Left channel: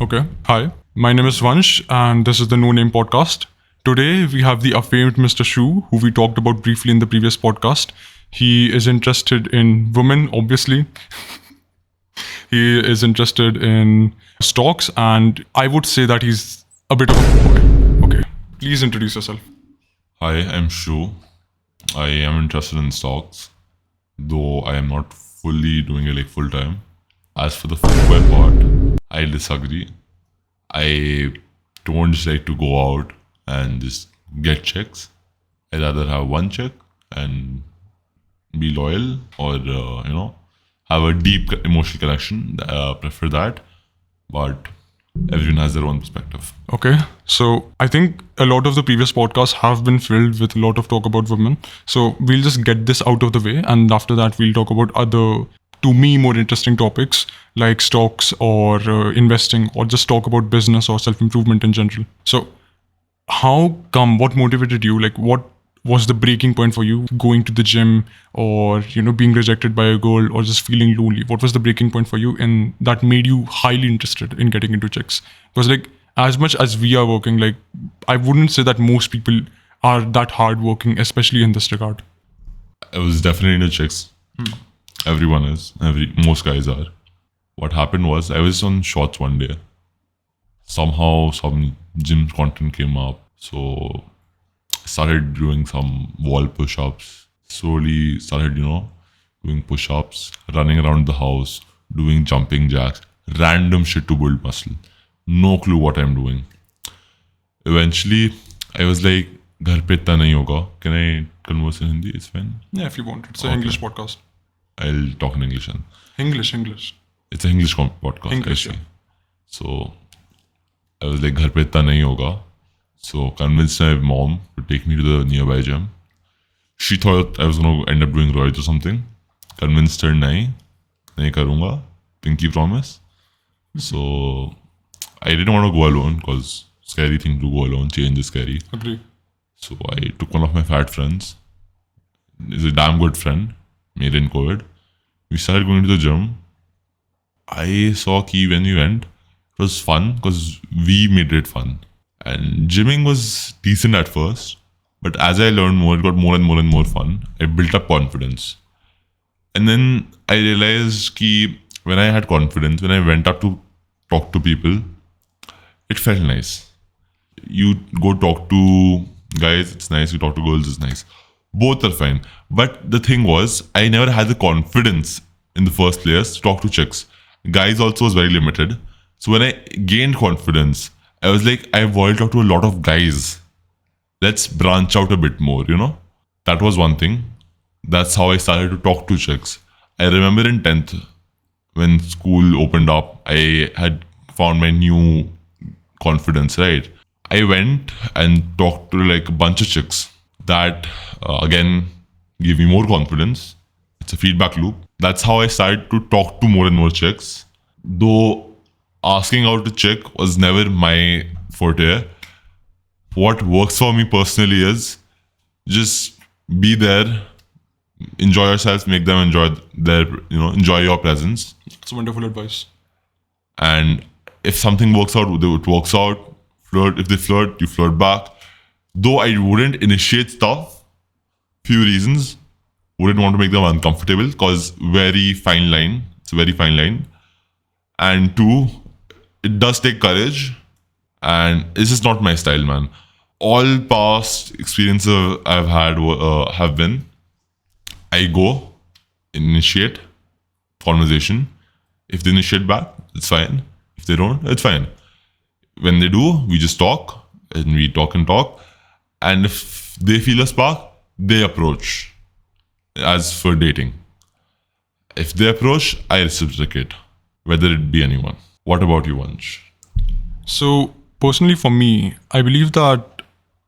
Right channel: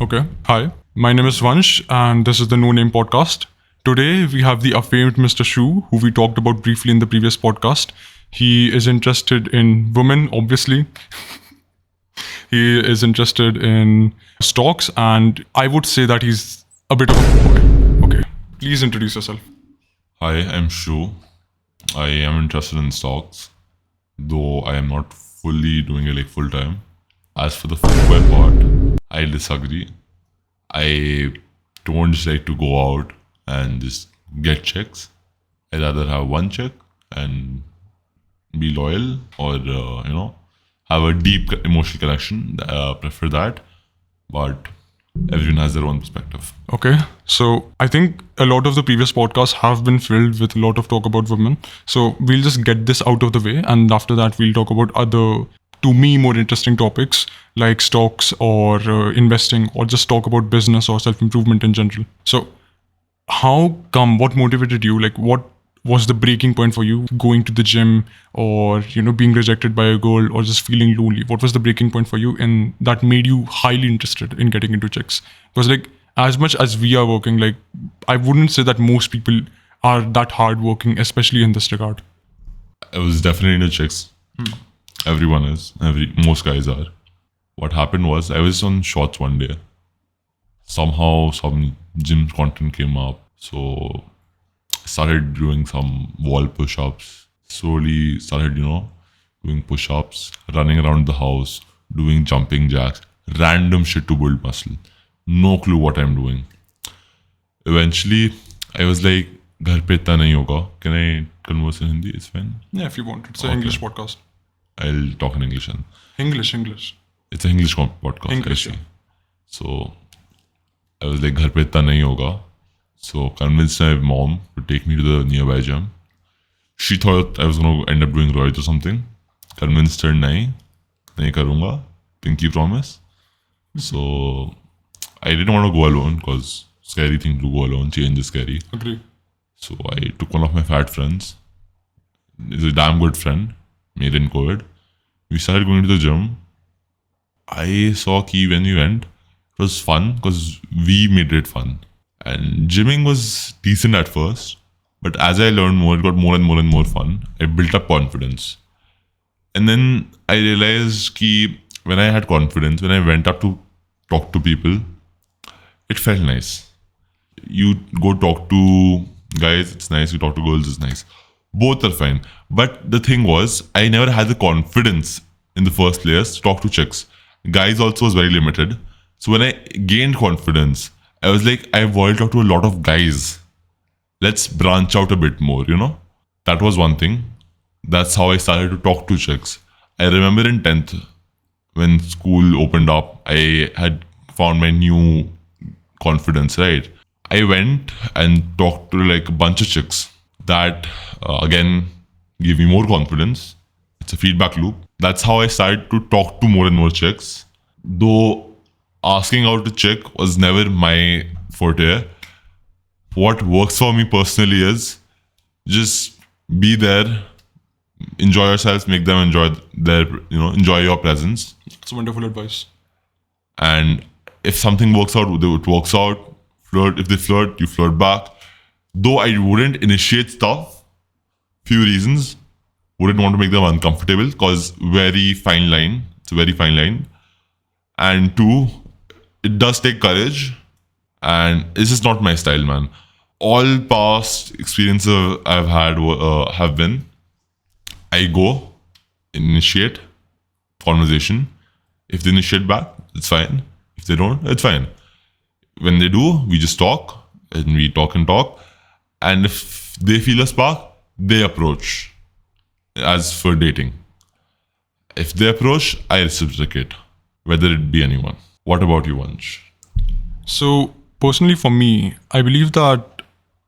Okay. Hi, my name is Vansh, and this is the No Name Podcast. Today, we have the acclaimed Mr. Shu, who we talked about briefly in the previous podcast. He is interested in women, obviously. He is interested in stocks, and I would say that he's a bit of a. Okay. Please introduce yourself. Hi, I'm Shu. I am interested in stocks, though I am not fully doing it like full time. As for the footwear part, I disagree. I don't just like to go out and just get checks. I rather have one check and be loyal, or have a deep emotional connection. Prefer that, but everyone has their own perspective. Okay, so I think a lot of the previous podcasts have been filled with a lot of talk about women. So we'll just get this out of the way, and after that, we'll talk about other, to me, more interesting topics like stocks or investing, or just talk about business or self improvement in general. So, how come? What motivated you? Like, what was the breaking point for you? Going to the gym, or being rejected by a girl, or just feeling lonely? What was the breaking point for you, and that made you highly interested in getting into chicks? Because like, as much as we are working, like, I wouldn't say that most people are that hard working, especially in this regard. I was definitely into chicks. Everyone is. Most guys are. What happened was I was on shorts one day. Somehow some gym content came up. So I started doing some wall push-ups. Slowly started, doing push-ups, running around the house, doing jumping jacks, random shit to build muscle. No clue what I'm doing. Eventually, I was like, घर पे इतना नहीं होगा. Can I converse in Hindi? It's fine. Yeah, if you want, it's an English podcast. I'll talk in English. And English. it's an English podcast. English, actually. So I was like, घर पे इतना नहीं होगा. So convinced my mom to take me to the nearby gym. She thought I was going to end up doing roids or something. Convinced her, नहीं करूँगा. Pinky promise. So I didn't want to go alone because scary thing to go alone. Change is scary. Agree. So I took one of my fat friends. He's a damn good friend. Made in COVID. We started going to the gym. I saw Key when we went. It was fun because we made it fun. And gymming was decent at first. But as I learned more, it got more and more and more fun. I built up confidence. And then I realized that when I had confidence, when I went up to talk to people, it felt nice. You go talk to guys, it's nice. You talk to girls, it's nice. Both are fine. But the thing was, I never had the confidence in the first place to talk to chicks. Guys also was very limited. So when I gained confidence, I was like, I want to talk to a lot of guys. Let's branch out a bit more, That was one thing. That's how I started to talk to chicks. I remember in 10th, when school opened up, I had found my new confidence, right? I went and talked to like a bunch of chicks. That, again, gave me more confidence. It's a feedback loop. That's how I started to talk to more and more chicks. Though asking out a chick was never my forte. What works for me personally is just be there, enjoy yourself, make them enjoy your presence. It's wonderful advice. And if something works out, it works out. Flirt. If they flirt, you flirt back. Though I wouldn't initiate stuff, few reasons. Wouldn't want to make them uncomfortable because very fine line. It's a very fine line. And two, it does take courage. And this is not my style, man. All past experiences I've had have been, I go, initiate conversation. If they initiate back, it's fine. If they don't, it's fine. When they do, we just talk and we talk and talk. And if they feel a spark, they approach. As for dating, if they approach, I reciprocate, whether it be anyone. What about you, Vansh? So, personally for me, I believe that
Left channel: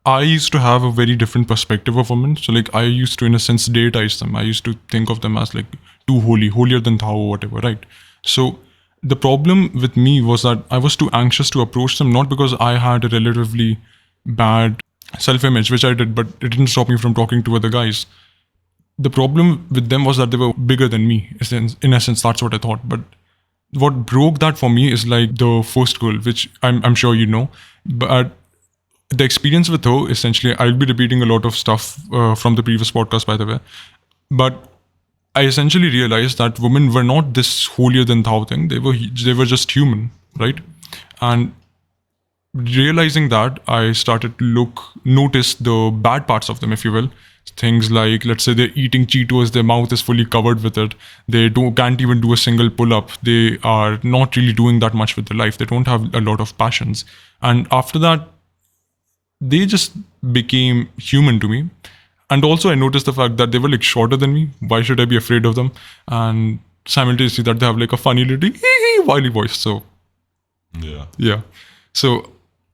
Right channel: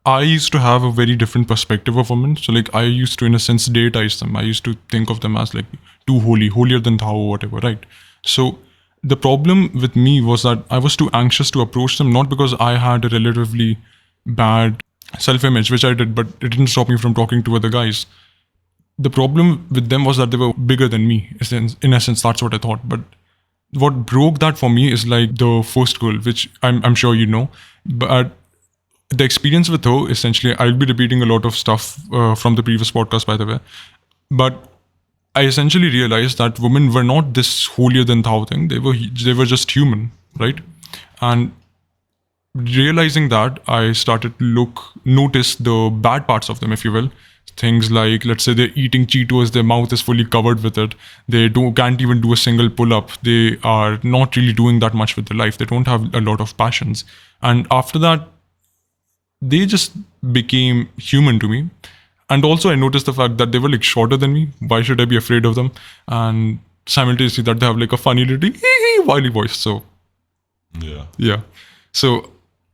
I used to have a very different perspective of women. So, like, I used to, in a sense, dateize them. I used to think of them as, like, too holy, holier than thou or whatever, right? So, the problem with me was that I was too anxious to approach them, not because I had a relatively bad self-image, which I did, but it didn't stop me from talking to other guys. The problem with them was that they were bigger than me. In essence, that's what I thought. But what broke that for me is like the first girl, which I'm sure you know. But the experience with her, essentially, I'll be repeating a lot of stuff from the previous podcast, by the way. But I essentially realized that women were not this holier than thou thing. They were just human, right? And realizing that, I started to notice the bad parts of them, if you will. Things like, let's say they're eating Cheetos, their mouth is fully covered with it. They can't even do a single pull-up. They are not really doing that much with their life. They don't have a lot of passions. And after that, they just became human to me. And also, I noticed the fact that they were like shorter than me. Why should I be afraid of them? And simultaneously, that they have like a funny little wily voice. So yeah. So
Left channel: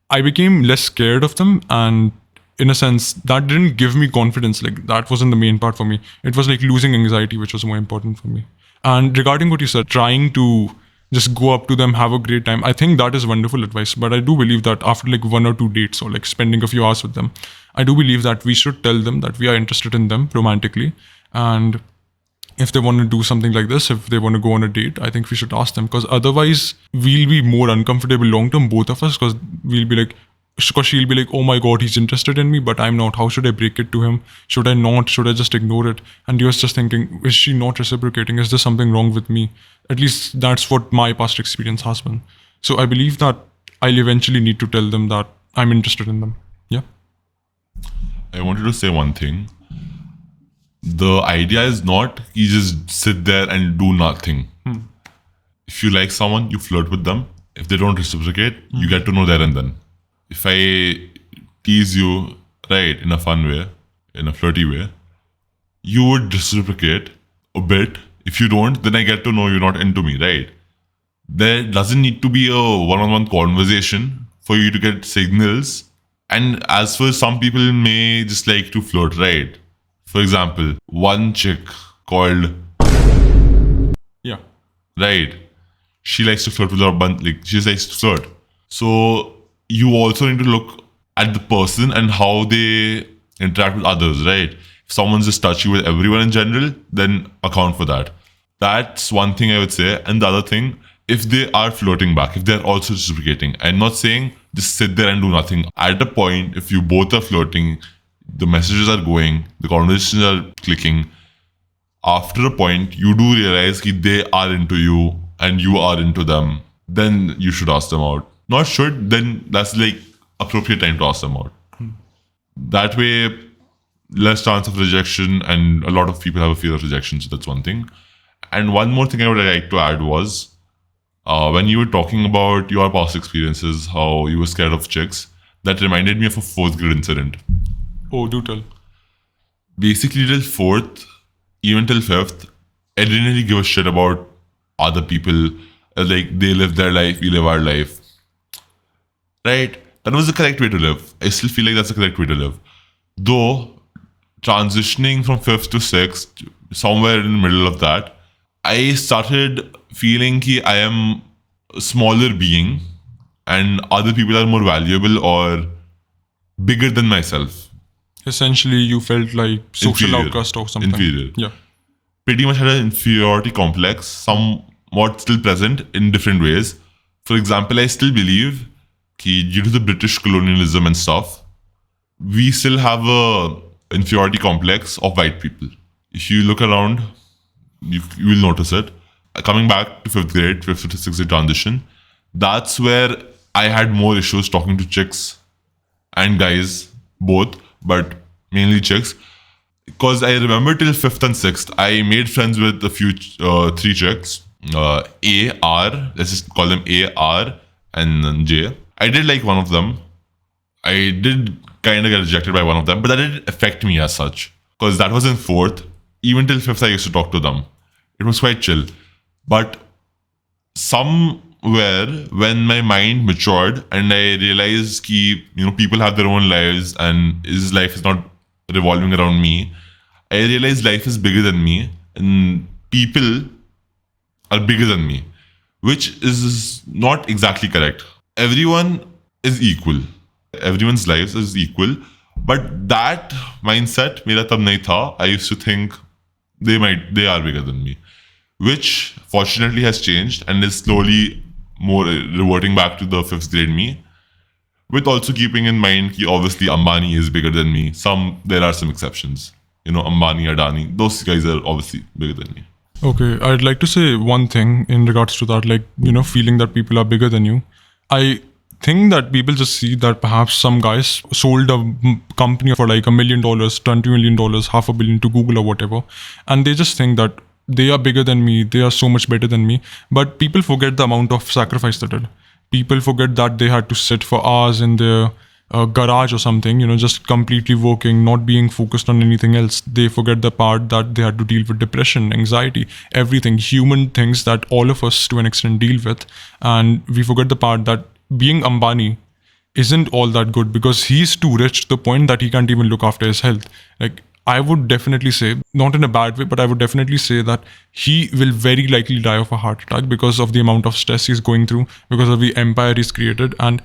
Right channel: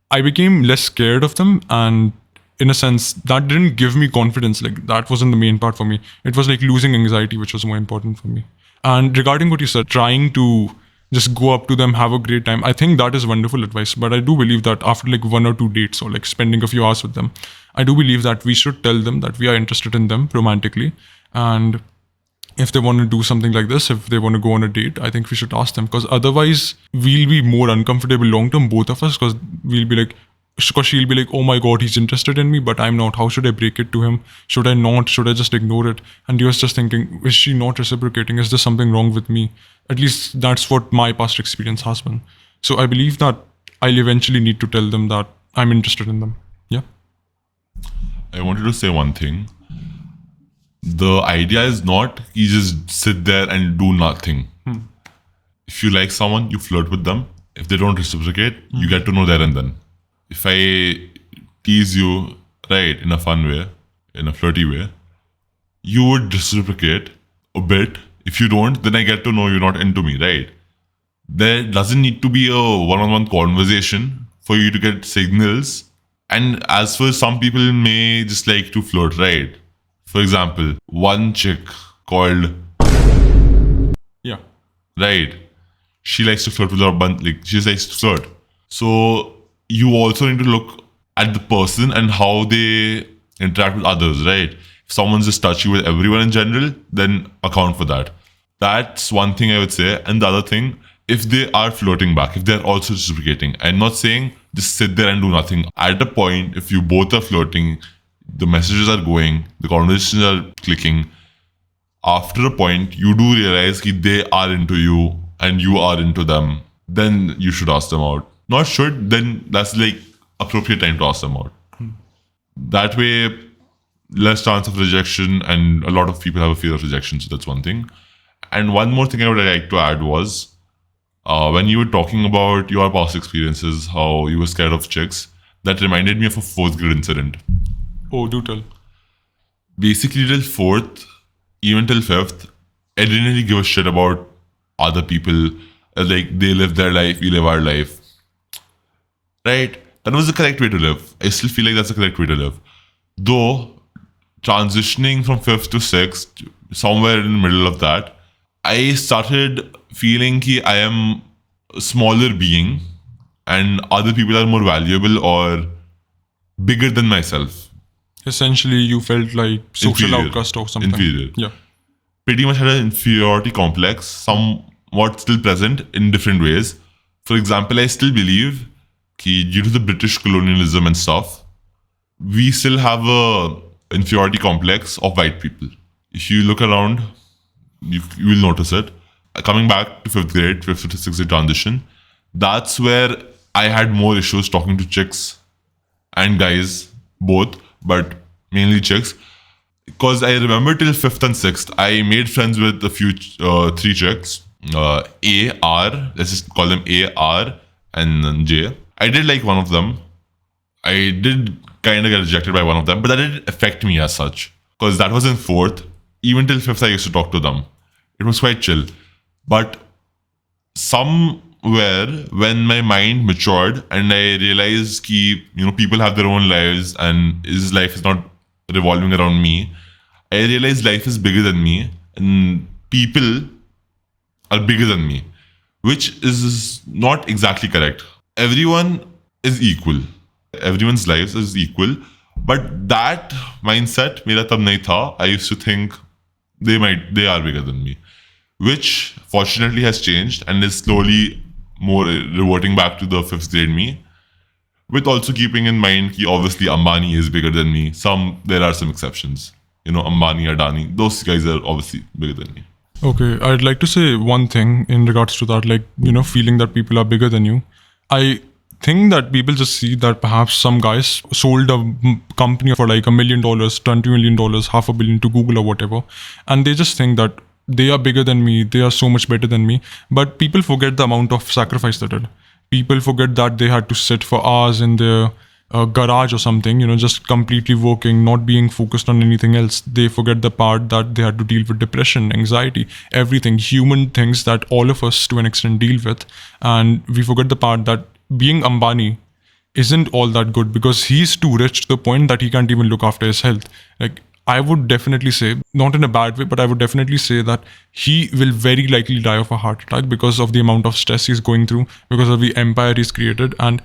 I became less scared of them, and in a sense, that didn't give me confidence. Like, that wasn't the main part for me. It was like losing anxiety, which was more important for me. And regarding what you said, trying to just go up to them, have a great time, I think that is wonderful advice. But I do believe that after like 1 or 2 dates or like spending a few hours with them, I do believe that we should tell them that we are interested in them romantically. And if they want to do something like this, if they want to go on a date, I think we should ask them, because otherwise we'll be more uncomfortable long term, both of us, because we'll be like, because she'll be like, oh my god, he's interested in me, but I'm not. How should I break it to him? Should I not? Should I just ignore it? And you're just thinking, is she not reciprocating? Is there something wrong with me? At least that's what my past experience has been. So I believe that I'll eventually need to tell them that I'm interested in them. Yeah. I wanted to say one thing. The idea is not you just sit there and do nothing. If you like someone, you flirt with them. If they don't reciprocate, you get to know there and then. If I tease you, right, in a fun way, in a flirty way, you would reciprocate a bit. If you don't, then I get to know you're not into me, right? There doesn't need to be a one-on-one conversation for you to get signals. And as for some people may just like to flirt, right? For example, one chick called, Yeah. right, she likes to flirt with her bunch, like she likes to flirt. So you also need to look at the person and how they interact with others, right? If someone's just touchy with everyone in general, then account for that. That's one thing I would say. And the other thing, if they are flirting back, if they're also reciprocating, I'm not saying just sit there and do nothing. At a point, if you both are flirting, the messages are going, the conversations are clicking, after a point, you do realize that they are into you and you are into them, then you should ask them out. Not should, then that's like appropriate time to ask them out. That way, less chance of rejection, and a lot of people have a fear of rejection, so that's one thing. And one more thing I would like to add was, when you were talking about your past experiences, how you were scared of chicks, that reminded me of a 4th grade incident. Oh, do tell. Basically, till 4th, even till 5th, I didn't really give a shit about other people. Like, they live their life, we live our life. Right? That was the correct way to live. I still feel like that's the correct way to live. Though, transitioning from 5th to 6th, somewhere in the middle of that, I started feeling that I am a smaller being and other people are more valuable or bigger than myself. Essentially, you felt like social Inferior. outcast or something. Inferior. Yeah. Pretty much had an inferiority complex, somewhat still present in different ways. For example, I still believe that due to the British colonialism and stuff, we still have a inferiority complex of white people. If you look around, you will notice it. Coming back to 5th grade, 5th to 6th grade transition, that's where I had more issues talking to chicks and guys, both, but mainly chicks. Because I remember till 5th and 6th, I made friends with a few, 3 chicks. A, R, let's just call them A, R, and then J. I did like one of them. I did kind of get rejected by one of them, but that didn't affect me as such. Because that was in 4th. Even till 5th, I used to talk to them. It was quite chill. But somewhere, when my mind matured and I realized that, people have their own lives and his life is not revolving around me, I realized life is bigger than me and people are bigger than me, which is not exactly correct. Everyone is equal. Everyone's lives is equal. But that mindset, mera tab nahi tha. I used to think they are bigger than me, which fortunately has changed and is slowly more reverting back to the 5th grade me. With also keeping in mind that obviously Ambani is bigger than me. There are some exceptions. Ambani, Adani, those guys are obviously bigger than me. Okay, I'd like to say one thing in regards to that, feeling that people are bigger than you. I think that people just see that perhaps some guys sold a company for like $1 million, $20 million, $500 million to Google or whatever, and they just think that they are bigger than me, they are so much better than me. But people forget the amount of sacrifice they did. People forget that they had to sit for hours in their garage or something, just completely working, not being focused on anything else. They forget the part that they had to deal with depression, anxiety, everything, human things that all of us to an extent deal with. And we forget the part that being Ambani isn't all that good because he's too rich to the point that he can't even look after his health. Like, I would definitely say, not in a bad way, but I would definitely say that he will very likely die of a heart attack because of the amount of stress he's going through, because of the empire he's created, and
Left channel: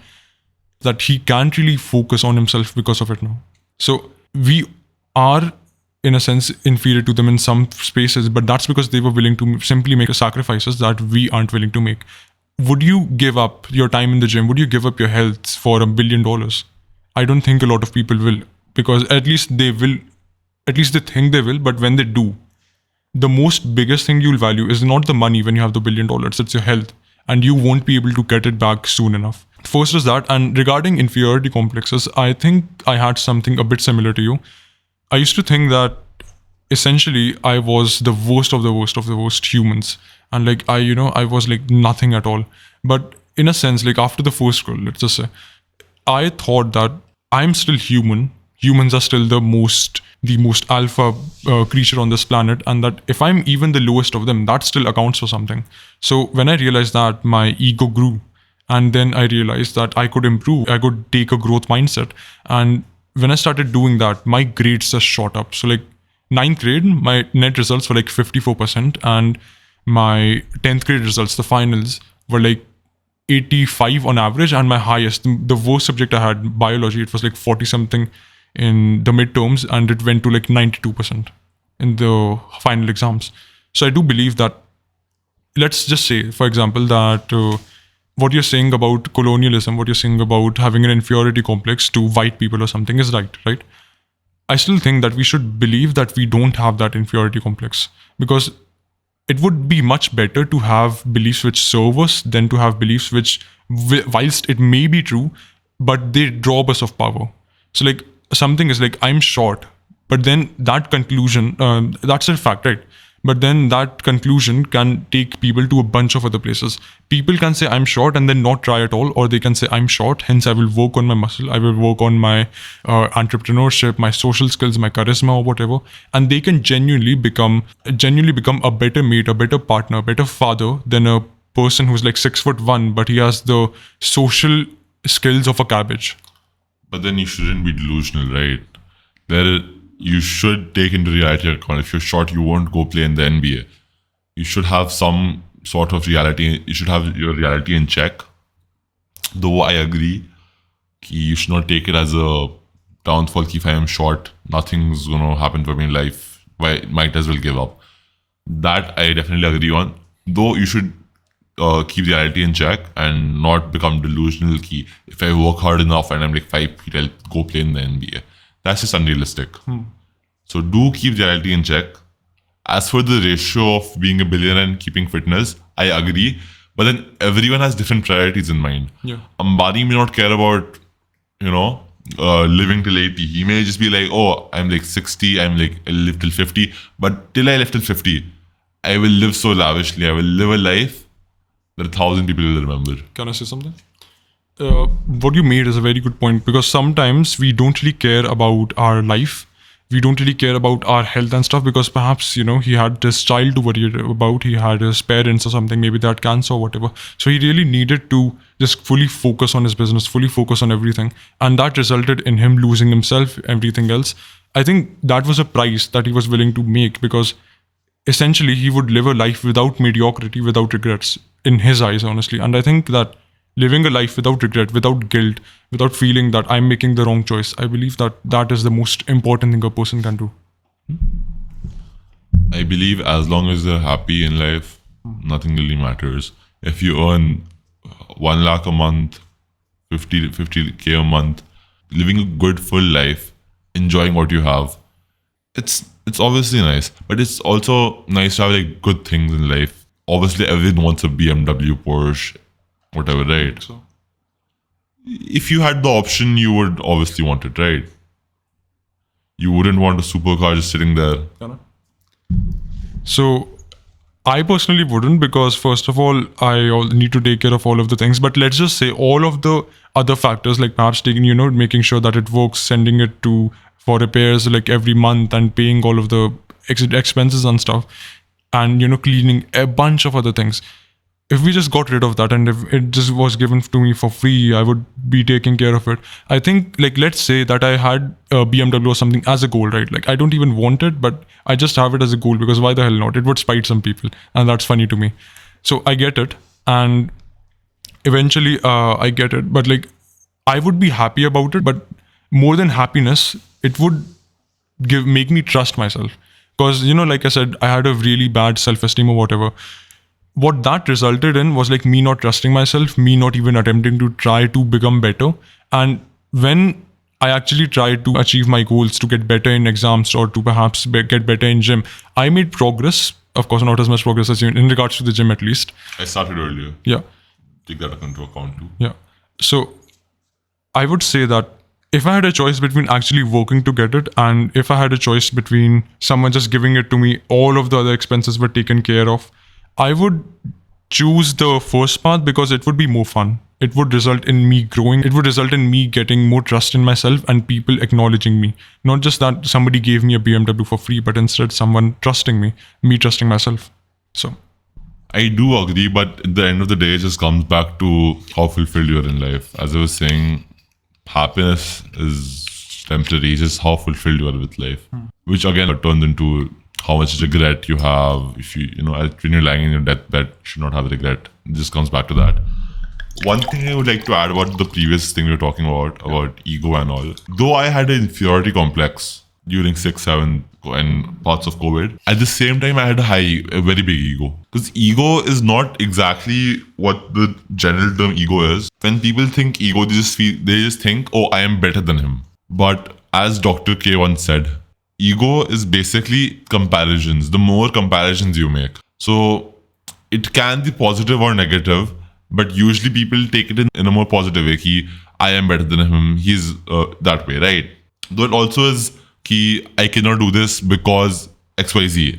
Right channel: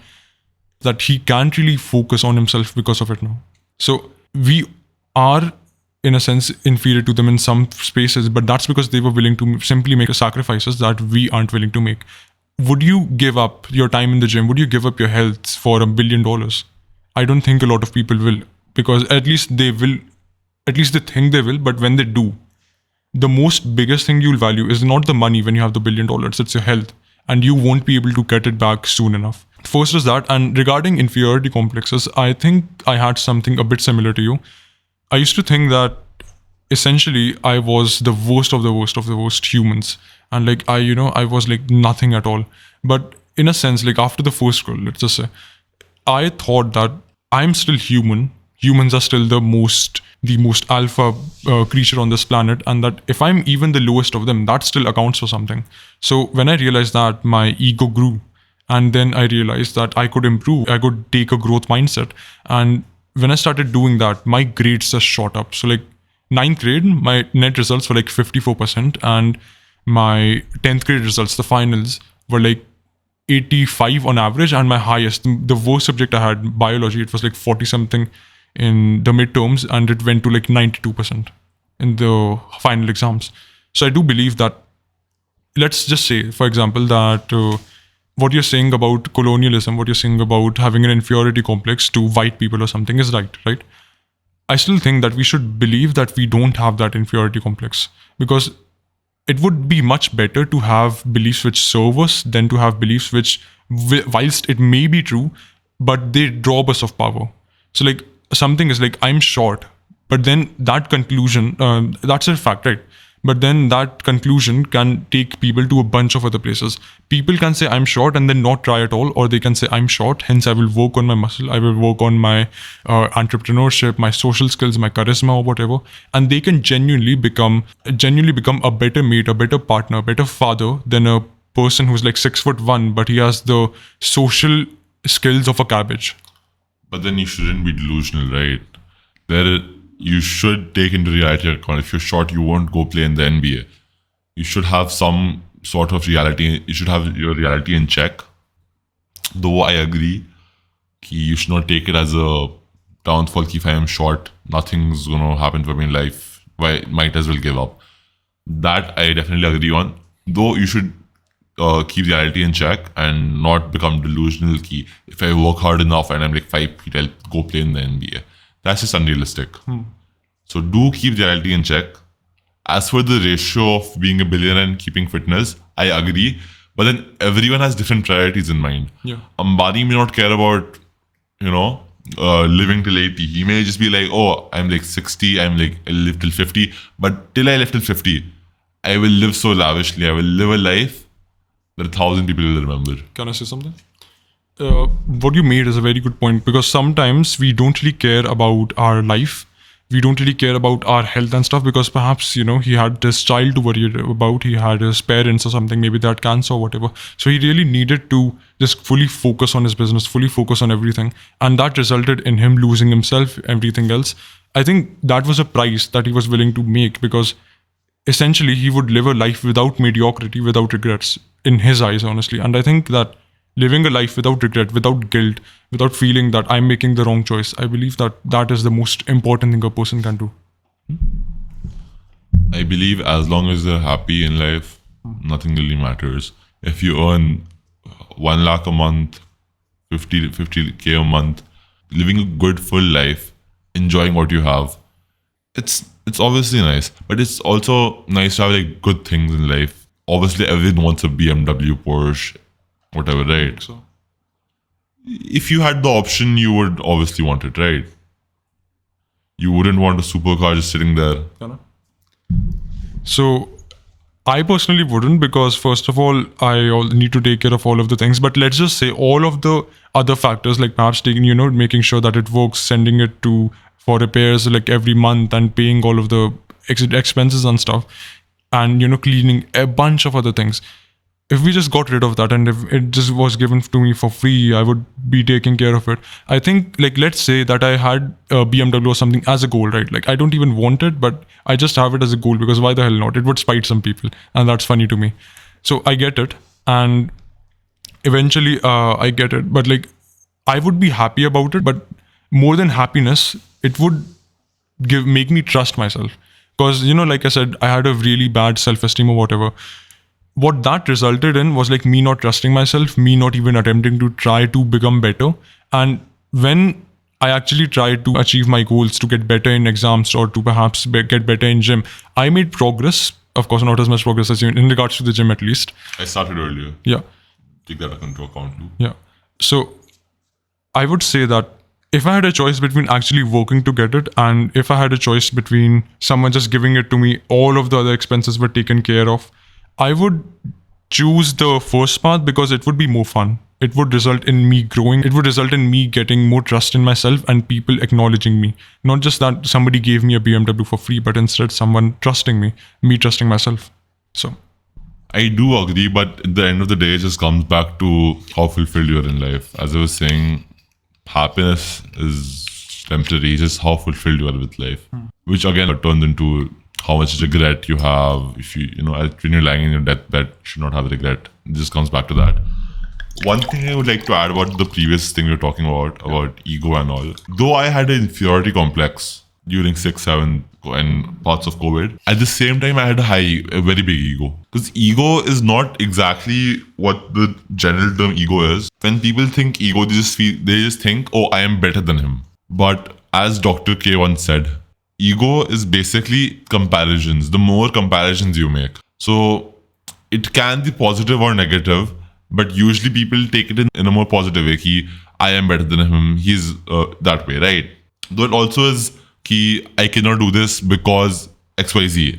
that he can't really focus on himself because of it now. So we are, in a sense, inferior to them in some spaces, but that's because they were willing to simply make sacrifices that we aren't willing to make. Would you give up your time in the gym? Would you give up your health for $1 billion? I don't think a lot of people will, because at least they think they will, but when they do, the most biggest thing you'll value is not the money when you have the $1 billion, it's your health. And you won't be able to get it back soon enough. First is that, and regarding inferiority complexes, I think I had something a bit similar to you. I used to think that essentially I was the worst of the worst of the worst humans. And I was like nothing at all. But in a sense, like after the first school, let's just say, I thought that I'm still human. Humans are still the most alpha creature on this planet, and that if I'm even the lowest of them, that still accounts for something. So when I realized that, my ego grew, and then I realized that I could improve, I could take a growth mindset. And when I started doing that, my grades just shot up. So like 9th grade, my net results were like 54%, and my 10th grade results, the finals, were like 85 on average, and my highest, the worst subject I had, biology, it was like 40 something in the midterms, and it went to like 92% in the final exams. So I do believe that, let's just say, for example, that what you're saying about colonialism, what you're saying about having an inferiority complex to white people or something is right? I still think that we should believe that we don't have that inferiority complex, because it would be much better to have beliefs which serve us than to have beliefs which, whilst it may be true, but they rob us of power. So like, something is like, I'm short, but then that conclusion, that's a fact, right? But then that conclusion can take people to a bunch of other places. People can say I'm short and then not try at all, or they can say I'm short, hence I will work on my muscle, I will work on my entrepreneurship, my social skills, my charisma, or whatever, and they can genuinely become a better mate, a better partner, a better father than a person who's like 6'1", but he has the social skills of a cabbage. But then you shouldn't be delusional, right? You should take into reality account. If you're short, you won't go play in the NBA. You should have some sort of reality. You should have your reality in check. Though I agree, you should not take it as a downfall. If I am short, nothing's going to happen for me in life. I might as well give up. That I definitely agree on. Though you should keep reality in check and not become delusional. If I work hard enough and I'm like 5 feet, I'll go play in the NBA. That's just unrealistic. So do keep reality in check. As for the ratio of being a billionaire and keeping fitness, I agree. But then everyone has different priorities in mind. Yeah. Ambani may not care about, living till 80. He may just be like, oh, I'm like 60, I'll live till 50. But till I live till 50, I will live so lavishly. I will live a life that 1,000 people will remember. Can I say something? What you made is a very good point, because sometimes we don't really care about our life. We don't really care about our health and stuff, because perhaps, he had this child to worry about, he had his parents or something, maybe they had cancer or whatever. So he really needed to just fully focus on his business, fully focus on everything. And that resulted in him losing himself, everything else. I think that was a price that he was willing to make, because essentially he would live a life without mediocrity, without regrets, in his eyes, honestly. And I think that living a life without regret, without guilt, without feeling that I'm making the wrong choice, I believe that that is the most important thing a person can do. I believe as long as you're happy in life, nothing really matters. If you earn 1 lakh a month, 50k a month, living a good full life, enjoying what you have, it's obviously nice. But it's also nice to have like good things in life. Obviously, everyone wants a BMW, Porsche, whatever, right? So, If you had the option, you would obviously want it, right? You wouldn't want a supercar just sitting there. so I personally wouldn't, because first of all, need to take care of all of the things. But let's just say all of the other factors, like perhaps taking, making sure that it works, sending it to for repairs like every month, and paying all of the expenses and stuff, and cleaning a bunch of other things. If we just got rid of that, and if it just was given to me for free, I would be taking care of it. I think, like, let's say that I had a BMW or something as a goal, right? Like, I don't even want it, but I just have it as a goal, because why the hell not? It would spite some people, and that's funny to me. So I get it, and eventually I get it, but like, I would be happy about it. But more than happiness, it would make me trust myself, because like I said, I had a really bad self-esteem or whatever. What that resulted in was like me not trusting myself, me not even attempting to try to become better. And when I actually tried to achieve my goals, to get better in exams, or to perhaps get better in gym, I made progress. Of course, not as much progress as you in regards to the gym, at least. I started earlier. Yeah. Take that into account too. Yeah. So I would say that if I had a choice between actually working to get it, and if I had a choice between someone just giving it to me, all of the other expenses were taken care of, I would choose the first path, because it would be more fun. It would result in me growing. It would result in me getting more trust in myself and people acknowledging me. Not just that somebody gave me a BMW for free, but instead someone trusting me trusting myself. So I do agree, but at the end of the day, it just comes back to how fulfilled you are in life. As I was saying, happiness is temporary, just how fulfilled you are with life. Which again turns into how much regret you have. If when you're lying in your deathbed, you should not have regret. It just comes back to that. One thing I would like to add about the previous thing we were talking about ego and all. Though I had an inferiority complex during 6, 7 and parts of COVID, at the same time I had a very big ego. Because ego is not exactly what the general term ego is. When people think ego, they just think, oh, I am better than him. But as Dr. K once said, ego is basically comparisons. The more comparisons you make. So it can be positive or negative, but usually people take it in a more positive way. I am better than him. He's that way, right? Though it also is I cannot do this because XYZ.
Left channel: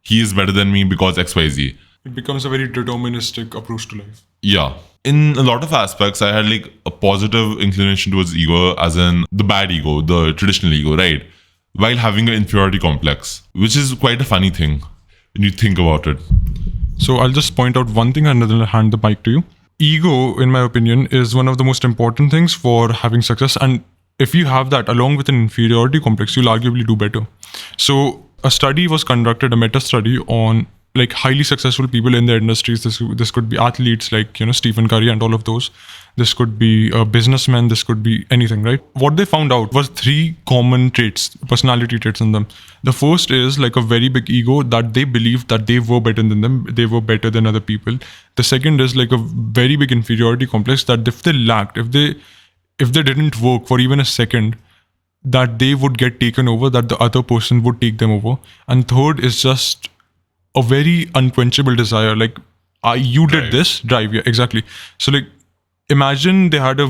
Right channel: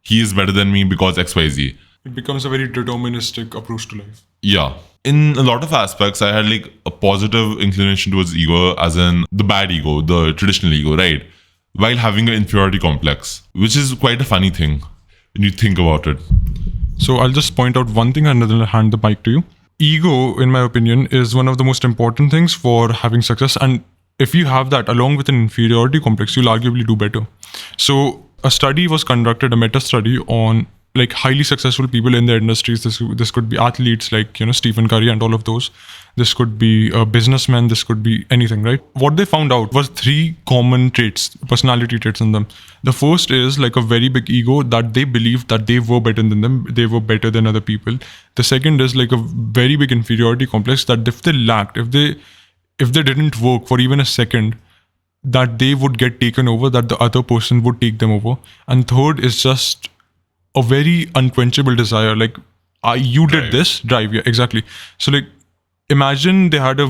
He is better than me because XYZ. it becomes a very deterministic approach to life. Yeah. In a lot of aspects, I had like a positive inclination towards ego, as in the bad ego, the traditional ego, right? While having an inferiority complex, which is quite a funny thing when you think about it. So I'll just point out one thing and then I'll hand the mic to you. Ego, in my opinion, is one of the most important things for having success. And if you have that along with an inferiority complex, you'll arguably do better. So a study was conducted, a meta study on like highly successful people in their industries. This could be athletes like Stephen Curry and all of those. This could be a businessman. This could be anything, right? What they found out was 3 common traits, personality traits in them. The first is like a very big ego, that they believed that they were better than them. They were better than other people. The second is like a very big inferiority complex, that if they lacked, if they didn't work for even a second, that they would get taken over, that the other person would take them over. And third is just a very unquenchable desire. Like, you did this, drive, yeah, exactly. So like, imagine they had a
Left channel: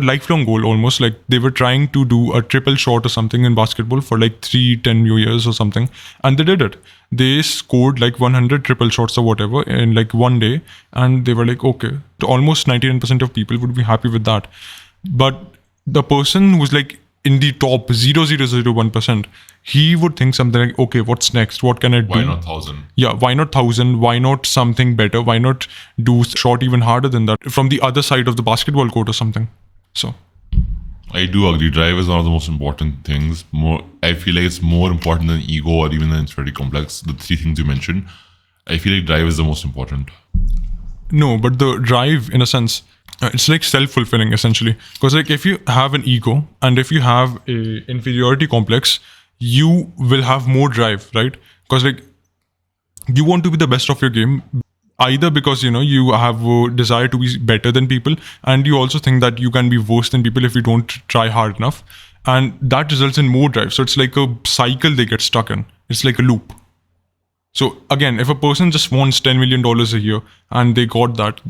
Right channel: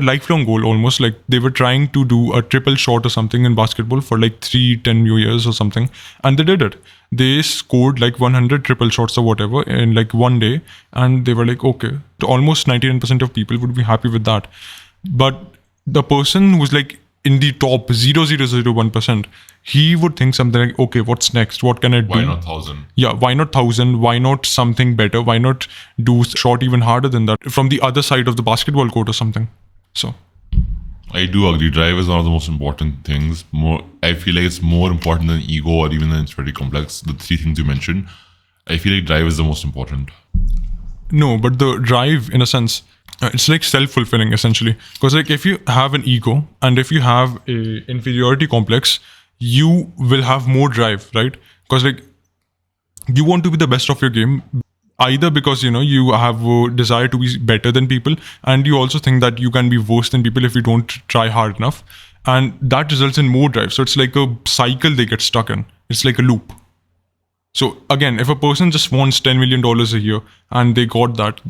lifelong goal, almost like they were trying to do a triple shot or something in basketball for like 10 years or something, and they did it. They scored like 100 triple shots or whatever in like one day, and they were like, okay, almost 99% of people would be happy with that. But the person who's like in the top 0.0001%, he would think something like, okay, what's next? What can I do? Why not 1,000? Yeah, why not 1,000? Why not something better? Why not do shot even harder than that from the other side of the basketball court or something? So I do agree. Drive is one of the most important things. I feel like it's more important than ego or even than inferiority complex. The 3 things you mentioned, I feel like drive is the most important. no, but the drive, in a sense, it's like self-fulfilling essentially. Because like if you have an ego and if you have a inferiority complex, you will have more drive, right? Because like you want to be the best of your game, either because you have a desire to be better than people, and you also think that you can be worse than people if you don't try hard enough, and that results in more drive. So it's like a cycle they get stuck in. It's like a loop. So again, if a person just wants $10 million a year and they got that,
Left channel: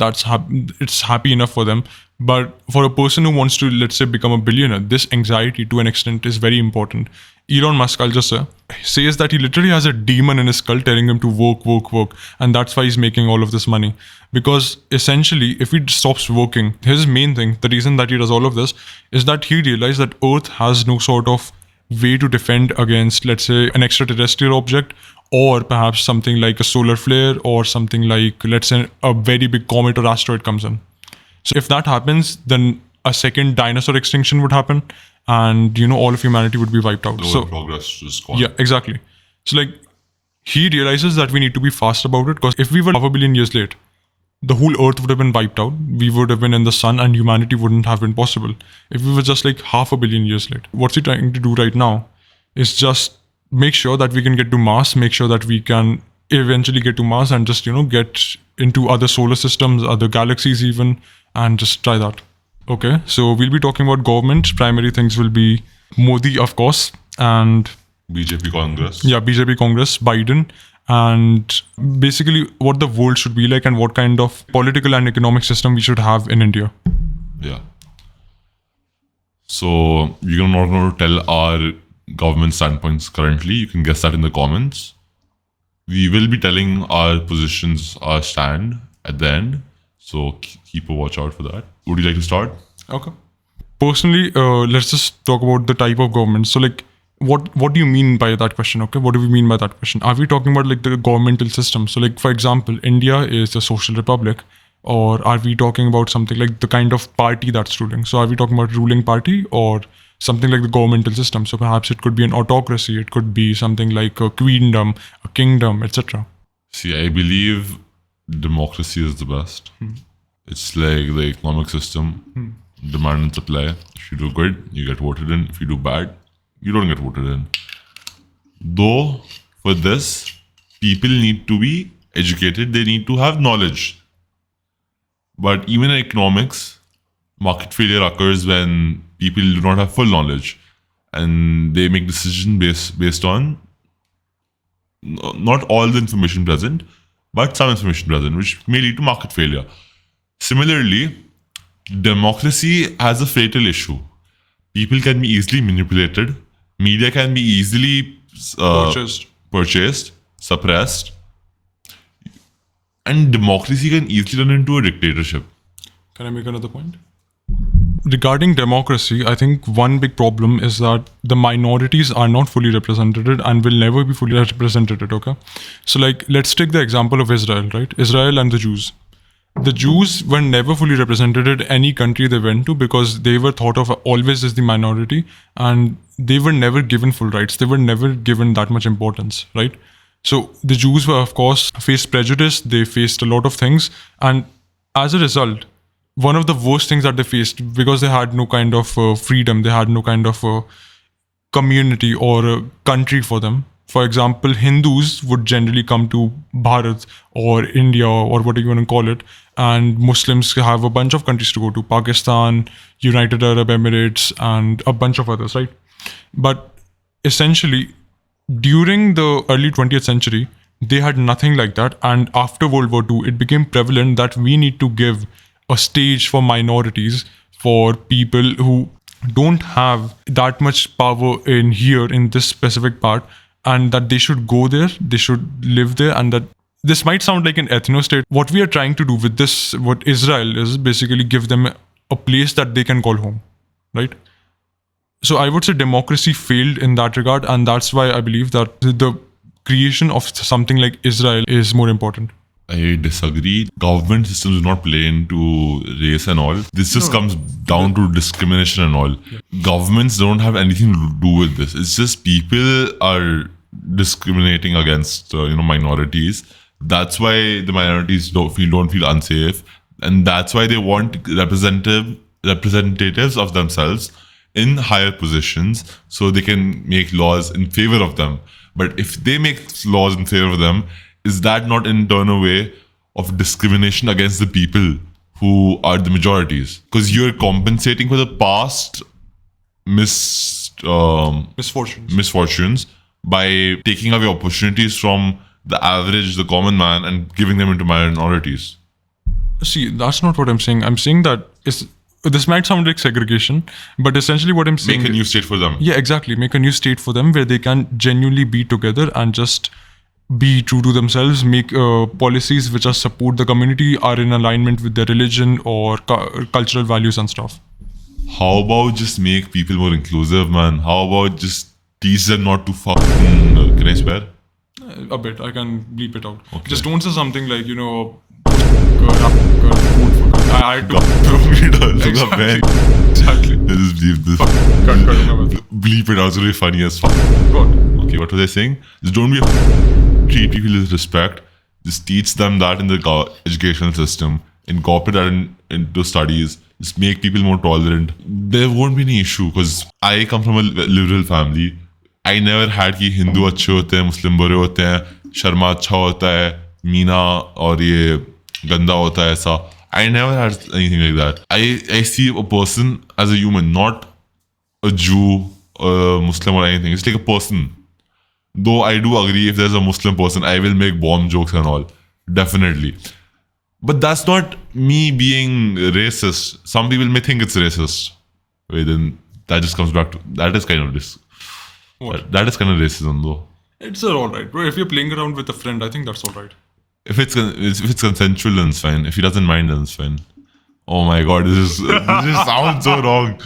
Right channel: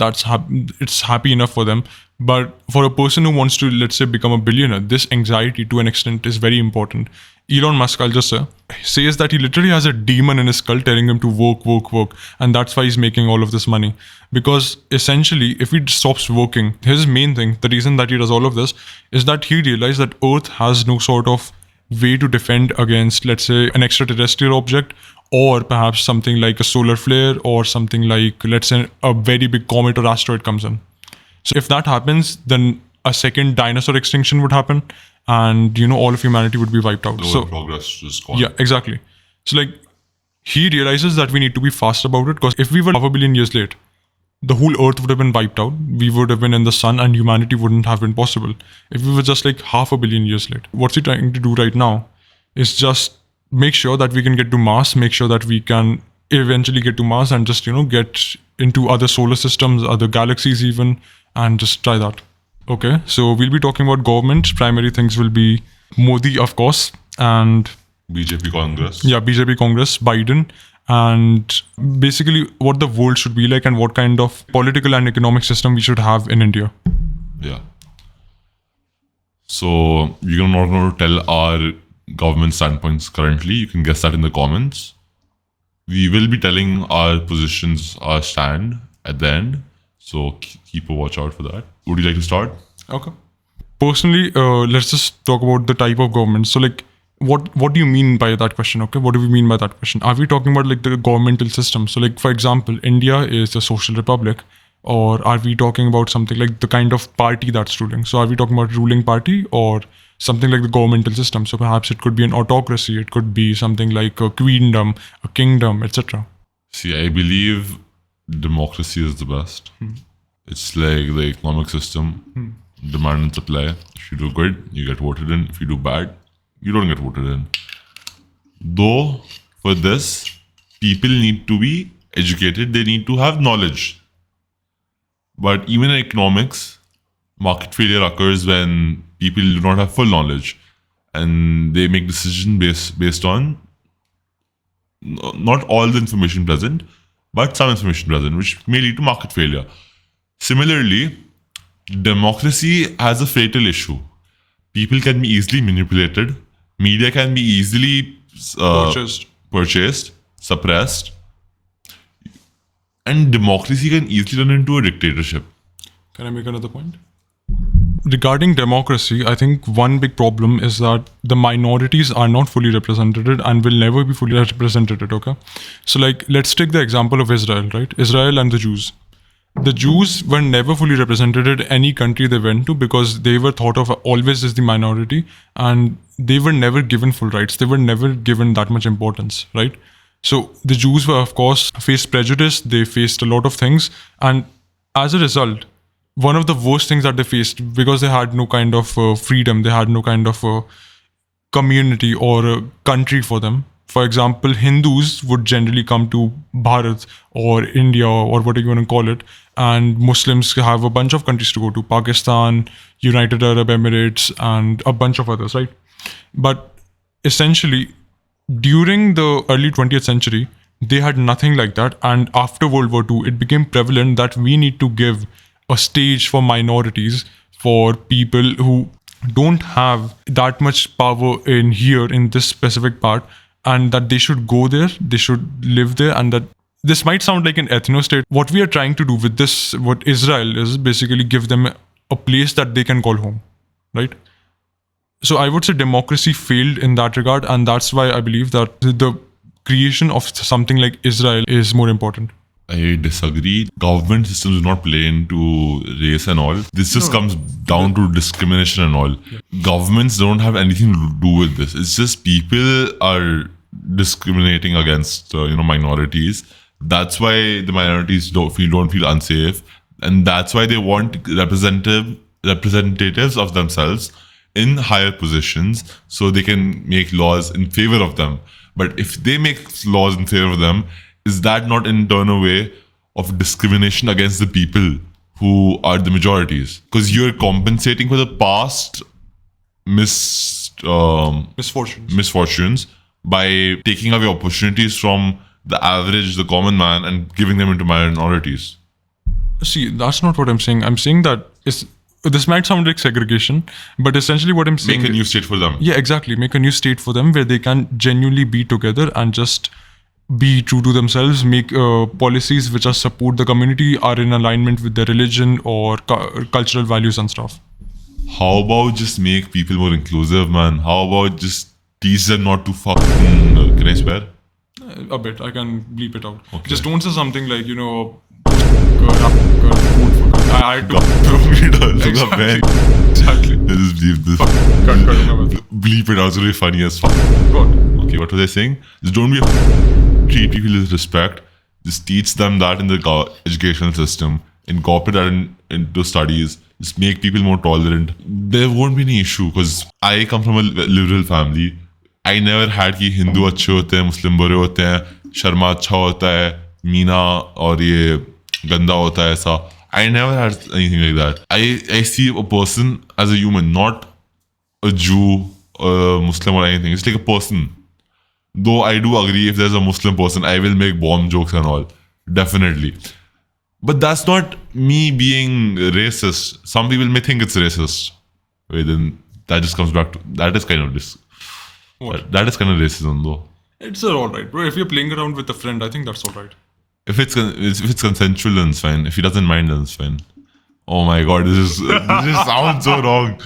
it's happy enough for them. But for a person who wants to, let's say, become a billionaire, this anxiety to an extent is very important. Elon Musk, I'll just say, says that he literally has a demon in his skull telling him to work, work, work. And that's why he's making all of this money. Because essentially, if he stops working, his main thing, the reason that he does all of this, is that he realized that Earth has no sort of way to defend against, let's say, an extraterrestrial object, or perhaps something like a solar flare, or something like, let's say, a very big comet or asteroid comes in. So if that happens, then a second dinosaur extinction would happen, and all of humanity would be wiped out. So progress is gone. Yeah, exactly. So like he realizes that we need to be fast about it, because if we were half a billion years late, the whole Earth would have been wiped out. We would have been in the sun, and humanity wouldn't have been possible. If we were just like half a billion years late, what's he trying to do right now is just make sure that we can get to Mars, make sure that we can eventually get to Mars, and just get into other solar systems, other galaxies even, and just try that. Okay, so we'll be talking about governments. Primary things will be Modi, of course, and BJP Congress. yeah, BJP Congress, Biden, and basically what the world should be like and what kind of political and economic system we should have in India. Yeah. So we're not going to tell our government standpoints currently. You can guess that in the comments. We will be telling our positions, our stand at the end. So keep a watch out for that. Would you like to start? Okay. Personally, let's just talk about the type of government. So like, what do you mean by that question? Okay, what do we mean by that question? Are we talking about like the governmental system? So like, for example, India is a social republic, or are we talking about something like the kind of party that's ruling? So are we talking about ruling party, or something like the governmental system? So perhaps it could be an autocracy, it could be something like a queendom, a kingdom, etc. See, I believe democracy is the best. It's like the economic system, demand and supply. If you do good, you get voted in. If you do bad, you don't get voted in. Though, for this, people need to be educated, they need to have knowledge. But even in economics, market failure occurs when people do not have full knowledge, and they make decisions based on not all the information present, but some information present, which may lead to market failure. Similarly, democracy has a fatal issue. People can be easily manipulated. Media can be easily purchased, suppressed. And democracy can easily turn into a dictatorship. Can I make another point? Regarding democracy, I think one big problem is that the minorities are not fully represented and will never be fully represented, okay? So like, let's take the example of Israel, right? Israel and the Jews. The Jews were never fully represented in any country they went to, because they were thought of always as the minority, and they were never given full rights. They were never given that much importance, right? So the Jews were, of course, faced prejudice. They faced a lot of things. And as a result, one of the worst things that they faced, because they had no kind of freedom, they had no kind of community or a country for them. For example, Hindus would generally come to Bharat or India or whatever you want to call it, and Muslims have a bunch of countries to go to, Pakistan, United Arab Emirates, and a bunch of others, right? But essentially, during the early 20th century, they had nothing like that. And after World War II, it became prevalent that we need to give a stage for minorities, for people who don't have that much power in here, in this specific part, and that they should go there, they should live there, and that this might sound like an ethno-state. What we are trying to do with this, what Israel is, basically give them a place that they can call home, right? So I would say democracy failed in that regard, and that's why I believe that the creation of something like Israel is more important. I disagree. Government systems do not play into race and all. This just comes down to discrimination and all. Yeah. Governments don't have anything to do with this. It's just people are discriminating against minorities. That's why the minorities don't feel unsafe, and that's why they want representatives of themselves in higher positions, so they can make laws in favor of them. But if they make laws in favor of them, is that not in turn a way of discrimination against the people who are the majorities? Because you're compensating for the past misfortunes by taking away opportunities from the average, the common man, and giving them into minorities. See, that's not what I'm saying. I'm saying that this might sound like segregation, but essentially what I'm saying... Make a new state for them. Yeah, exactly. Make a new state for them where they can genuinely be together and just be true to themselves, make policies which support the community, are in alignment with their religion or cultural values and stuff. How about just make people more inclusive, man? How about just teach them not to fucking... Can I swear? A bit. I can bleep it out. Okay. Just don't say something like, I had to... Exactly. Just bleep this. Bleep it out. It's really funny as fuck. God. Okay, what was I saying? Just don't be treat people with respect. Just teach them that in the educational system. Incorporate that into studies. Just make people more tolerant. There won't be any issue because I come from a liberal family. I never had कि हिंदू अच्छे होते हैं, मुस्लिम बुरे होते हैं, शर्मा अच्छा होता है, मीना और ये गंदा होता है ऐसा. I never had anything like that. I see a person as a human, not a Jew, a Muslim or anything. It's like a person. Though I do agree if there's a Muslim person, I will make bomb jokes and all. Definitely. But that's not me being racist. Some people may think it's racist. Wait, then that just comes back to... That is kind of this. What? That is kind of racism though. It's alright, bro. If you're playing around with a friend, I think that's alright. If it's consensual, then it's fine. If he doesn't mind, then it's fine. Oh my god, this sounds so wrong.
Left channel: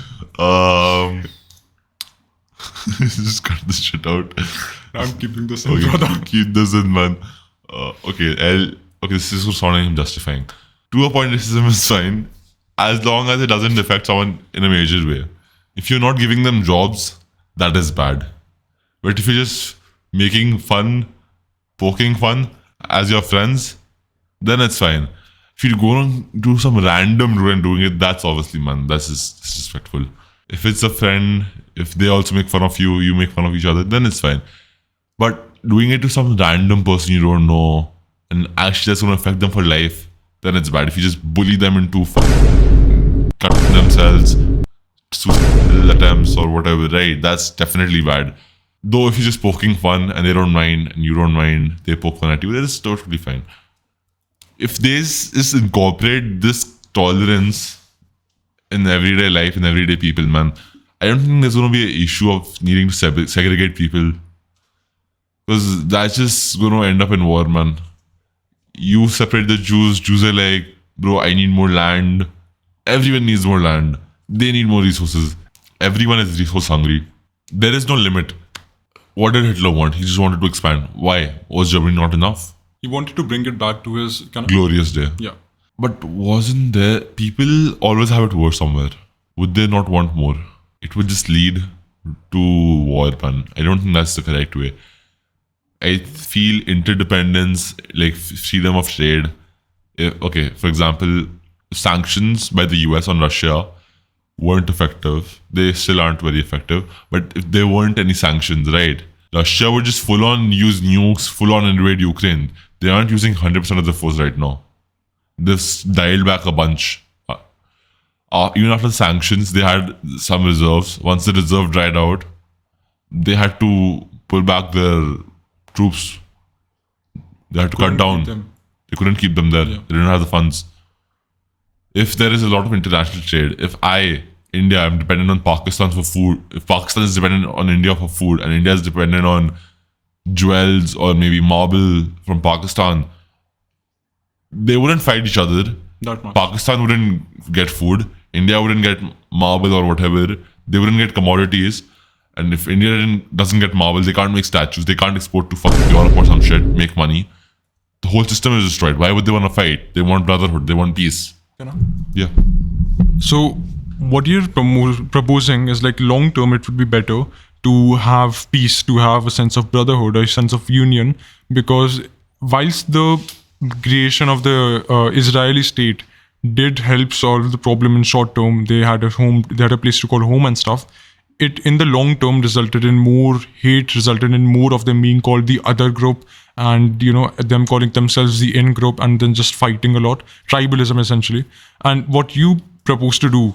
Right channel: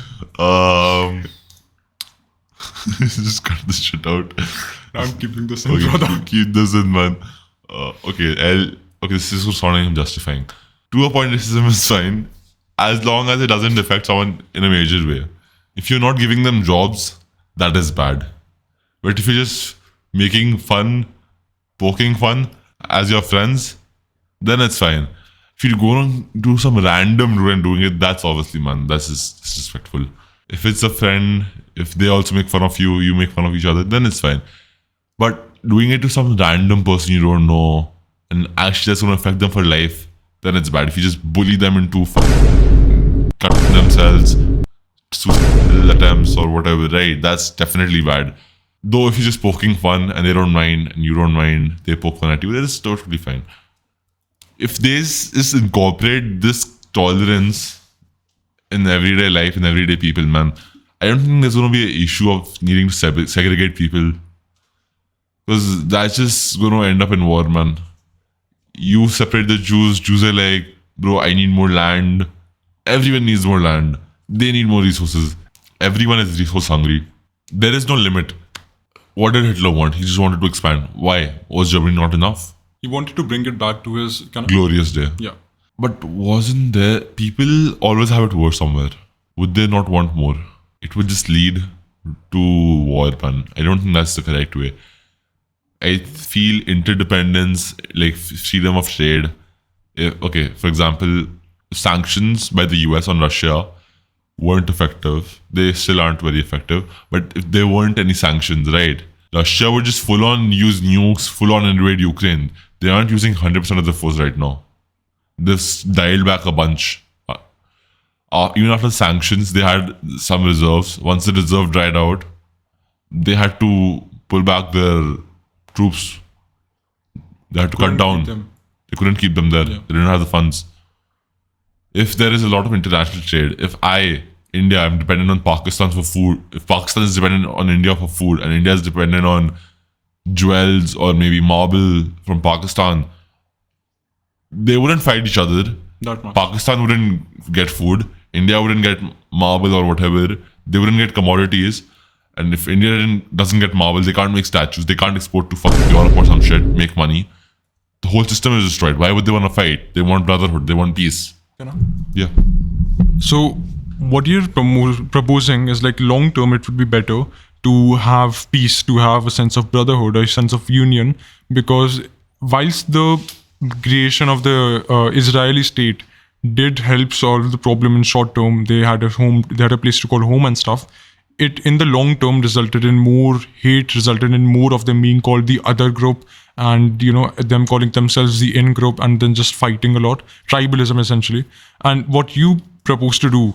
Just cut this shit out. I'm keeping this in. Okay, keep this in, man. Okay, this is sounding justifying. To a point, racism is fine as long as it doesn't affect someone in a major way. If you're not giving them jobs, that is bad. But if you're just making fun, poking fun as your friends, then it's fine. If you go and do some random rule and doing it, that's obviously, man, that's just disrespectful. If it's a friend, if they also make fun of you, you make fun of each other, then it's fine. But doing it to some random person you don't know and actually that's going to affect them for life, then it's bad. If you just bully them into cutting themselves, suicidal attempts or whatever, right? That's definitely bad. Though if you're just poking fun and they don't mind and you don't mind, they poke fun at you, that is totally fine. If this is incorporate this tolerance in everyday life and everyday people, man, I don't think there's going to be an issue of needing to segregate people. Because that's just going to end up in war, man. You separate the Jews. Jews are like, bro, I need more land. Everyone needs more land. They need more resources. Everyone is resource hungry. There is no limit. What did Hitler want? He just wanted to expand. Why? Was Germany not enough? He wanted to bring it back to his kind of glorious day. Yeah. But wasn't there... People always have it worse somewhere. Would they not want more? It would just lead to war, man. I don't think that's the correct way. I feel interdependence, like freedom of trade. Okay, for example, sanctions by the US on Russia weren't effective. They still aren't very effective. But if there weren't any sanctions, right? Russia would just full on use nukes, full on invade Ukraine. They aren't using 100% of the force right now. They've dialed back a bunch. Even after sanctions, they had some reserves. Once the reserve dried out, they had to pull back their troops. They had to cut down. They couldn't keep them there. Yeah. They didn't have the funds. If there is a lot of international trade, if India, I'm dependent on Pakistan for food. If Pakistan is dependent on India for food, and India is dependent on jewels or maybe marble from Pakistan, they wouldn't fight each other. Pakistan wouldn't get food. India wouldn't get marble or whatever. They wouldn't get commodities. And if India doesn't get marble, they can't make statues. They can't export to fucking Europe or some shit, make money. The whole system is destroyed. Why would they want to fight? They want brotherhood. They want peace. Yeah. So what you're proposing is like long term it would be better to have peace, to have a sense of brotherhood, a sense of union, because whilst the creation of the Israeli state did help solve the problem in short term, they had a home, they had a place to call home and stuff. it in the long term resulted in more hate, resulted in more of them being called the other group, and them calling themselves the in group, and then just fighting a lot. Tribalism essentially. And what you propose to do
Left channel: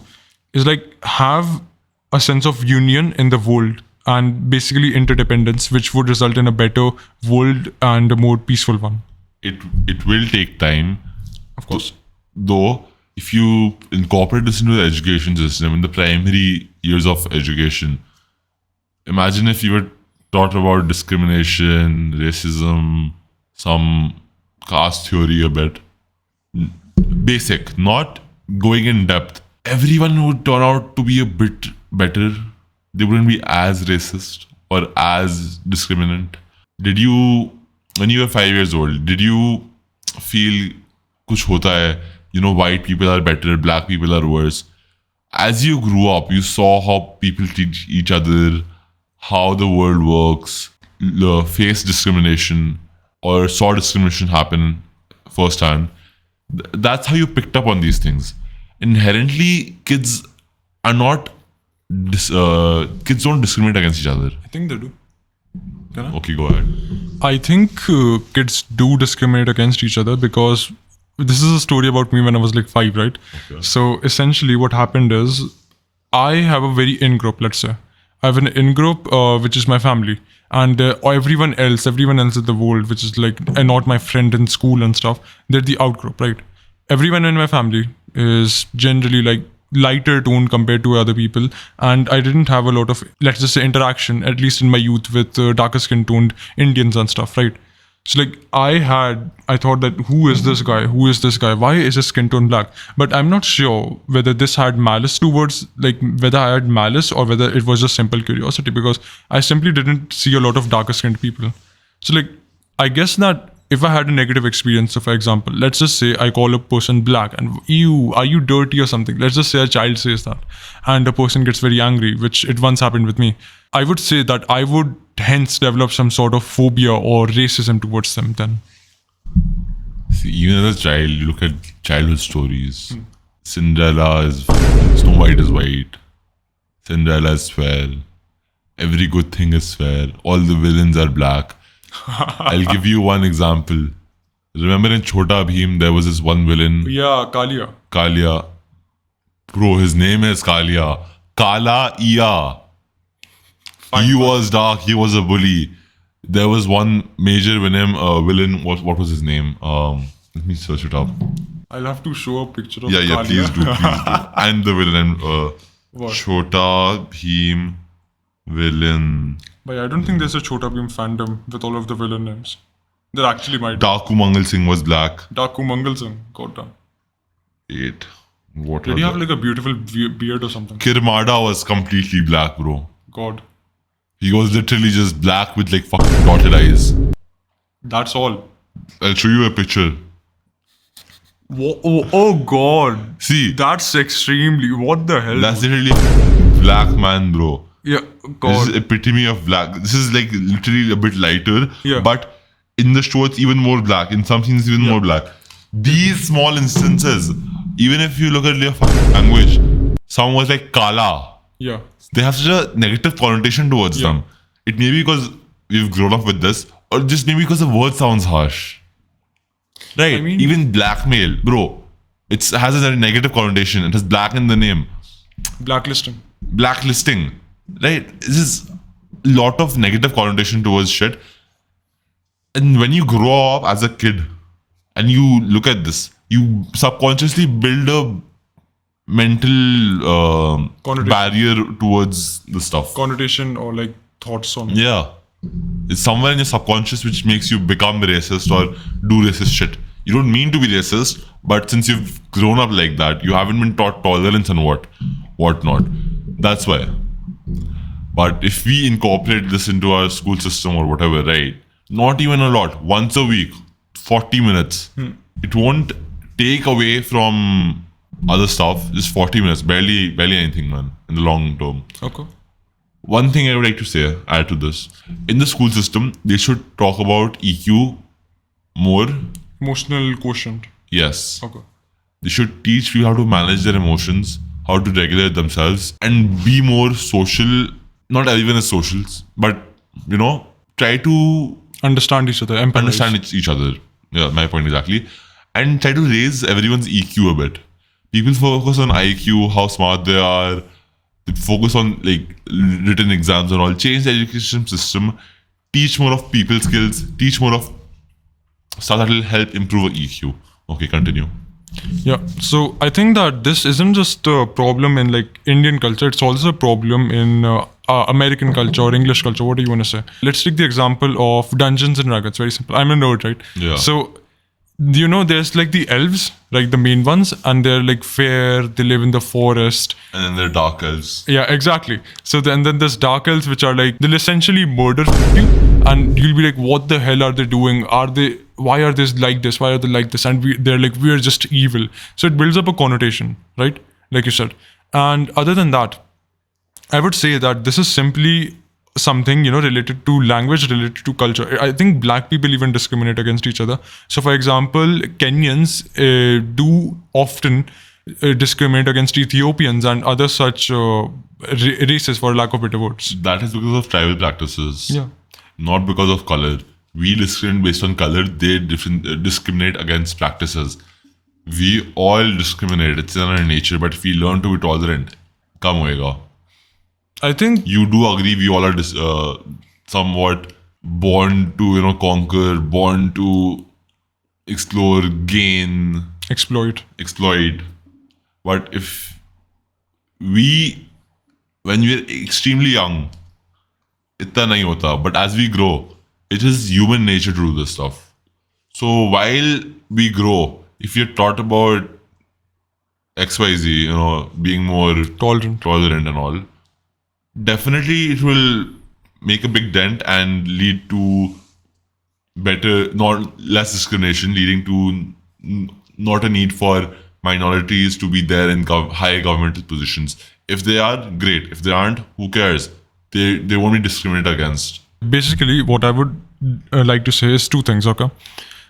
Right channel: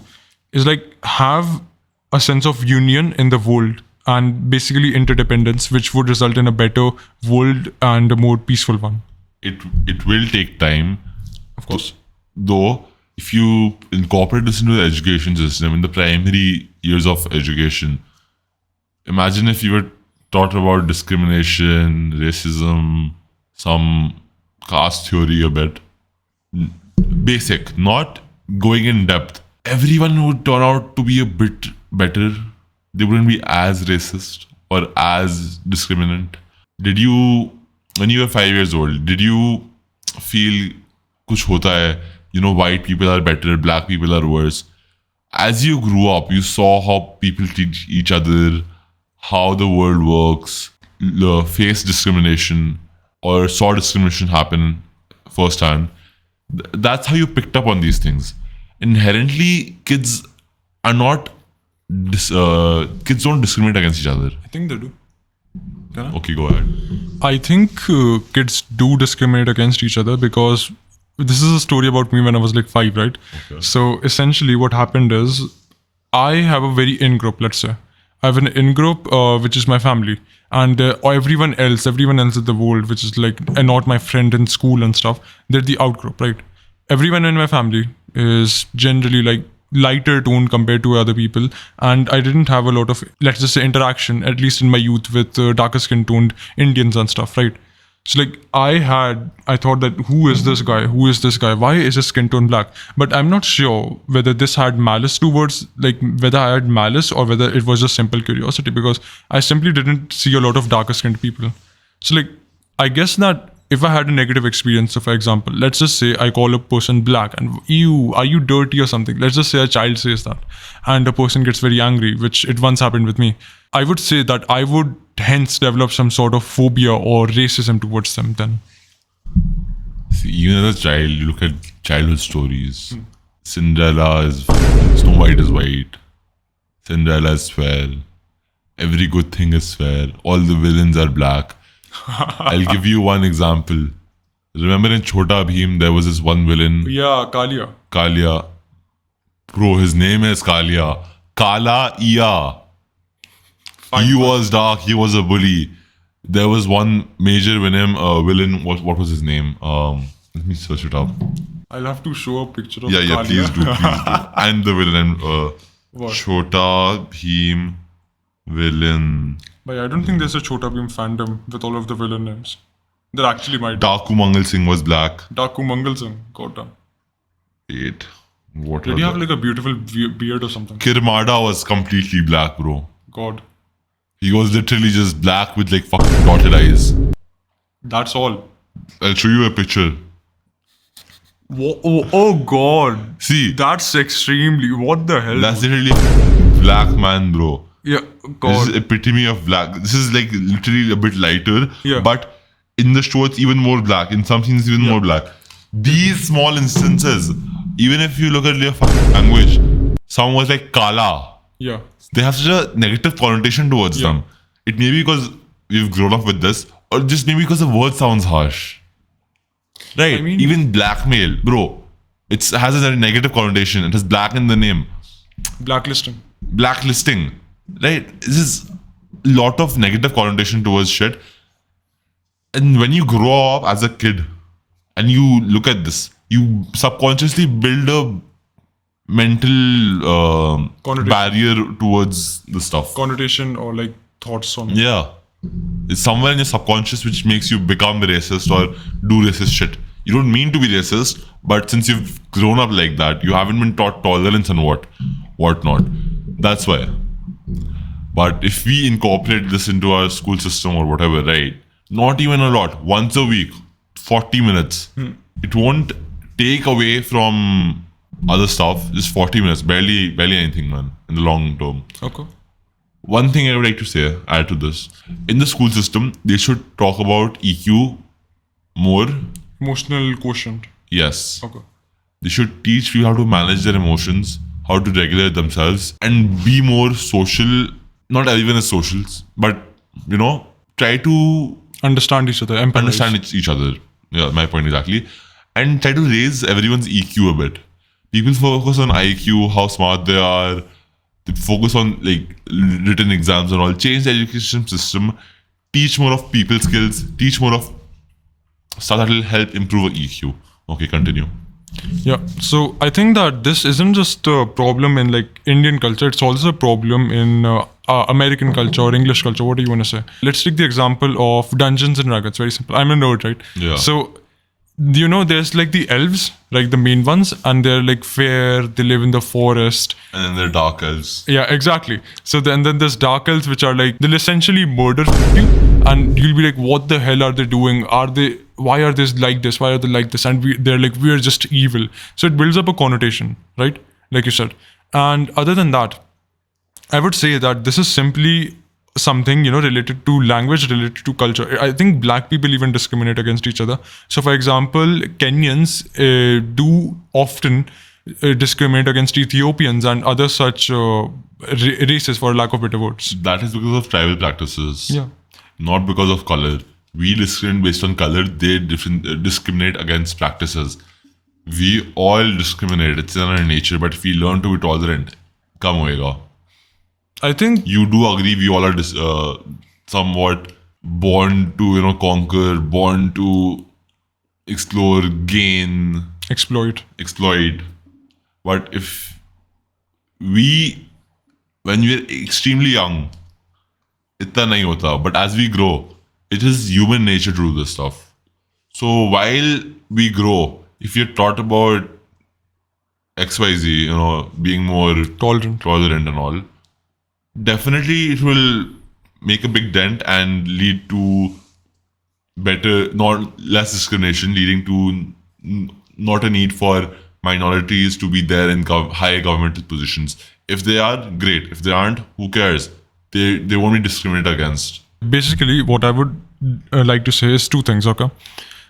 is like have a sense of union in the world and basically interdependence, which would result in a better world and a more peaceful one. It will take time, Of course. though. If you incorporate this into the education system in the primary years of education, imagine if you were taught about discrimination, racism, some caste theory a bit. Basic, not going in depth. Everyone would turn out to be a bit better. They wouldn't be as racist or as discriminant. Did you, when you were 5 years old, did you feel kuch hota hai? White people are better, black people are worse. As you grew up, you saw how people treat each other, how the world works, face discrimination, or saw discrimination happen firsthand. That's how you picked up on these things. Inherently, kids are not. Kids don't discriminate against each other. I think they do. Okay, go ahead. I think kids do discriminate against each other because this is a story about me when I was like 5, right? Okay. So essentially, what happened is I have a very in group, let's say. I have an in group, which is my family. And everyone else in the world, which is like not my friend in school and stuff, they're the out group, right? Everyone in my family is generally like lighter tone compared to other people, and I didn't have a lot of, let's just say, interaction, at least in my youth, with darker skin toned Indians and stuff, right? So like I thought that who is this guy, why is his skin tone black? But I'm not sure whether this had malice towards, like whether I had malice or whether it was just simple curiosity, because I simply didn't see a lot of darker skinned people. So like I guess that if I had a negative experience, so for example, let's just say I call a person black and ew, are you dirty or something? Let's just say a child says that and the person gets very angry, which it once happened with me. I would say that I would hence develop some sort of phobia or racism towards them then. See, even as a child, you look at childhood stories. Cinderella is Snow White is white. Cinderella is fair. Every good thing is fair. All the villains are black. I'll give you one example. Remember in Chota Bheem, there was this one villain, Yeah, Kalia. Kalia. Bro, his name is Kalia. Kala Iya. He was dark. He was a bully. There was one major villain. What was his name? Let me search it up. I'll have to show a picture of Yeah, Kalia. please do. And the villain, What? Chota Bheem villain. But I don't think there's a Chota Bheem fandom with all of the villain names. There actually might. Taku Mangal Singh was black. Daku Mangal Singh, Kota. Wait. What Did was he have it? like a beautiful beard or something? Kirmada was completely black, bro. God. He was literally just black with like fucking dotted eyes. That's all. I'll show you a picture. Oh God. See, That's extremely. What the hell? that's literally black man, bro. Yeah, This God. is epitome of black. This is like literally a bit lighter, Yeah. but in the show it's even more black. In some scenes, even more black. These small instances, even if you look at their language, someone was like Kala. Yeah. They have such a negative connotation towards them. It may be because we've grown up with this, or just maybe because the word sounds harsh. Right. I mean- Even blackmail, bro. It has a negative connotation. It has black in the name. Blacklisting. Blacklisting. Right. This is a lot of negative connotation towards shit. And when you grow up as a kid and you look at this, you subconsciously build a mental Connotation. barrier towards the stuff. Connotation or like thoughts on it. Yeah. It's somewhere in your subconscious which makes you become racist or do racist shit. You don't mean to be racist, but since you've grown up like that, you haven't been taught tolerance and whatnot. That's why. But if we incorporate this into our school system or whatever, right? Not even a lot. Once a week, 40 minutes. It won't take away from other stuff. Just 40 minutes. Barely anything, man. In the long term. Okay. One thing I would like to add to this. In the school system, they should talk about EQ more. Emotional quotient. Yes. Okay. They should teach people how to manage their emotions, how to regulate themselves and be more social. Not everyone is socials, but try to Understand each other, empathize. understand each other. Yeah, my point exactly. And try to raise everyone's EQ a bit. People focus on IQ, how smart they are. They focus on like written exams and all. Change the education system. Teach more of people skills. Teach more of stuff that will help improve EQ. Okay, continue. Yeah. So I think that this isn't just a problem in like Indian culture. It's also a problem in American culture or English culture. What do you want to say? Let's take the example of Dungeons and Dragons. Very simple. I'm a nerd, right? Yeah. So there's like the elves, like the main ones, and they're like fair. They live in the forest. And then there are dark elves. Yeah, exactly. So then there's dark elves, which are like they'll essentially murder you, and you'll be like, what the hell are they doing? Why are they like this? Why are they like this? And they're like, we're just evil. So it builds up a connotation, right? Like you said. And other than that, I would say that this is simply something related to language, related to culture. I think black people even discriminate against each other. So for example, Kenyans do often discriminate against Ethiopians and other such races, for lack of better words. That is because of tribal practices. Yeah. Not because of color. We discriminate based on color. They discriminate against practices. We all discriminate. It's in our nature. But if we learn to be tolerant, come hoega. I think You do agree we all are somewhat born to conquer, born to explore, gain, exploit. But if when we're extremely young, itna nahi hota. But as we grow, it is human nature to do this stuff. So while we grow, if you're taught about XYZ, being more tolerant and all, definitely it will make a big dent and lead to less discrimination, leading to not a need for minorities to be there in high government positions. If they are, great. If they aren't, who cares? They won't be discriminated against. Basically, what I would like to say is two things, okay?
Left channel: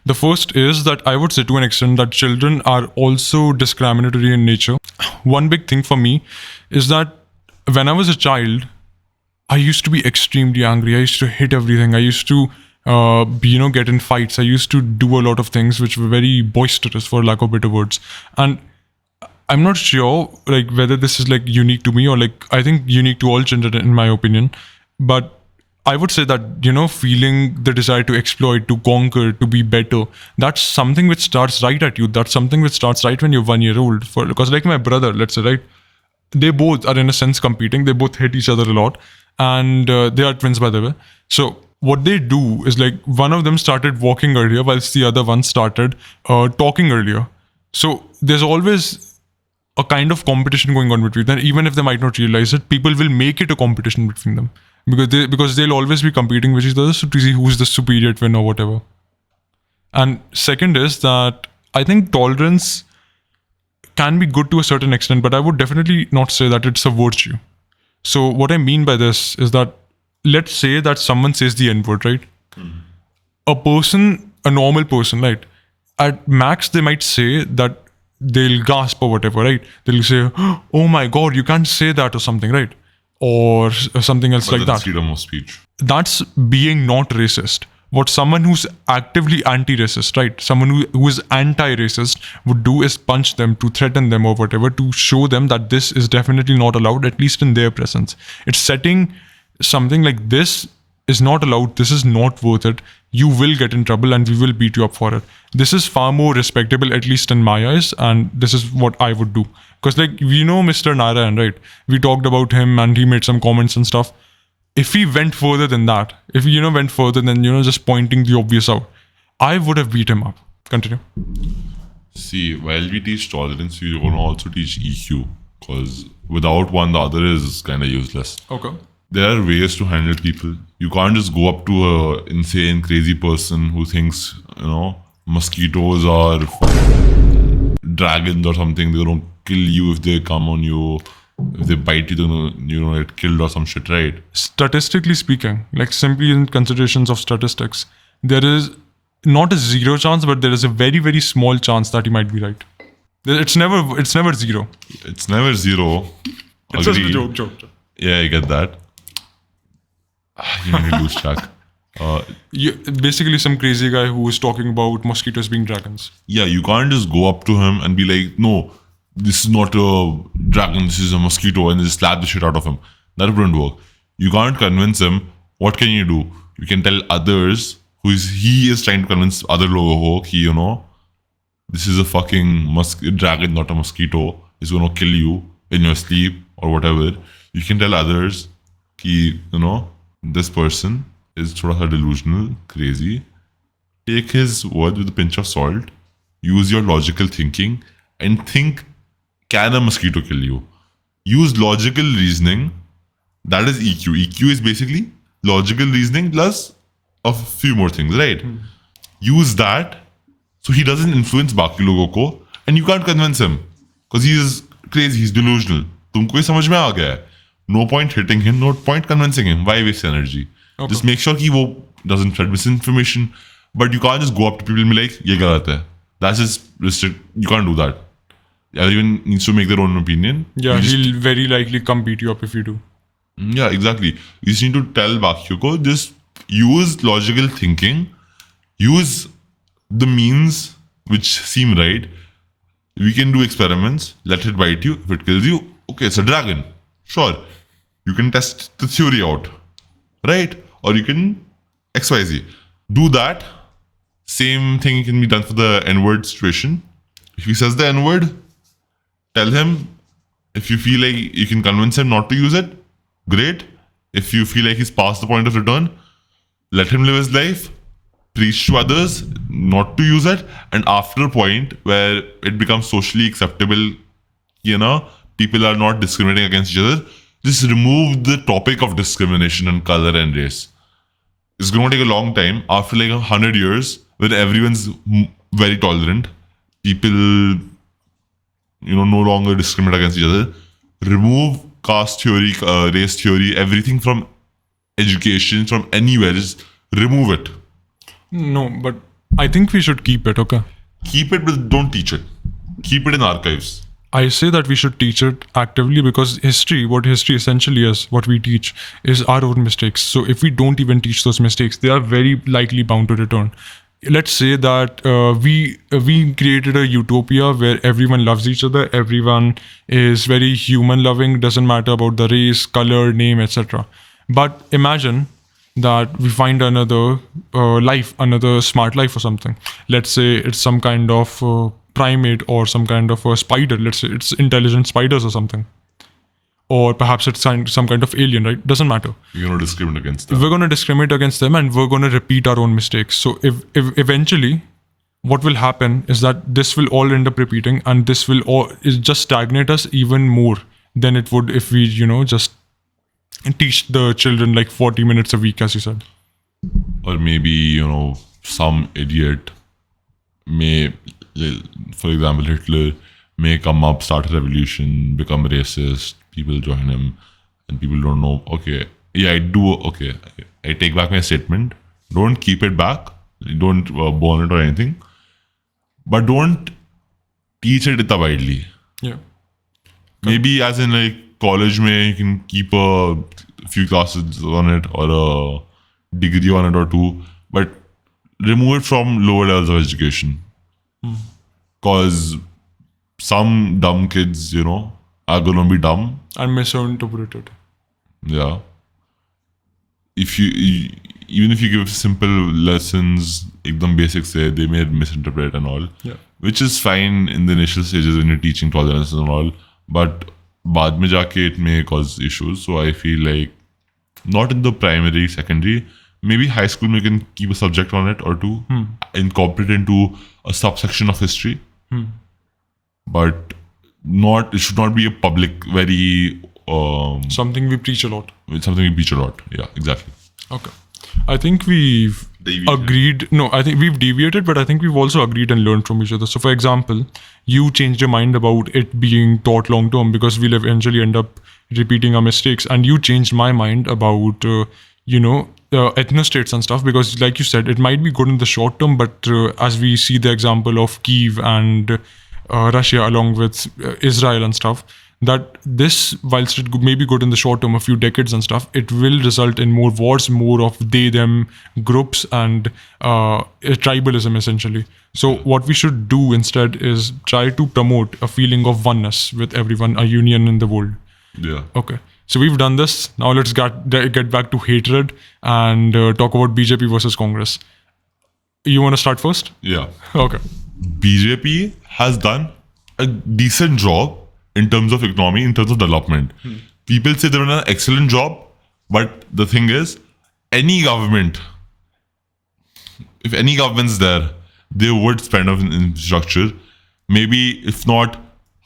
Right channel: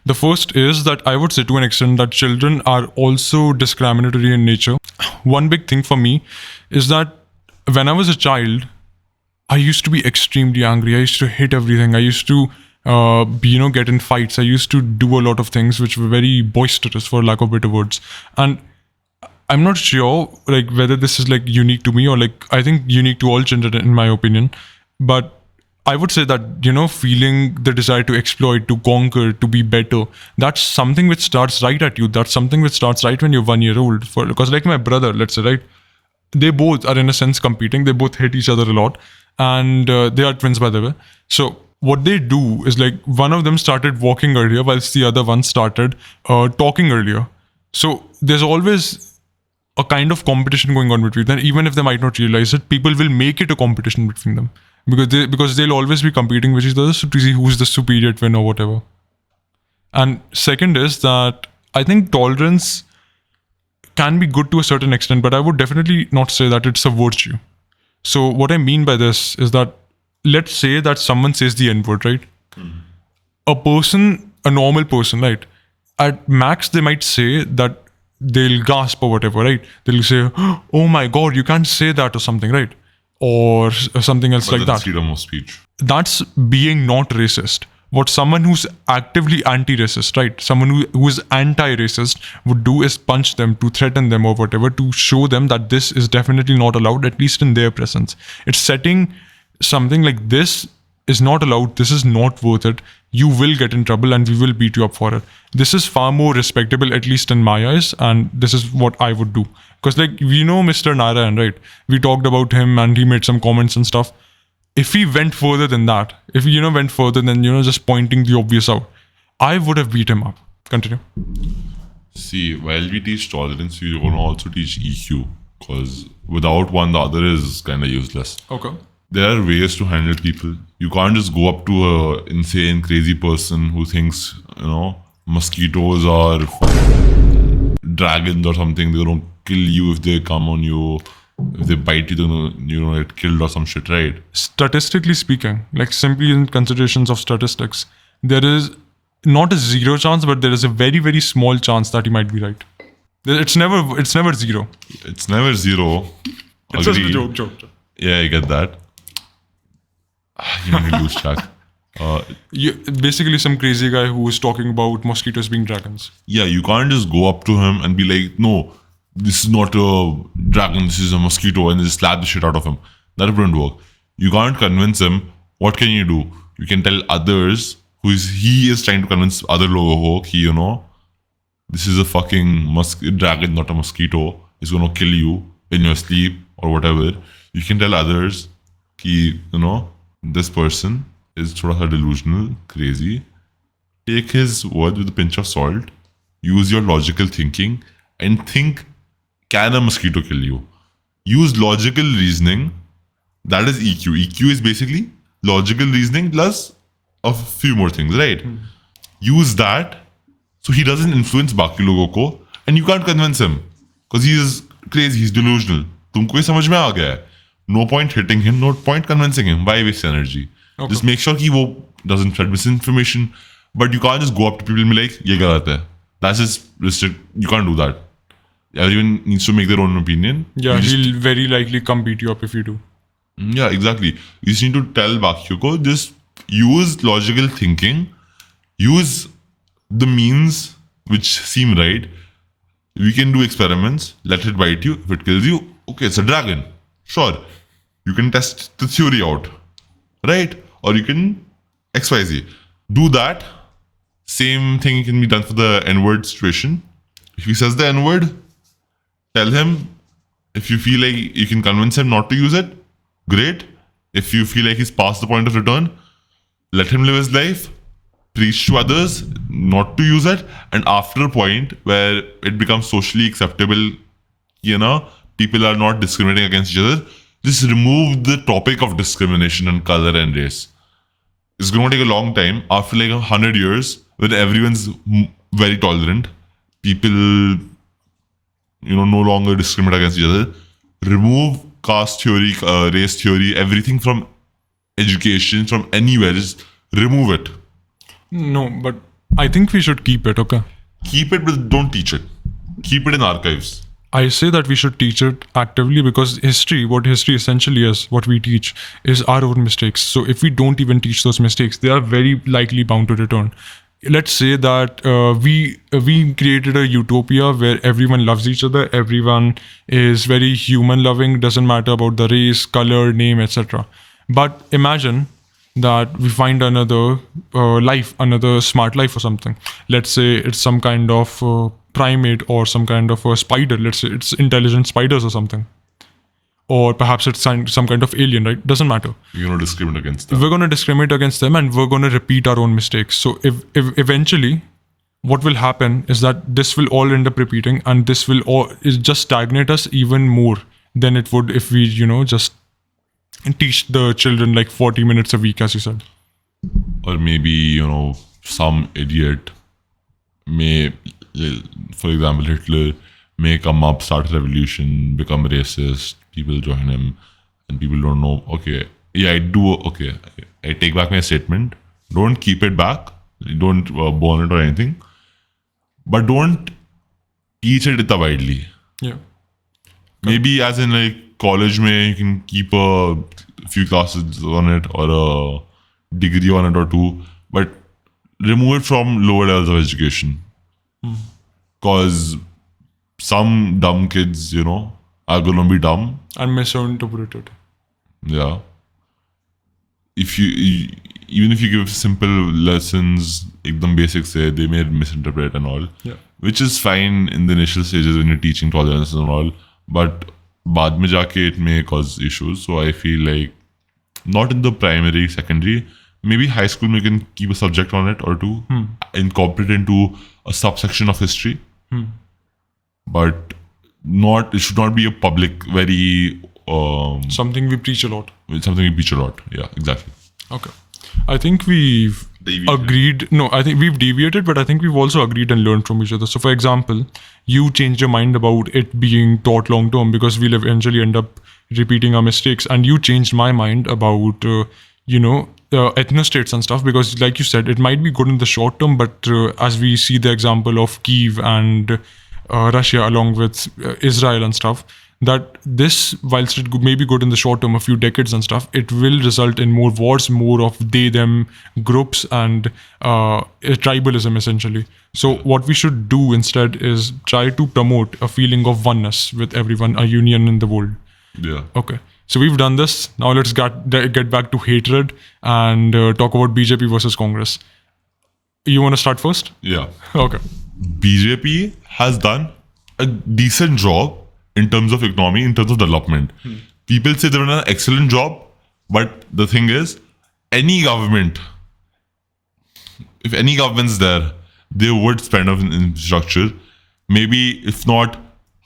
The first is that I would say to an extent that children are also discriminatory in nature. One big thing for me is that when I was a child, I used to be extremely angry. I used to hit everything. I used to, get in fights. I used to do a lot of things which were very boisterous, for lack of better words. And I'm not sure, like, whether this is like unique to me or like I think unique to all children, in my opinion. But I would say that feeling the desire to exploit, to conquer, to be better, that's something which starts right at you. That's something which starts right when you're 1 year old. Because like my brother, let's say, right, they both are in a sense competing. They both hate each other a lot, and they are twins, by the way. So what they do is like one of them started walking earlier, whilst the other one started talking earlier. So there's always a kind of competition going on between them. Even if they might not realize it, people will make it a competition between them because they'll always be competing with each other to see who's the superior twin or whatever. And second is that I think tolerance can be good to a certain extent, but I would definitely not say that it's a virtue. So what I mean by this is that let's say that someone says the N-word, right? A normal person, right? At max, they might say that they'll gasp or whatever, right? They'll say, oh my God, you can't say that or something, right? Or something else like that. Freedom of speech. That's being not racist. What someone who's actively anti-racist, right? Someone who's anti-racist would do is punch them, to threaten them or whatever, to show them that this is definitely not allowed, at least in their presence. It's setting something like this is not allowed, this is not worth it, you will get in trouble and we will beat you up for it. This is far more respectable, at least in my eyes, and this is what I would do. Because like, Mr. Narayan, right? We talked about him and he made some comments and stuff. If he went further than that, if he, went further than, just pointing the obvious out, I would have beat him up. Continue. See, while we teach tolerance, we want to also teach EQ. Because without one, the other is kind of useless. Okay. There are ways to handle people. You can't just go up to a insane, crazy person who thinks, mosquitoes are dragons or something. They're going to kill you if they come on you. If they bite you, then get killed or some shit, right? Statistically speaking, like simply in considerations of statistics, there is not a zero chance, but there is a very, very small chance that you might be right. It's never zero. It's never zero. It's just a Agreed. joke. Yeah, I get that. You made me lose track. Yeah, basically some crazy guy who was talking about mosquitoes being dragons. Yeah, you can't just go up to him and be like, no, this is not a dragon, this is a mosquito, and just slap the shit out of him. That wouldn't work. You can't convince him. What can you do? You can tell others he is trying to convince other logo, this is a fucking dragon, not a mosquito. It's gonna kill you in your sleep or whatever. You can tell others, this person is thoda delusional, crazy. Take his word with a pinch of salt. Use your logical thinking and think, can a mosquito kill you? Use logical reasoning. That is EQ. EQ is basically logical reasoning plus a few more things, right? Use that so he doesn't influence बाकी लोगों को and you can't convince him because he is crazy, he's delusional. तुमको ये समझ में आ गया है. No point hitting him, no point convincing him. Why waste energy? Okay. Just make sure he doesn't spread misinformation. But you can't just go up to people and be like, ये गलत है. That's just restrict. You can't do that. Everyone needs to make their own opinion. Yeah, he'll very likely come beat you up if you do. Yeah, exactly. You just need to tell Bakyo, just use logical thinking. Use the means which seem right. We can do experiments. Let it bite you. If it kills you, okay, it's a dragon. Sure. You can test the theory out. Right? Or you can XYZ. Do that. Same thing can be done for the N-word situation. If he says the N-word, tell him. If you feel like you can convince him not to use it, great. If you feel like he's past the point of return, let him live his life. Preach to others not to use it. And after a point where it becomes socially acceptable, people are not discriminating against each other, just remove the topic of discrimination in color and race. It's going to take a long time. After like 100 years, where everyone's very tolerant, people, no longer discriminate against each other. Remove caste theory, race theory, everything from education, from anywhere. Just remove it. No, but I think we should keep it, okay? Keep it, but don't teach it. Keep it in archives. I say that we should teach it actively because what history essentially is, what we teach, is our own mistakes. So if we don't even teach those mistakes, they are very likely bound to return. Let's say that we created a utopia where everyone loves each other, everyone is very human loving, doesn't matter about the race, color, name, etc. But imagine that we find another life, another smart life or something. Let's say it's some kind of primate or some kind of a spider. Let's say it's intelligent spiders or something. Or perhaps it's some kind of alien, right? Doesn't matter. You're going to discriminate against them. We're going to discriminate against them and we're going to repeat our own mistakes. So if eventually what will happen is that this will all end up repeating and this will all is just stagnate us even more than it would if we, just teach the children like 40 minutes a week, as you said. Or maybe, some idiot may, for example, Hitler may come up, start a revolution, become racist, people join him, and people don't know, okay, I take back my statement. Don't keep it back. Don't burn it or anything. But don't teach it widely. Yeah. Maybe as in like college you can keep a few classes on it or a degree on it or two, but remove it from lower levels of education. Because some dumb kids, are going to be dumb. And misinterpreted. Yeah. Even if you give simple lessons, ekdam basic say, they may misinterpret and all. Yeah. Which is fine in the initial stages when you're teaching tolerance and all. But baad mein jaake it may cause issues. So I feel like not in the primary, secondary, maybe high school we can keep a subject on it or two, incorporate into a subsection of history. But it should not be a public, very something we preach a lot. Something we preach a lot. Yeah, exactly. Okay. I think we've agreed. No, I think we've deviated, but I think we've also agreed and learned from each other. So, for example, you changed your mind about it being taught long term because we'll eventually end up repeating our mistakes, and you changed my mind about ethnostates and stuff because, like you said, it might be good in the short term, but as we see the example of Kiev and Russia along with Israel and stuff, that this, whilst it may be good in the short term, a few decades and stuff, it will result in more wars, more of they them groups, and tribalism essentially. So what we should do instead is try to promote a feeling of oneness with everyone, a union in the world. Yeah. Okay, so we've done this. Now let's get back to hatred and talk about BJP versus Congress. You want to start first? Yeah. Okay. BJP has done a decent job in terms of economy, in terms of development. People say they've done an excellent job, but the thing is, any government, if any government's there, they would spend on infrastructure. Maybe if not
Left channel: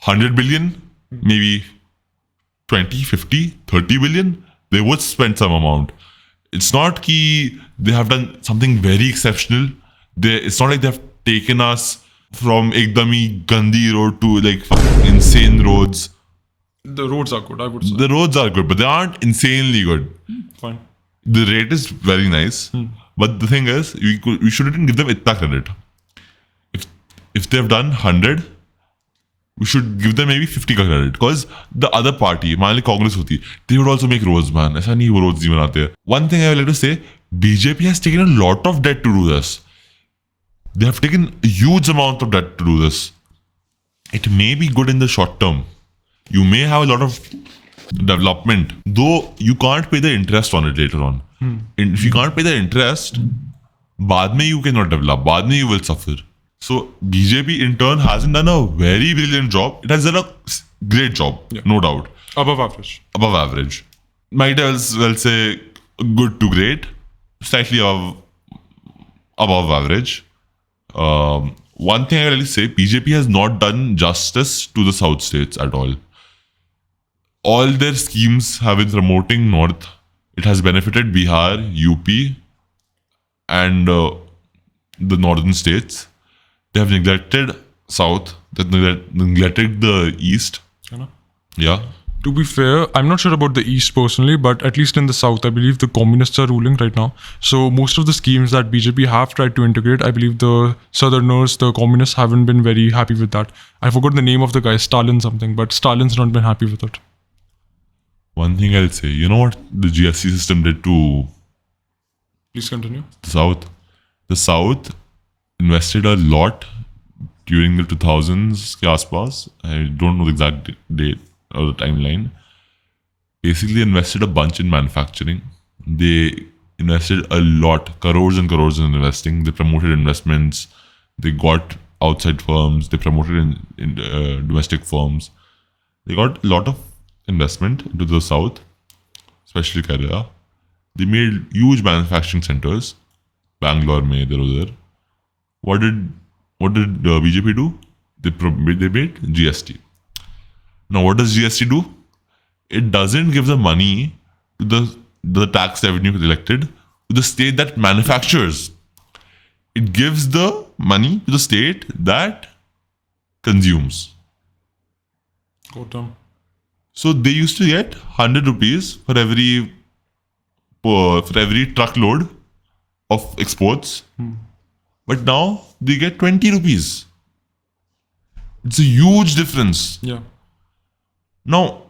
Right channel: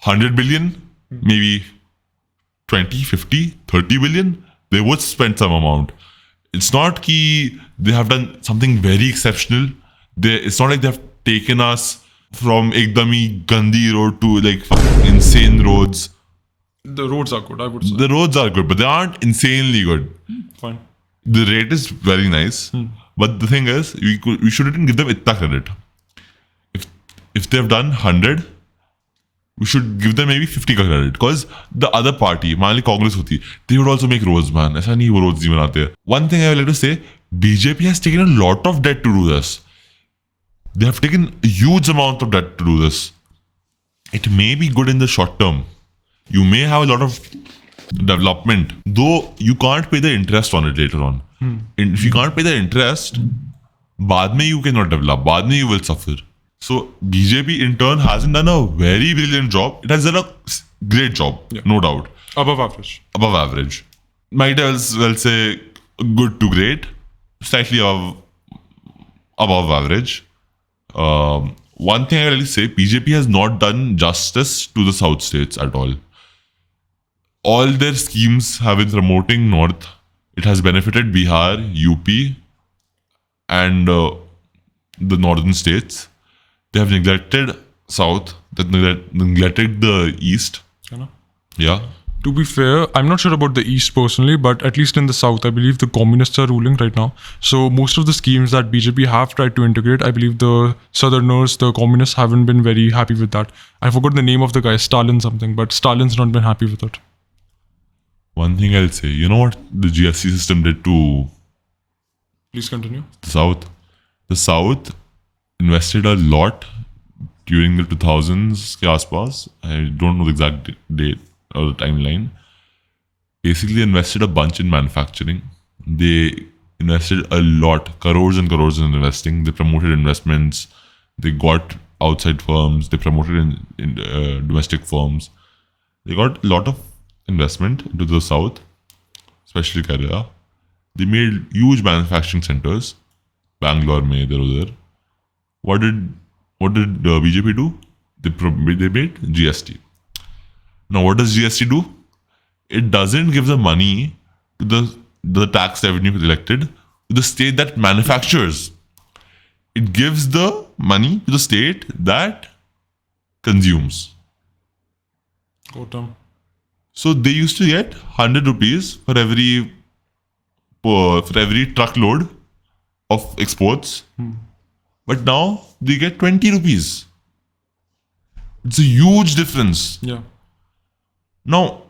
100 billion, maybe 20, 50, 30 billion, they would spend some amount. It's not that they have done something very exceptional. It's not like they've taken us from ekdami Gandhi road to like insane roads. The roads are good, I would say. The roads are good, but they aren't insanely good. Fine. The rate is very nice, but the thing is, we shouldn't give them itna credit. If they've done 100, we should give them maybe 50 ka credit, because the other party, मान ली Congress होती, they would also make roads, man. ऐसा नहीं वो roads नहीं बनाते. One thing I would like to say, BJP has taken a lot of debt to do this. They have taken a huge amount of debt to do this. It may be good in the short term. You may have a lot of development, though you can't pay the interest on it later on. And if you can't pay the interest, बाद में you cannot develop. बाद में you will suffer. So BJP in turn hasn't done a very brilliant job. It has done a great job, no doubt. Above average. Above average. Might as well say good to great. Slightly above average. One thing I really say, BJP has not done justice to the South states at all. All their schemes have been promoting North. It has benefited Bihar, UP, and the northern states. They have neglected South. They have neglected the East. Yeah. To be fair, I'm not sure about the East personally, but at least in the South, I believe the communists are ruling right now. So most of the schemes that BJP have tried to integrate, I believe the Southerners, the communists haven't been very happy with that. I forgot the name of the guy, Stalin something, but Stalin's not been happy with it. One thing I'll say, you know what the GST system did to Please continue. the South? The South invested a lot during the 2000s ke aaspaas. I don't know the exact date or the timeline. Basically invested a bunch in manufacturing. They invested a lot, crores and crores in investing. They promoted investments. They got outside firms. They promoted in domestic firms. They got a lot of investment into the South, especially Kerala. They made huge manufacturing centers. Bangalore, mein, idhar udhar. What did BJP do? They made GST. Now, what does GST do? It doesn't give the money to the tax revenue collected to the state that manufactures. It gives the money to the state that consumes. So they used to get 100 rupees for every truckload of exports. But now they get 20 rupees. It's a huge difference. Yeah. Now,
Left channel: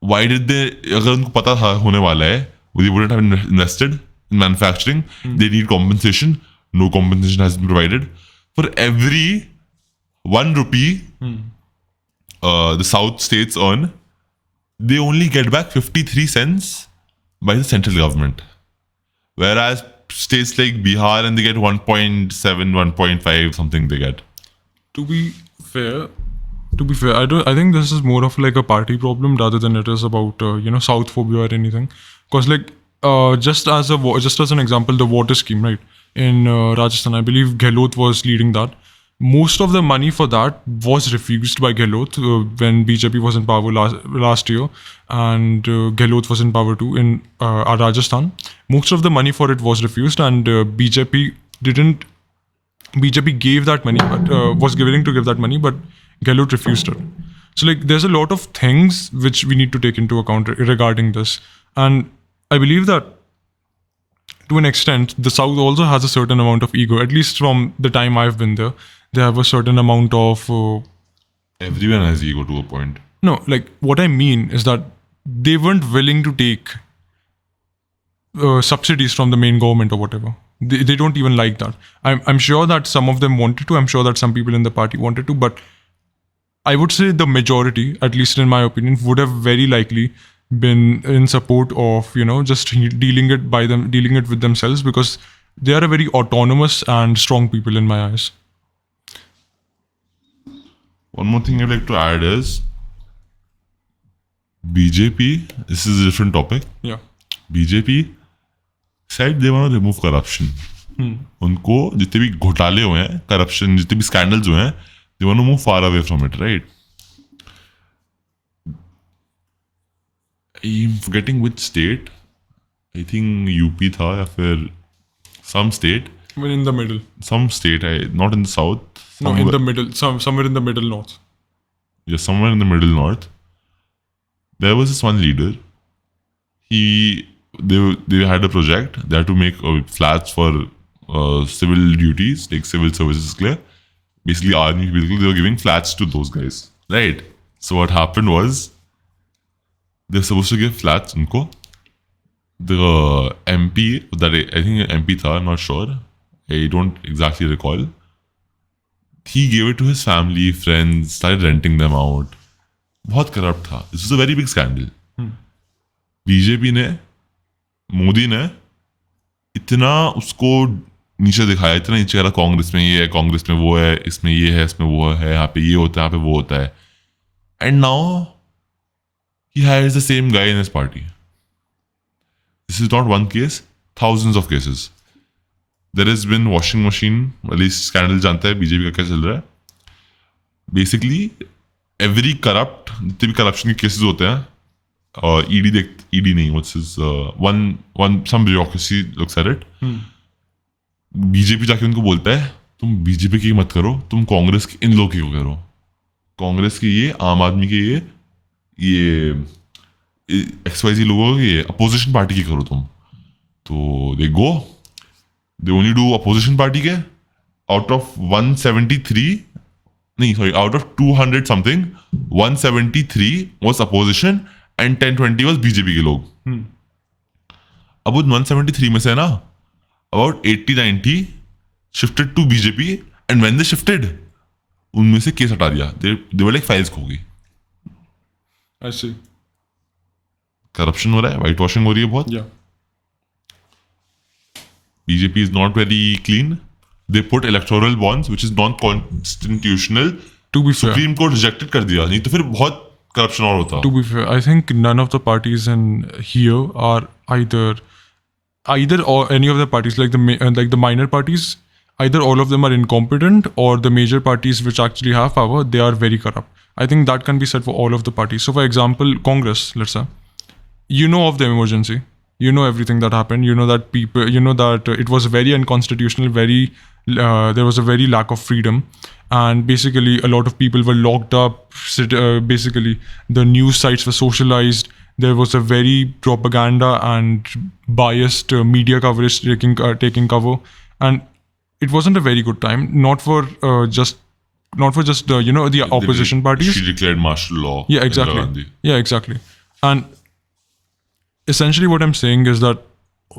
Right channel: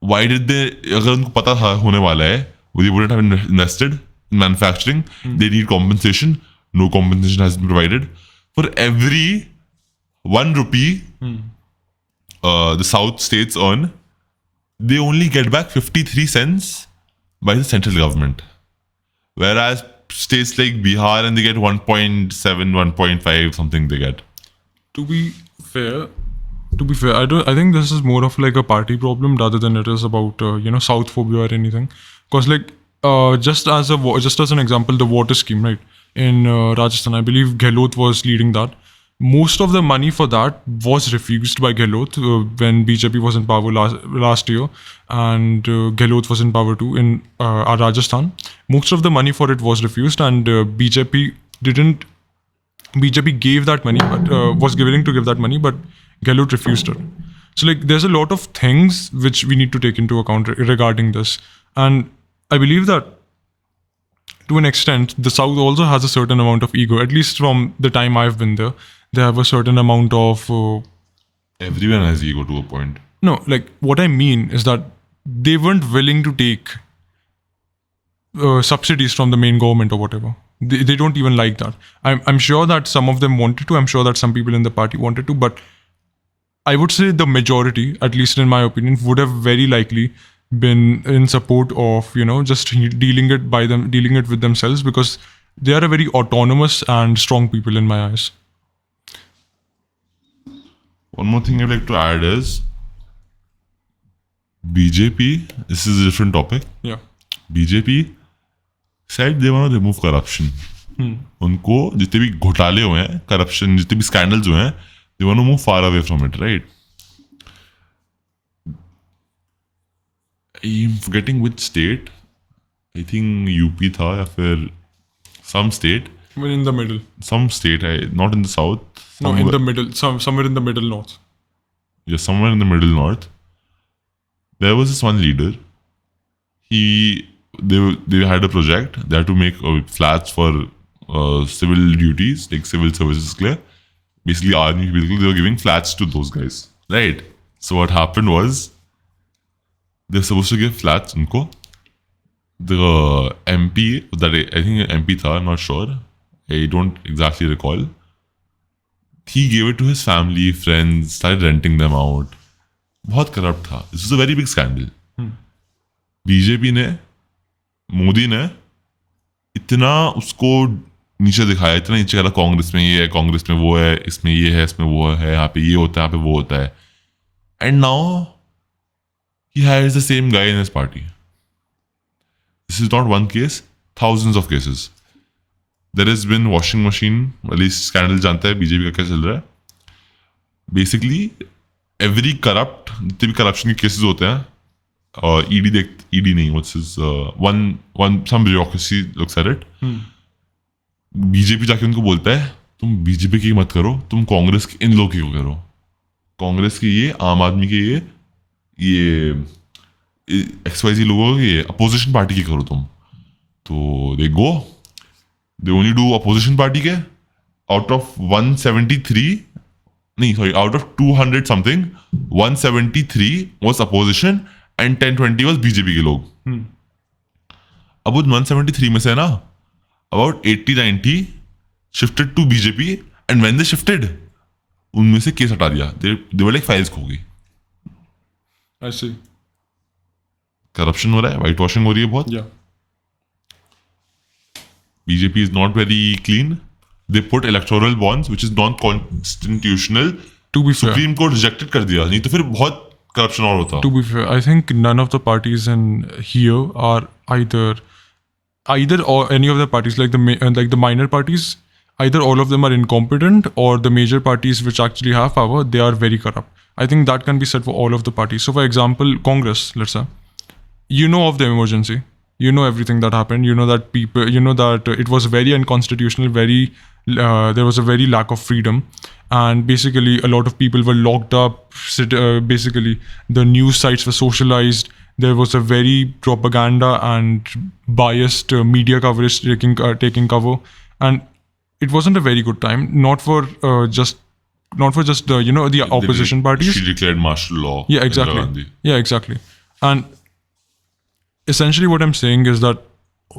why did they, अगर उनको पता था होने वाला है, they wouldn't have invested in manufacturing. They need compensation. No compensation has been provided. For every 1 rupee the South states earn, they only get back 53 cents by the central government. Whereas states like Bihar, and they get 1.7, 1.5, something they get. To be fair, I think this is more of like a party problem rather than it is about South phobia or anything. Because like just as an example, the water scheme, right, in Rajasthan, I believe Gehlot was leading that. Most of the money for that was refused by Gehlot when BJP was in power last year, and Gehlot was in power too in Rajasthan. Most of the money for it was refused, and BJP gave that money, was willing to give that money, but Gehlot refused it. So like there's a lot of things which we need to take into account regarding this, and I believe that to an extent the South also has a certain amount of ego, at least from the time I've been there. They have a certain amount of Everyone has ego to a point. No, like what I mean is that they weren't willing to take subsidies from the main government or whatever. They don't even like that. I'm sure that some of them wanted to. I'm sure that some people in the party wanted to, but I would say the majority, at least in my opinion, would have very likely been in support of just dealing it with themselves, because they are a very autonomous and strong people in my eyes. One more thing I'd like to add is BJP. This is a different topic. Yeah. BJP said they want to remove corruption. उनको जितने भी घोटाले हुए हैं, corruption, जितने भी scandals हुए हैं, they want to move far away from it, right? I'm forgetting which state. I think UP था या फिर some state. We're in the middle. Some state, not in the south. No, in the middle. Somewhere in the middle north. Yeah, somewhere in the middle north. There was this one leader. They had a project. They had to make flats for civil duties, like civil services clear. Basically, army people, they were giving flats to those guys. Right. So what happened was, they're supposed to give flats unko. The MP, that I think MP tha, I'm not sure. I don't exactly recall. He gave it to his family, friends, started renting them out. बहुत corrupt था. This is a very big scandal. BJP ने, मोदी ने इतना उसको नीचे दिखाया, इतना नीचे करा, कांग्रेस में ये है, कांग्रेस में वो है, इसमें ये है, इसमें वो है, यहाँ पे ये होता है, यहाँ पे वो होता है. And now he has the same guy in his party. This is not one case, thousands of cases. There has been washing machine, at least scandal जानता है बीजेपी का क्या चल रहा है. Basically, every corrupt, जितने भी corruption के cases होते हैं, ED नहीं, what's his, some bureaucracy looks at it. BJP जाके उनको बोलता है, तुम बीजेपी की मत करो, तुम कांग्रेस के इन लोग की करो. कांग्रेस के ये, आम आदमी के ये XYZ लोगों के ये अपोजिशन पार्टी की करो तुम. तो they go. They only do opposition party के out of 173, नहीं sorry, out of 200 something, 173 was opposition and 1020 was BJP के लोग. अब उस 173 में से ना about 80-90 shifted to BJP, and when they shifted, उनमें से केस हटा दिया. They were like fines हो गई. ऐसे करप्शन हो रहा है, वाइट वॉशिंग हो रही है बहुत. Yeah. BJP is not very clean. They put electoral bonds, which is non-constitutional. To be fair. Supreme Court rejected कर दिया. नहीं तो फिर बहुत corruption और होता. To be fair, I think none of the parties in here are either or any of the parties, like the minor parties, either all of them are incompetent, or the major parties which actually have power, they are very corrupt. I think that can be said for all of the parties. So, for example, Congress, let's say, you know of the emergency, you know everything that happened, you know that it was very unconstitutional, there was a very lack of freedom, and basically a lot of people were locked up. Basically, the news sites were socialized. There was a very propaganda and biased media coverage taking cover, and it wasn't a very good time. Not for just the opposition parties. She declared martial law. Yeah, exactly. And essentially what I'm saying is that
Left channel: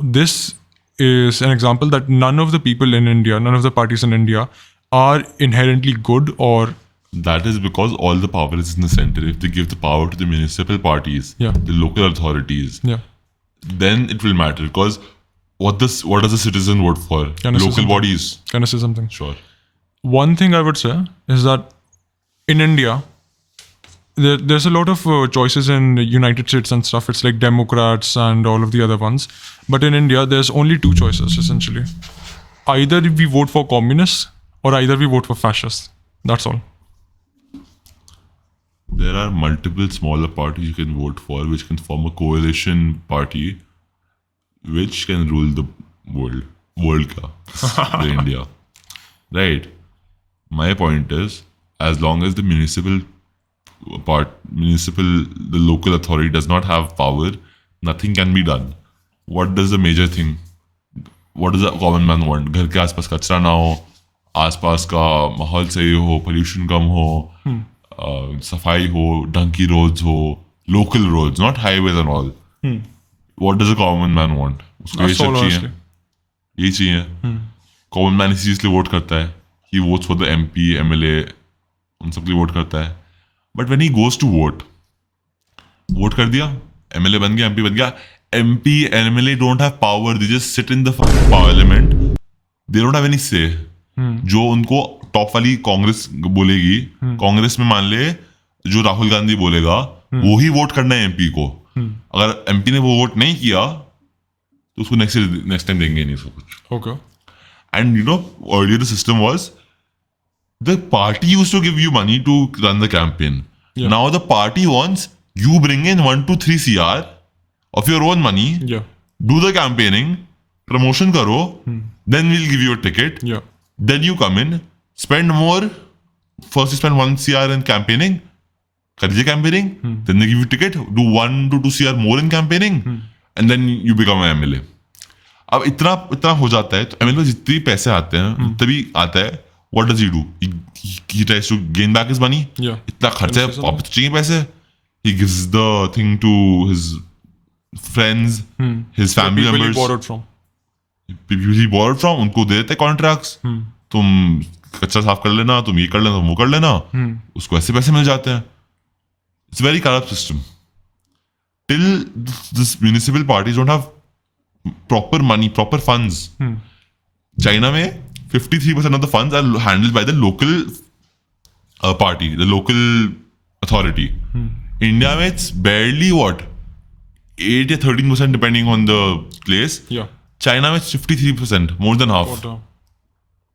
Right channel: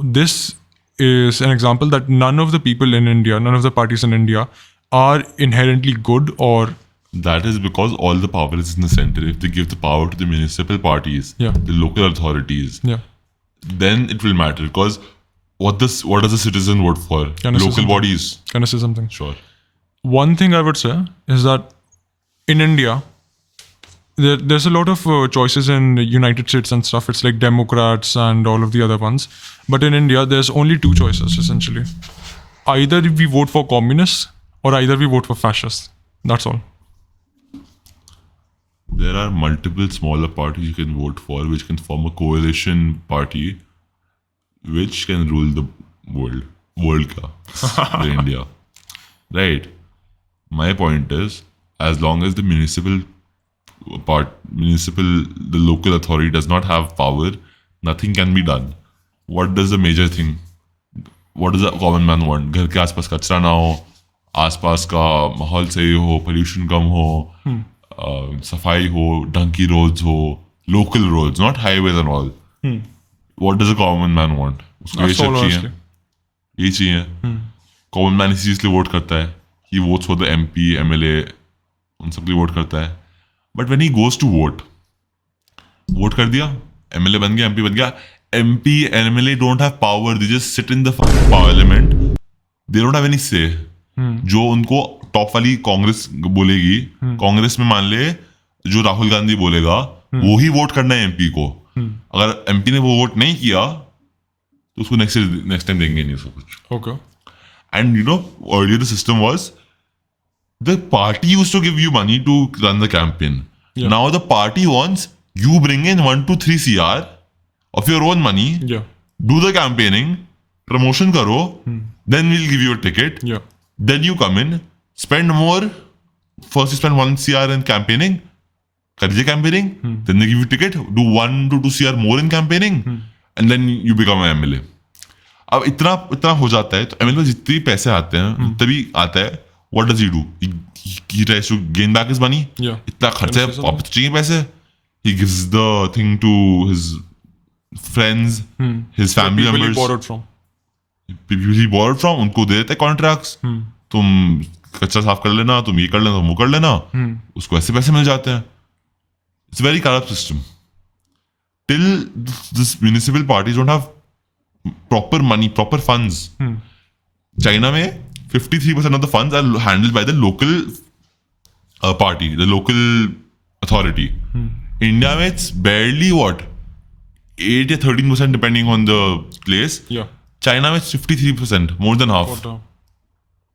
this is an example that none of the people in India, none of the parties in India are inherently good, or that is because all the power is in the center. If they give the power to the municipal parties, the local authorities, then it will matter. Because what does the citizen vote for? Local bodies. Can I say something? Sure. One thing I would say is that in India, there's a lot of choices in the United States and stuff. It's like Democrats and all of the other ones. But in India, there's only two choices, essentially. Either we vote for communists, or either we vote for fascists. That's all. There are multiple smaller parties you can vote for, which can form a coalition party, which can rule the world ka, India. Right. My point is, as long as the the local authority does not have power, nothing can be done. What does the major thing? What does the common man want? घर के आसपास कचरा ना हो, आसपास का माहौल सही हो, pollution कम हो, सफाई हो, ढंग की roads हो, local roads, not highways and all. What does a common man want? उसको ये That's सब all, चाहिए, honestly. यही चाहिए. Common man इसी चीज के लिए वोट करता है. He votes for the MP, MLA, उन सब के लिए वोट करता है. But when he goes to vote, vote कर दिया, MLA बन गया, MP बन गया. MP, MLA don't have power. They just sit in the parliament. They don't have any say. जो उनको टॉप वाली कांग्रेस बोलेगी, कांग्रेस में मान ले जो राहुल गांधी बोलेगा, वो ही वोट करना है एमपी को. अगर एमपी ने वो वोट नहीं किया तो उसको नेक्स्ट टाइम देंगे नहीं उसको कुछ. Okay. And you know, earlier the system was the party used to give you money to run the campaign. Now the party wants you bring in 1 to 3 CR of your own money, Yeah. do the campaigning, promotion karo, then we'll give you a ticket. Yeah. Then you come in, spend more. First you spend 1 CR in campaigning, कर campaigning, then they give you a ticket, do 1 to 2 CR more in campaigning, and then you become an MLA. अब इतना हो जाता है तो MLA जितने पैसे आते हैं तभी आता है. What does he do? He tries to gain back his money. Yeah. इतना खर्चा है, अब चाहिए पैसे. He gives the thing to his friends, his family People he members. borrowed from. People he borrowed from, उनको दे देते कॉन्ट्रैक्ट्स. तुम कच्चा साफ कर लेना, तुम ये कर लेना, वो कर लेना, उसको ऐसे पैसे मिल जाते हैं. It's a very corrupt system. Till this municipal parties don't have proper money, proper funds. China में 53% of the funds are handled by the local party, the local authority. India में it's barely what? 8 or 13% depending on the place. Yeah. China में it's 53%, more than half. What,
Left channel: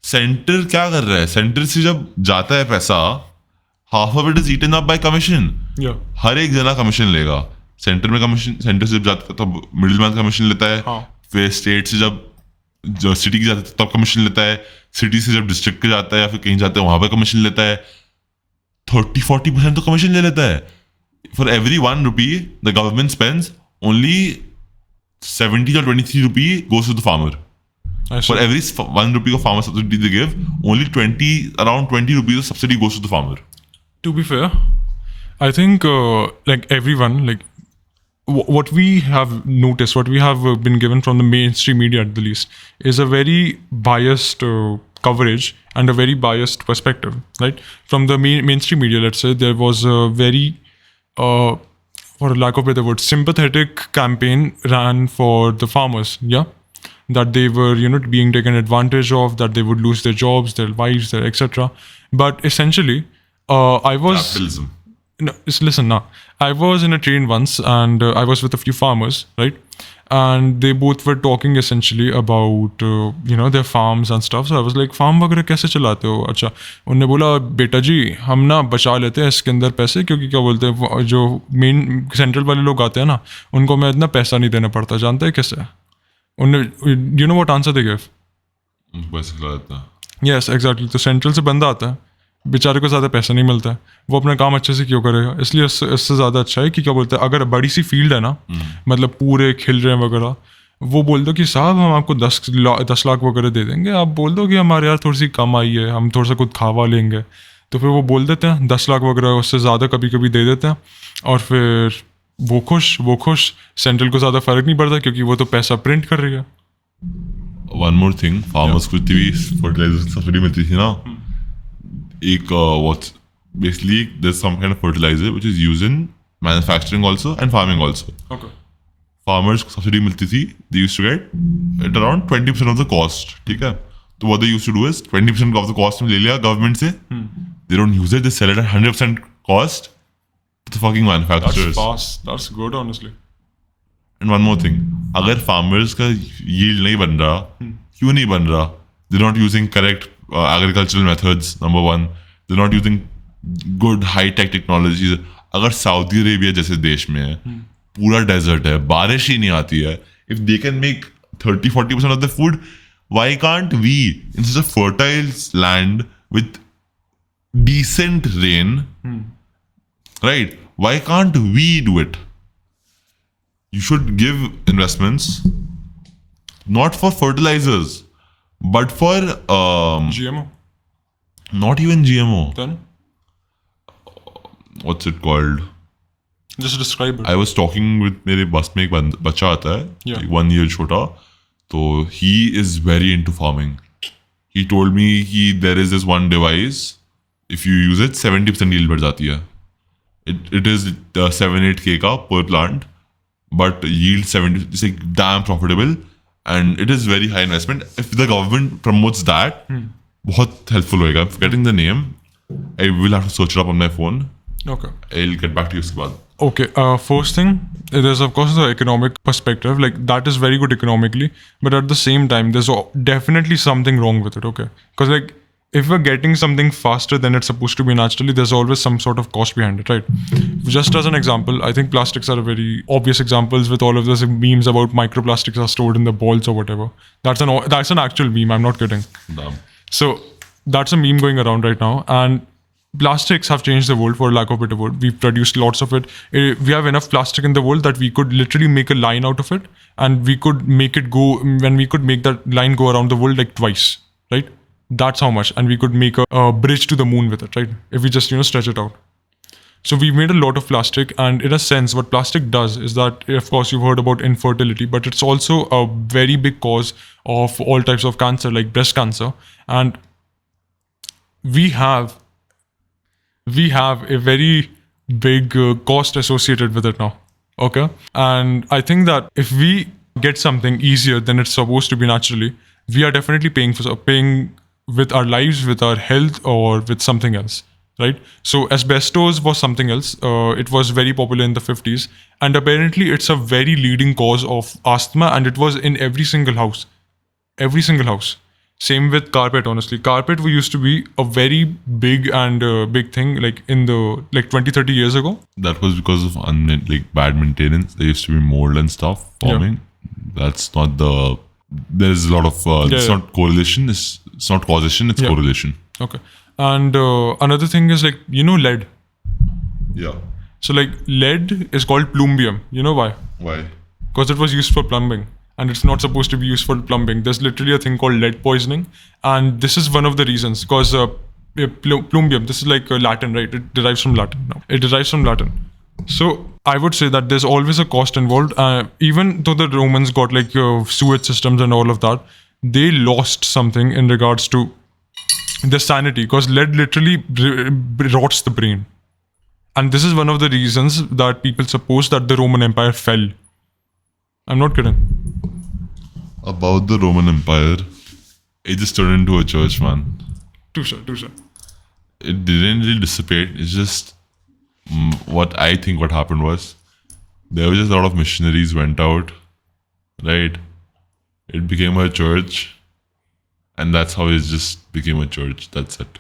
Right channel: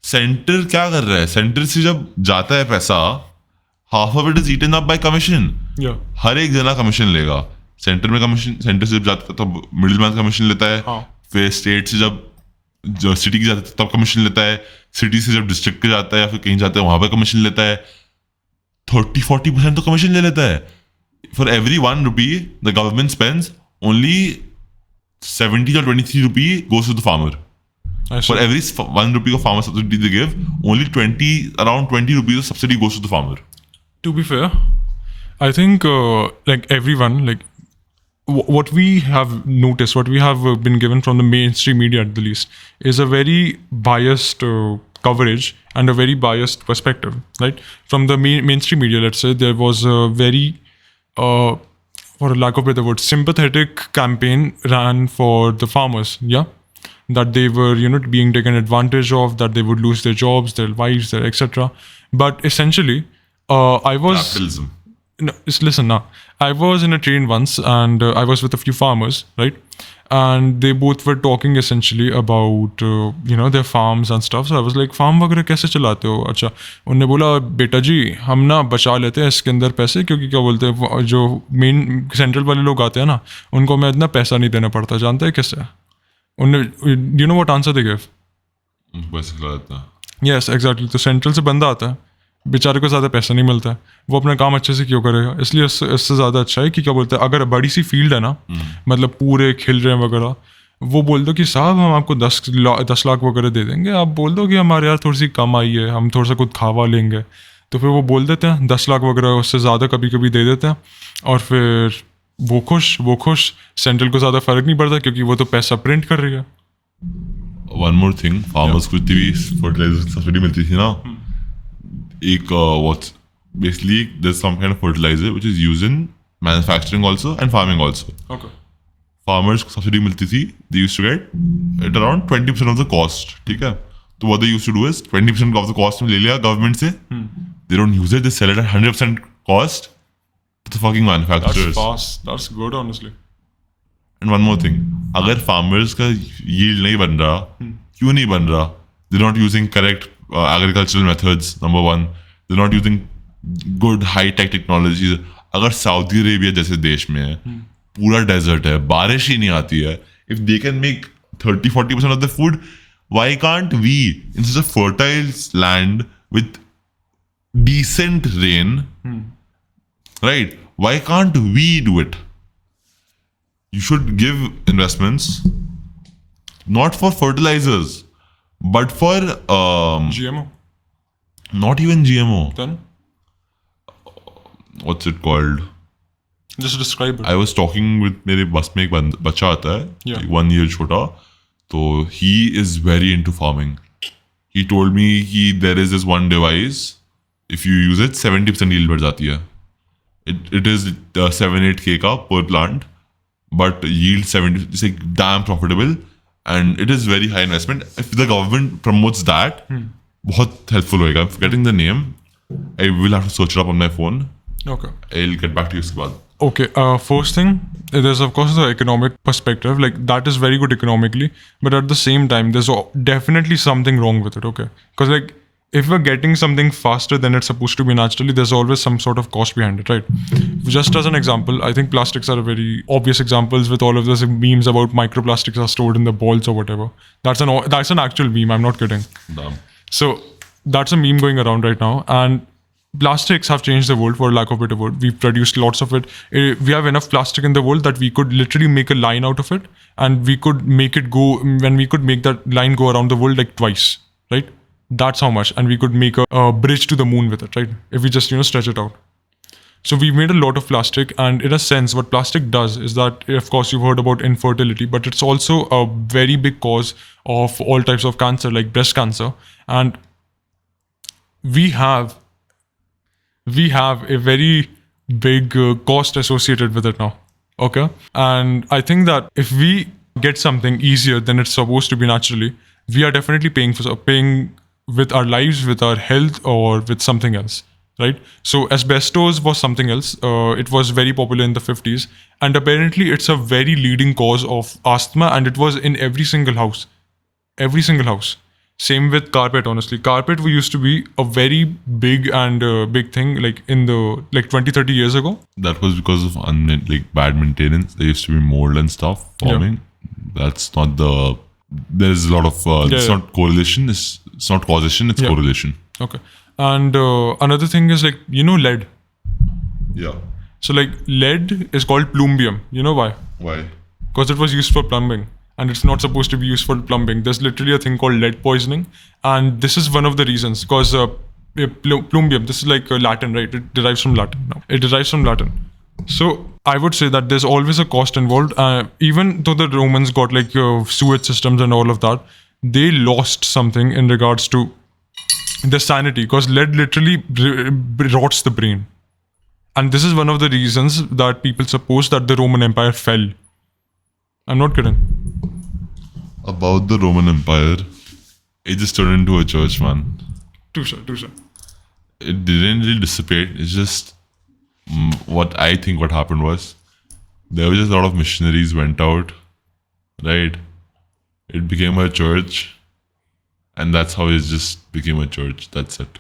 centre क्या कर रहा है? Centre से जब जाता है पैसा, half of it is eaten up by commission. Yeah. हर एक जना कमीशन लेगा. सेंटर में कमीशन, सेंटर से जब जाता है तब मिडिल मैन कमीशन लेता है. हाँ. फिर स्टेट से जब सिटी की जाता है तब कमीशन लेता है. सिटी से जब डिस्ट्रिक्ट के जाता है या फिर कहीं जाता है वहां पे कमीशन लेता है. 30-40% तो कमीशन ले लेता है. For every 1 rupee the government spends only 70 or 23 rupee goes to the farmer. I see. For every 1 rupee of farmer subsidy they give, only around 20 rupees of subsidy goes to the farmer. To be fair, I think like everyone, like what we have noticed, what we have been given from the mainstream media at the least, is a very biased coverage and a very biased perspective, right? From the mainstream media, let's say, there was a very, for lack of a better word, sympathetic campaign ran for the farmers, yeah? That they were, being taken advantage of, that they would lose their jobs, their wives, etc. But essentially, I was... Capitalism. Listen now. I was in a train once and I was with a few farmers, right? And they both were talking essentially about, their farms and stuff. So I was like, farm वगैरह कैसे चलाते हो? अच्छा, उन्होंने बोला, बेटा जी, हम ना बचा लेते हैं इसके अंदर पैसे, क्योंकि क्या बोलते हैं, जो मेन सेंट्रल वाले लोग आते हैं ना, उनको मैं इतना पैसा नहीं देना पड़ता. जानते हैं कैसे? उन्होंने, you know what answer they gave? पैसे खिलाता. Yes, exactly. तो सेंट्रल से बंदा आता है, बेचारे को ज़्यादा पैसा नहीं मिलता है, वो अपना काम अच्छे से क्यों करेगा? इसलिए इससे ज़्यादा अच्छा है कि क्या बोलते हैं, अगर बड़ी सी फील्ड है ना, मतलब पूरे खिल रहे हैं वगैरह, वो बोल दो कि साहब हम आपको 10 लाख वगैरह दे देंगे, आप बोल दो कि हमारे यार थोड़ी सी कम आई है, हम थोड़ा सा कुछ खावा लेंगे, तो फिर वो बोल देते हैं 10 लाख वगैरह, उससे ज़्यादा कभी कभी दे देते हैं, और फिर वो खुश. सेंट्रल को ज़्यादा फर्क नहीं पड़ता क्योंकि वो तो पैसा प्रिंट कर रही है. One more thing, farmers को जितनी भी fertilizer सब्सिडी मिलती थी ना, एक what basically there's some kind of fertilizer which is used in manufacturing also and farming also. Okay. Farmers को सब्सिडी मिलती थी, they used to get at around 20% of the cost. ठीक है? तो what they used to do is 20% of the cost ले लिया government से, they don't use it, they sell it at 100% cost to the fucking manufacturers. That's fast. That's good, honestly. And one more thing, अगर farmers का yield नहीं बन रहा, क्यों नहीं बन रहा? They're not using correct agricultural methods, number one. They're not using good high-tech technologies. अगर सऊदी अरेबिया जैसे देश में है, पूरा डेजर्ट है, बारिश ही नहीं आती है. If they can make 30-40% of the food, why can't we, in such a fertile land with decent rain, right? Why can't we do it? You should give investments not for fertilizers, but for GMO. not even GMO. Then? what's it called? Just describe it. I was talking with मेरे बस में एक बच्चा आता है, Yeah. like 1 year छोटा, तो he is very into farming. He told me there is this one device, if you use it 70% yield बढ़ जाती है. It is 7-8K का per plant, but yield 70, it's like damn profitable, and it is very high investment. If the government promotes that, बहुत helpful होएगा. I'm forgetting the name. I will have to search it up on my phone. Okay. I'll get back to you उसके बाद. Okay, first thing, there's of course the economic perspective, like that is very good economically, but at the same time, there's definitely something wrong with it, okay? Because like, if we're getting something faster than it's supposed to be naturally, there's always some sort of cost behind it, right? Just as an example, I think plastics are very obvious examples with all of those memes about microplastics are stored in the balls or whatever. That's an actual meme, I'm not kidding. Damn. So that's a meme going around right now, and plastics have changed the world, for lack of a better word. We've produced lots of it. We have enough plastic in the world that we could literally make a line out of it, and we could make it go, when we could make that line go around the world like twice, right? That's how much. And we could make a bridge to the moon with it, right? If we just, stretch it out. So we've made a lot of plastic, and in a sense, what plastic does is that, of course, you've heard about infertility, but it's also a very big cause of all types of cancer, like breast cancer. And we have a very big cost associated with it now. Okay. And I think that if we get something easier than it's supposed to be naturally, we are definitely paying with our lives, with our health, or with something else. Right? So asbestos was something else. It was very popular in the 50s. And apparently it's a very leading cause of asthma, and it was in every single house. Every single house. Same with carpet, honestly. Carpet used to be a very big big thing, like in the 20-30 years ago. That was because of bad maintenance. There used to be mold and stuff forming. Yeah. That's not the. There's a lot of. It's not correlation. It's not causation. It's correlation. Okay. And another thing is lead. Yeah. So lead is called plumbium. You know why? Why? Because it was used for plumbing. And it's not supposed to be used for plumbing. There's literally a thing called lead poisoning. And this is one of the reasons. Because plumbium, this is Latin, right? It derives from Latin. So I would say that there's always a cost involved. Even though the Romans got sewage systems and all of that, they lost something in regards to the sanity. Because lead literally rots the brain. And this is one of the reasons that people suppose that the Roman Empire fell. I'm not kidding. About the Roman Empire, it just turned into a church, man. Too sure. It didn't really dissipate. It's just what I think what happened was there was just a lot of missionaries went out, right? It became a church, and that's how it just became a church. That's it.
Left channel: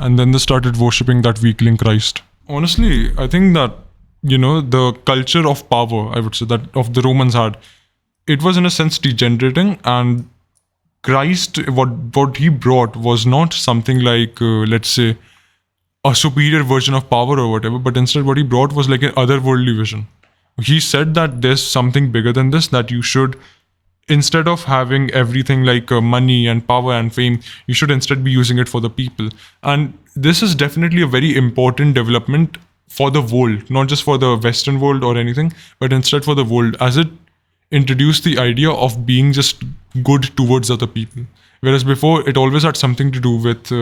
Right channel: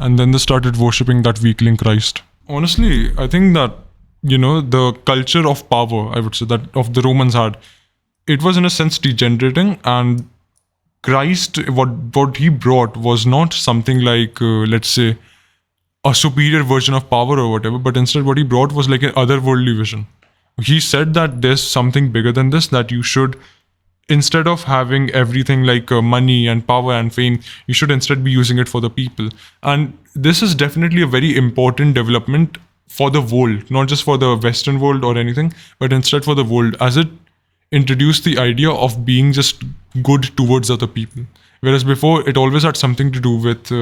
And then they started worshipping that weakling Christ. Honestly, I think that the culture of power, I would say, that of the Romans had, it was in a sense degenerating, and Christ, what he brought was not something like, let's say, a superior version of power or whatever, but instead what he brought was like an otherworldly vision. He said that there's something bigger than this, that you should, instead of having everything like money and power and fame, you should instead be using it for the people. And this is definitely a very important development for the world, not just for the Western world or anything, but instead for the world, as it introduced the idea of being just good towards other people. Whereas before, it always had something to do with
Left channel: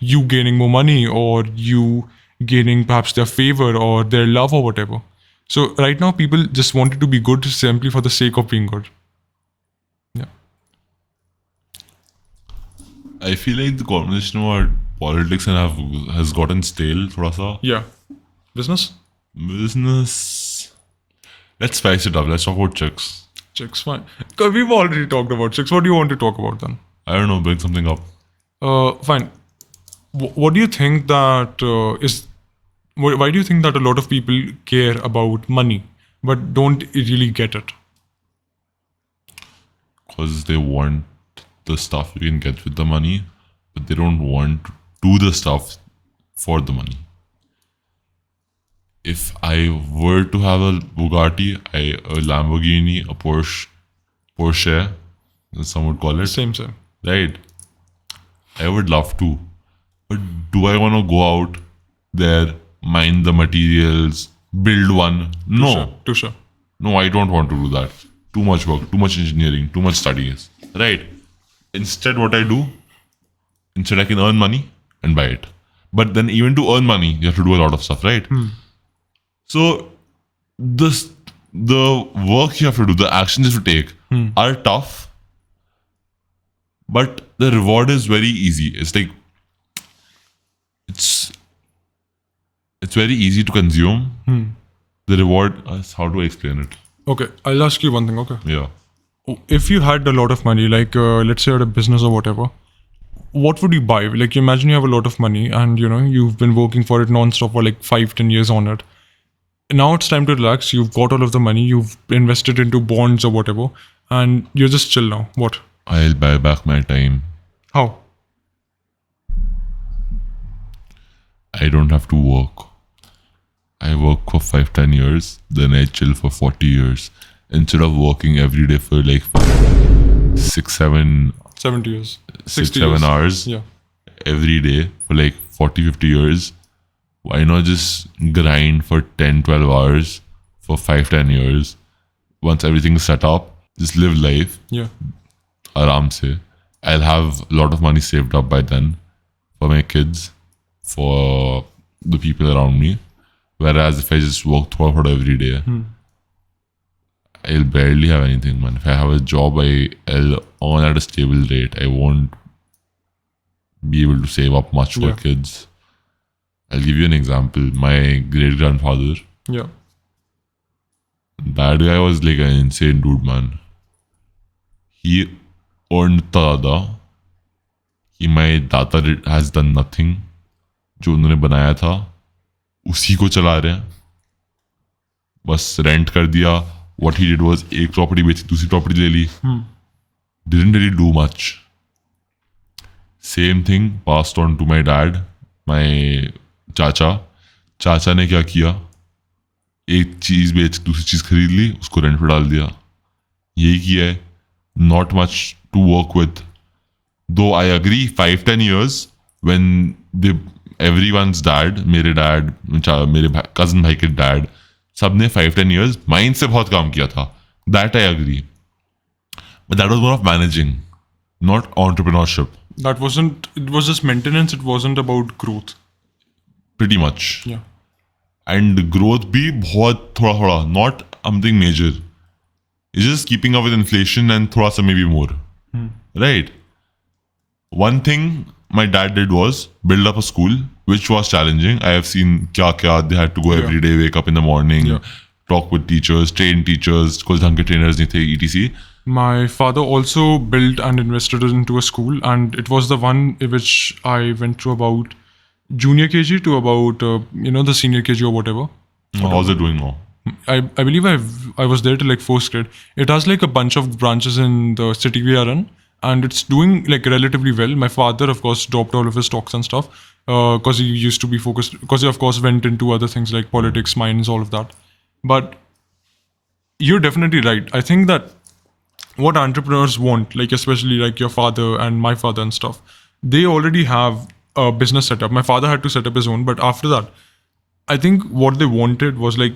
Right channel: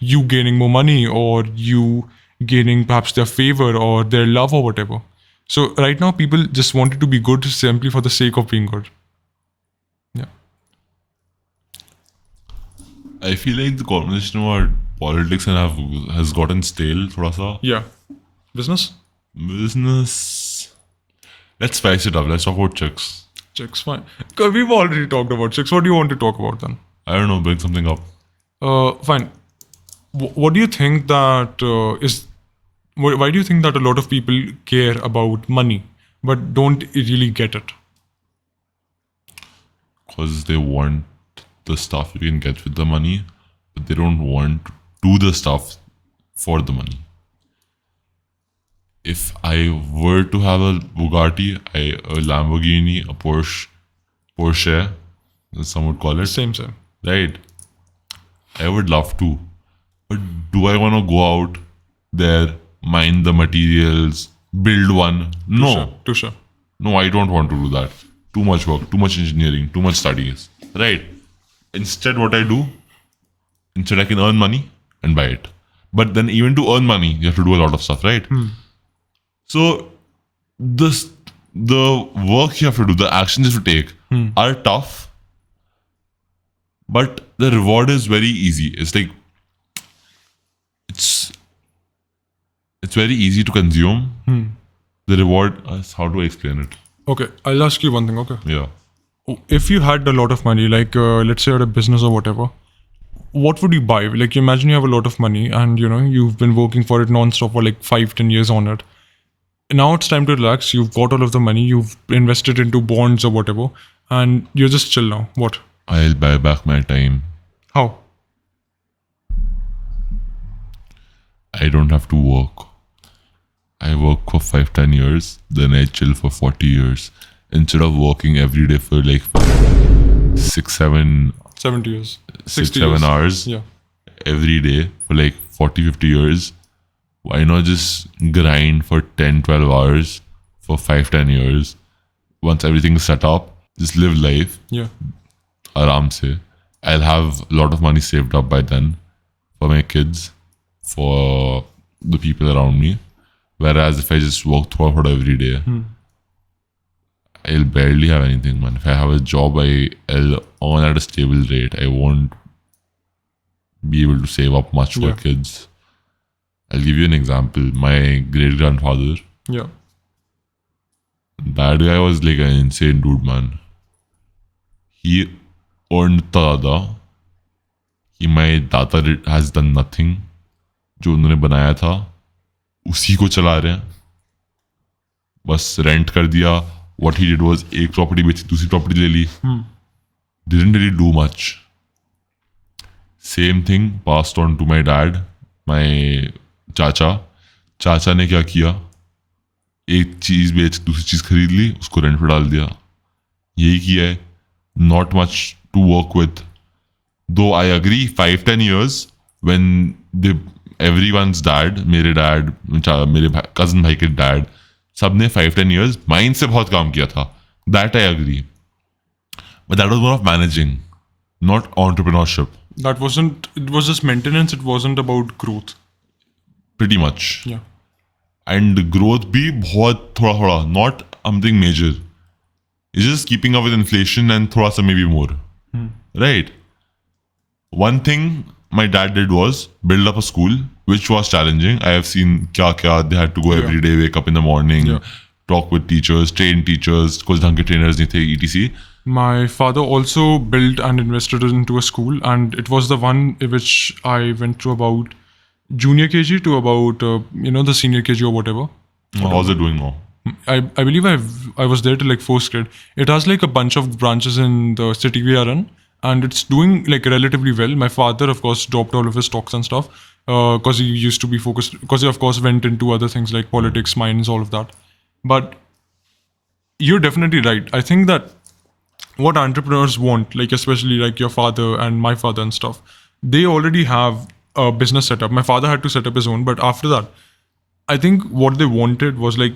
you gaining more money, or you gaining perhaps their favor or their love or whatever. So right now, people just wanted to be good simply for the sake of being good. Yeah. I feel like the conversation about politics has gotten stale, thoda sa. Yeah. Business? Let's spice it up. Let's talk about chicks. Chicks, fine. Because we've already talked about chicks. What do you want to talk about then? I don't know. Bring something up. Fine. What do you think that is... Why do you think that a lot of people care about money but don't really get it? Because they want the stuff you can get with the money, but they don't want to do the stuff for the money. If I were to have a Bugatti, a Lamborghini, a Porsche, as some would call it. Same. Right. I would love to. But do I want to go out there mine the materials, build one. No. Touche. No, I don't want to do that. Too much work, too much engineering, too much studies. Right. Instead, what I do, instead I can earn money and buy it. But then even to earn money, you have to do a lot of stuff, right? So the work you have to do, the actions you have to take are tough. But the reward is very easy. It's like it's very easy to consume. The reward is, how do I explain it? Okay, I'll ask you one thing, okay? Yeah. If you had a lot of money, like let's say at a business or whatever, what would you buy? Like imagine you have a lot of money and you've been working for it non-stop for like 5-10 years on it. Now it's time to relax. You've got all of the money, you've invested into bonds or whatever, and you're just chill now. What? I'll buy back my time. How? I don't have to work. I work for 5-10 years, then I chill for 40 years. Instead of working every day for like 6-7 70 years. 6-7 hours Yeah. every day for like 40-50 years, why not just grind for 10-12 hours for 5-10 years? Once everything's set up, just live life. Yeah. Aram se. I'll have a lot of money saved up by then for my kids, for the people around me. Whereas if I just work throughout every day, I'll barely have anything, man. If I have a job, I'll earn at a stable rate. I won't be able to save up much for kids. I'll give you an example. My great-grandfather, Yeah. that guy was like an insane dude, man. He earned tada. My data has done nothing. जो उन्होंने बनाया था उसी को चला रहे हैं. बस रेंट कर दिया. What he did was एक प्रॉपर्टी बेची, दूसरी प्रॉपर्टी ले ली. Didn't really do much. Same thing passed on to my dad, my चाचा. चाचा ने क्या किया? एक चीज बेच दूसरी चीज खरीद ली, उसको रेंट पे डाल दिया. यही किया है. Not much to work with. Though I agree, 5-10 years when everyone's dad, मेरे dad, मेरे cousin भाई के dad, सबने 5-10 years माइंड से बहुत काम किया था. That I agree. But that was more of managing, not entrepreneurship. That wasn't, it was just maintenance, it wasn't about growth. Pretty much. Yeah. And growth भी बहुत थोड़ा, not something major. It's just keeping up with inflation and थोड़ा सा maybe more. Right? One thing my dad did was build up a school, which was challenging. I have seen kya they had to go every day, wake up in the morning, talk with teachers, train teachers, कुछ ढंग के trainers नहीं थे, etc. My father also built and invested into a school, and it was the one which I went through about junior KG to about the senior KG or whatever. How's it doing now? I believe I was there till like 4th grade. It has like a bunch of branches in the city we are in, and it's doing like relatively well. My father, of course, dropped all of his stocks and stuff because he used to be focused, because he of course went into other things like politics, mines, all of that. But you're definitely right. I think that what entrepreneurs want, like especially like your father and my father and stuff, they already have a business setup. My father had to set up his own, but after that, I think what they wanted was like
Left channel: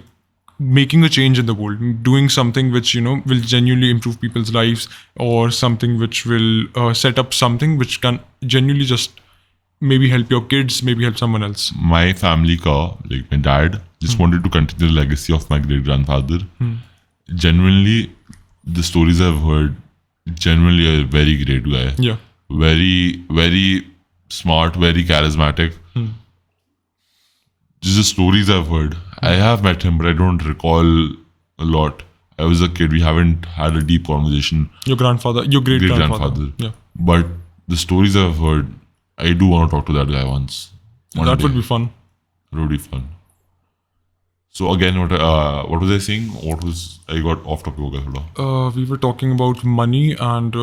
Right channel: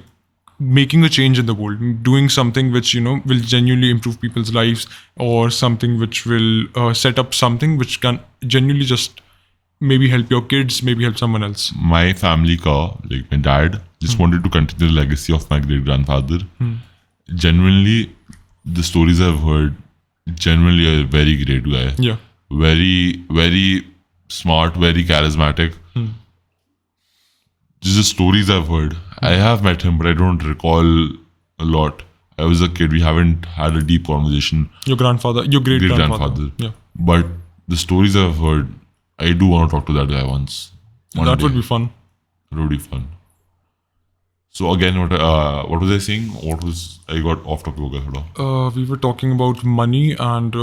making a change in the world, doing something which will genuinely improve people's lives, or something which will set up something which can genuinely just maybe help your kids, maybe help someone else. My family car, like my dad, just wanted to continue the legacy of my great grandfather. Genuinely, the stories I've heard, genuinely a very great guy. Yeah. Very, very smart, very charismatic. Just the stories I've heard. I have met him, but I don't recall a lot. I was a kid. We haven't had a deep conversation. Your grandfather, your great grandfather. Yeah. But the stories I've heard, I do want to talk to that guy once. That would be fun. It would be fun. So again, what was I saying? I got off topic. We were talking about money, and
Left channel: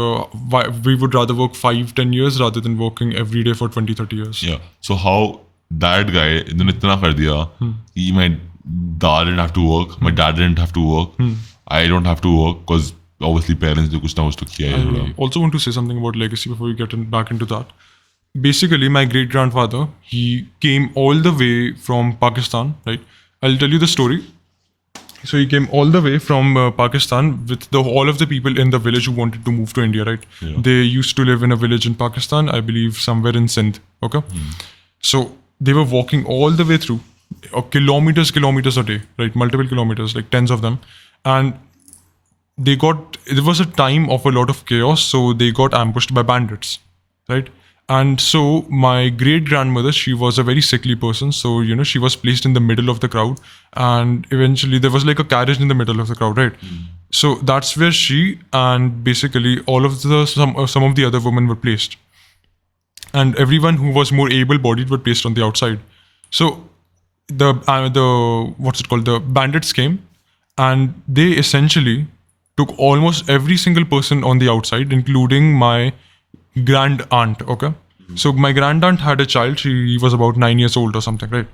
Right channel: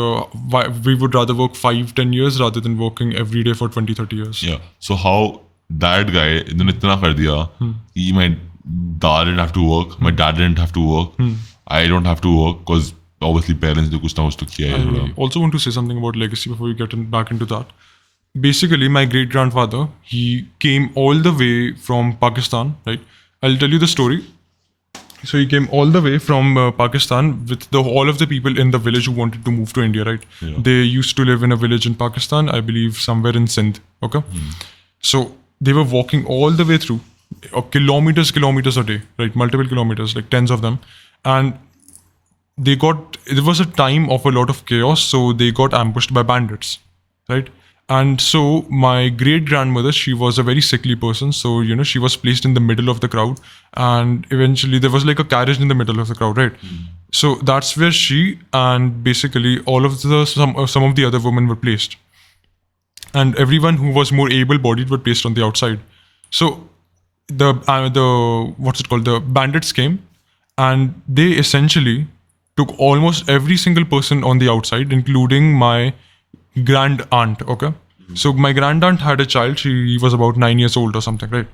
why we would rather work 5-10 years rather than working every day for 20-30 years. Yeah. So how that guy, इन्होंने इतना कर दिया, my dad didn't have to work, my dad didn't have to work, I don't have to work because obviously parents ने कुछ ना कुछ तो किया है. I also want to say something about legacy before we get back into that. basically my great grandfather, he came all the way from Pakistan, right? I'll tell you the story. So he came all the way from Pakistan with all of the people in the village who wanted to move to India, right? They used to live in a village in Pakistan, I believe somewhere in Sindh. Okay, so they were walking all the way through, kilometers a day, right? Multiple kilometers, like tens of them, and there was a time of a lot of chaos, so they got ambushed by bandits, right? And so my great grandmother, she was a very sickly person, so she was placed in the middle of the crowd, and eventually there was like a carriage in the middle of the crowd, right? So that's where she and basically all of the some of the other women were placed, and everyone who was more able-bodied were placed on the outside. So the what's it called? The bandits came, and they essentially took almost every single person on the outside, including my grand aunt. Okay, so my grand aunt had a child. She was about 9 years old or something, right?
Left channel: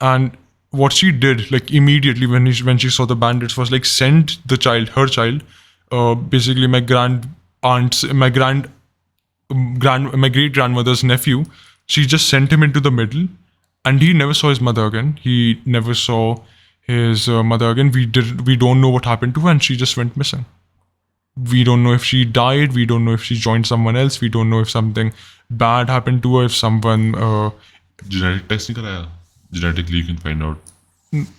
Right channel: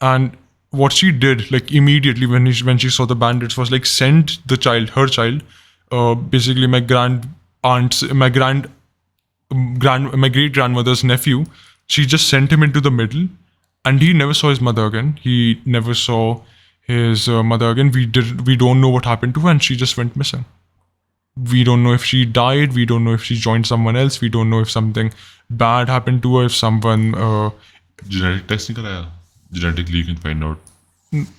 And what she did, like immediately when she saw the bandits, was like send the child, her child, basically my grand aunt's, my great grandmother's nephew. She just sent him into the middle, and he never saw his mother again. He never saw his mother again. We don't know what happened to her, and she just went missing. We don't know if she died. We don't know if she joined someone else. We don't know if something bad happened to her. If someone, Genetic testing karaya? Genetically, you can find out.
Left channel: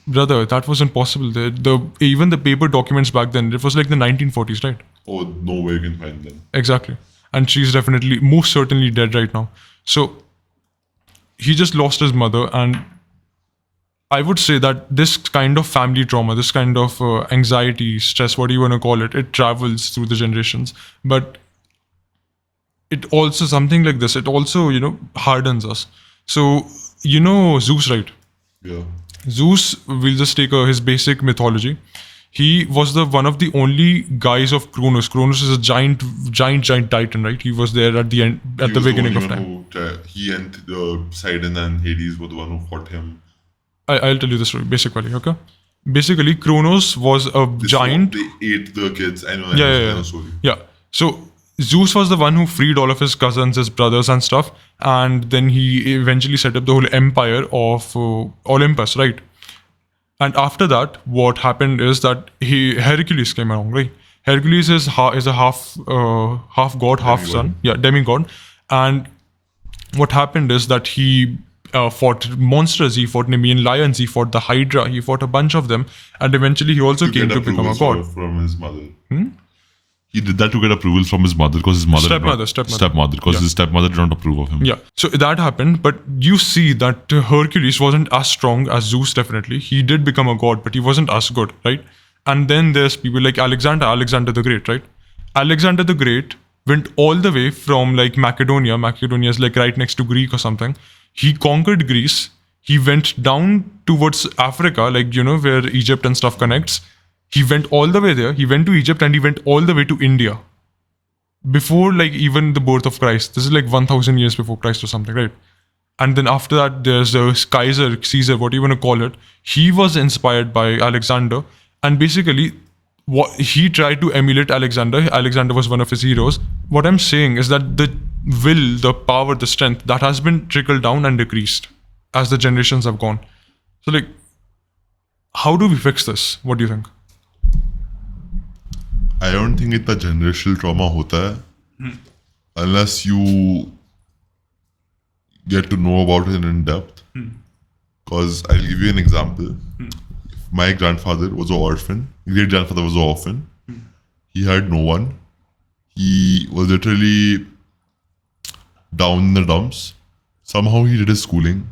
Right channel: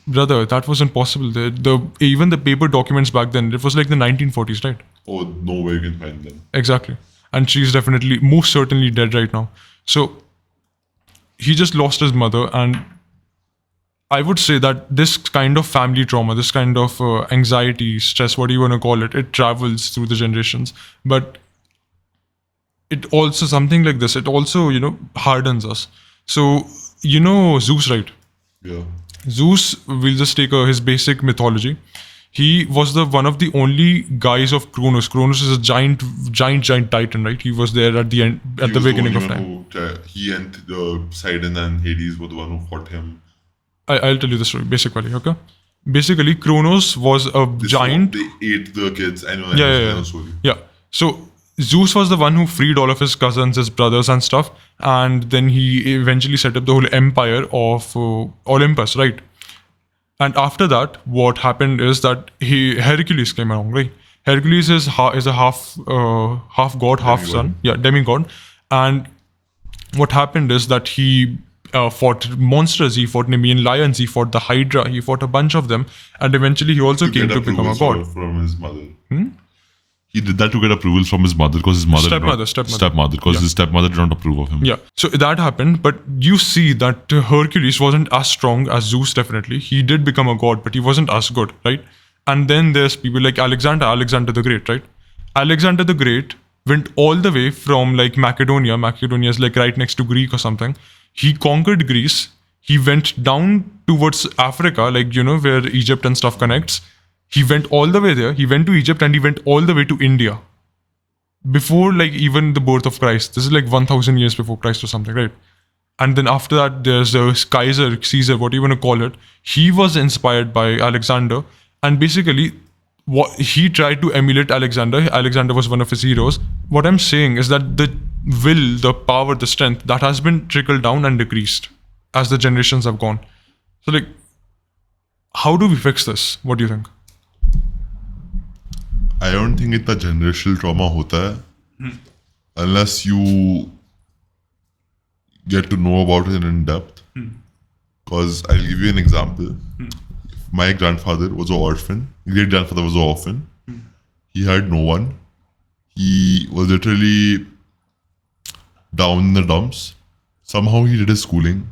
brother, that wasn't possible. The even the paper documents back then, it was like the 1940s, right? Oh, no way you can find them. Exactly. And she's definitely, most certainly dead right now. So he just lost his mother, and I would say that this kind of family trauma, this kind of anxiety, stress, what do you want to call it, it travels through the generations. But it also, something like this, it also, hardens us. So, Zeus, right? Yeah. Zeus, we'll just take his basic mythology. He was the one of the only guys of Kronos. Kronos is a giant titan, right? He was there at the end, at the beginning of time. He and Poseidon and Hades were the one who fought him. I'll tell you the story, basically, okay? Basically, Kronos was a giant. They ate the kids. I know. Yeah. So Zeus was the one who freed all of his cousins, his brothers, and stuff, and then he eventually set up the whole empire of Olympus, right? And after that, what happened is that Hercules came along, right? Hercules is a half god, half son, demigod, and what happened is that he fought monsters, he fought Nemean lions, he fought the Hydra, he fought a bunch of them, and eventually he also came to become a god. From his mother. He did that to get approval from his mother because his mother. Stepmother. Because his stepmother did not approve of him. Yeah. So that happened, but you see that Hercules wasn't as strong as Zeus, definitely. He did become a god, but he wasn't as good, right? And then there's people like Alexander the Great, right? Alexander the Great went all the way from like Macedonia. Macedonia is like right next to Greek or something. He conquered Greece. He went down towards Africa, like, where Egypt and stuff connects. He went all the way there. He went to Egypt and he went all the way to India. Before like even the birth of Christ. This is like 1000 years before Christ or something, right? And then after that, there's Caesar, what do you want to call it? He was inspired by Alexander. And basically, he tried to emulate Alexander. Alexander was one of his heroes. What I'm saying is that the will, the power, the strength, that has been trickled down and decreased as the generations have gone. So like, how do we fix this? What do you think? I don't think it's a generational trauma hota hai, unless you get to know about it in depth. Because I'll give you an example. My grandfather was an orphan. My great grandfather was an orphan. He had no one. He was literally down in the dumps. Somehow he did his schooling.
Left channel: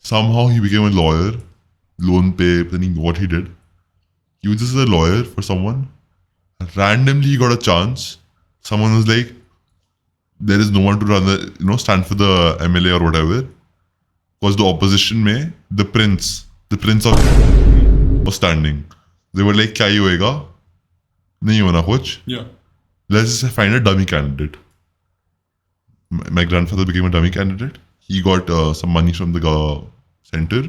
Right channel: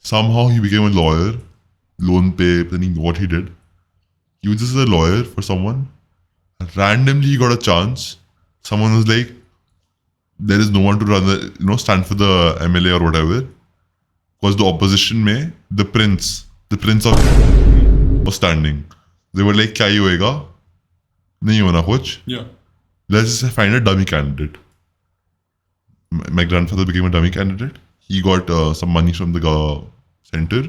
Somehow he became a lawyer. Loan pay, depending what he did. He was just a lawyer for someone. Randomly he got a chance. Someone was like, there is no one to run the, stand for the MLA or whatever. Because the opposition mein, the prince of was standing. They were like, kya hi hoega? Nahi hona kuch. Yeah. Let's just find a dummy candidate. My grandfather became a dummy candidate. He got some money from the center,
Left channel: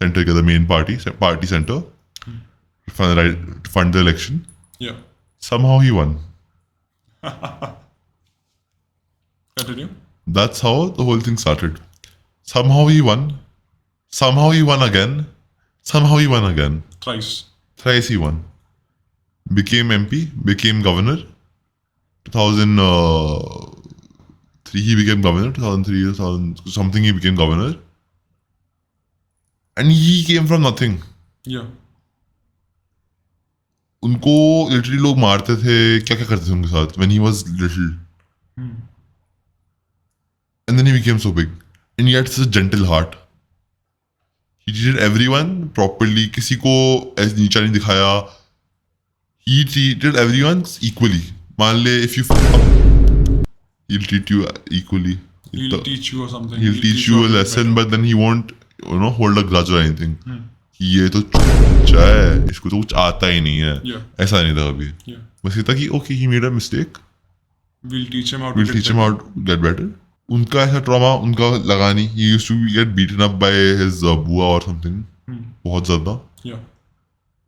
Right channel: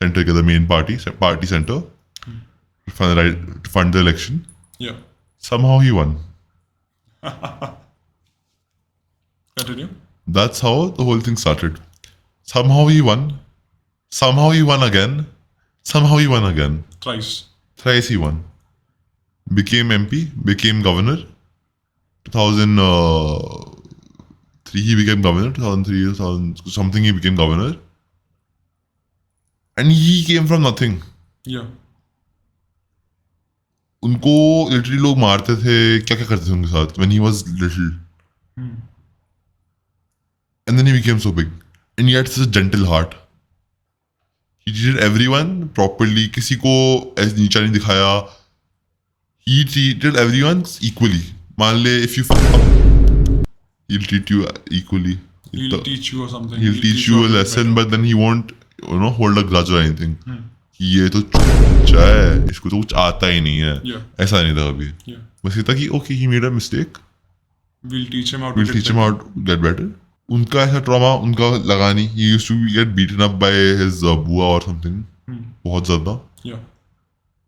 the main party center, to fund the election. Yeah. Somehow he won. Continue. That's how the whole thing started. Somehow he won. Somehow he won again. Somehow he won again. Thrice he won. Became MP, became governor. 2003 he became governor. 2003, 2000 something he became governor. And he came from nothing. Yeah. उनको literally लोग मारते थे, क्या क्या करते थे उनके साथ when he was little. And then he became so big. And he had such a gentle heart. He treated everyone properly. किसी को नीचा नहीं दिखाया. He treated everyone equally. मान ले if you fuck up, he'll treat you equally. He'll teach you or something. He'll teach you a lesson, but then he won't, hold a grudge or anything. ये तो अच्छा है, इसको तो कुछ आता ही नहीं है. Yeah. ऐसा नहीं था कभी. Yeah. बस ये था कि okay, he made a mistake. We'll teach him how to We'll teach him how to get better. उनका ऐसा ट्रॉमा उनका लगा नहीं. He used to get beaten up by his बुआ or something. बहुत ज़्यादा. Yeah.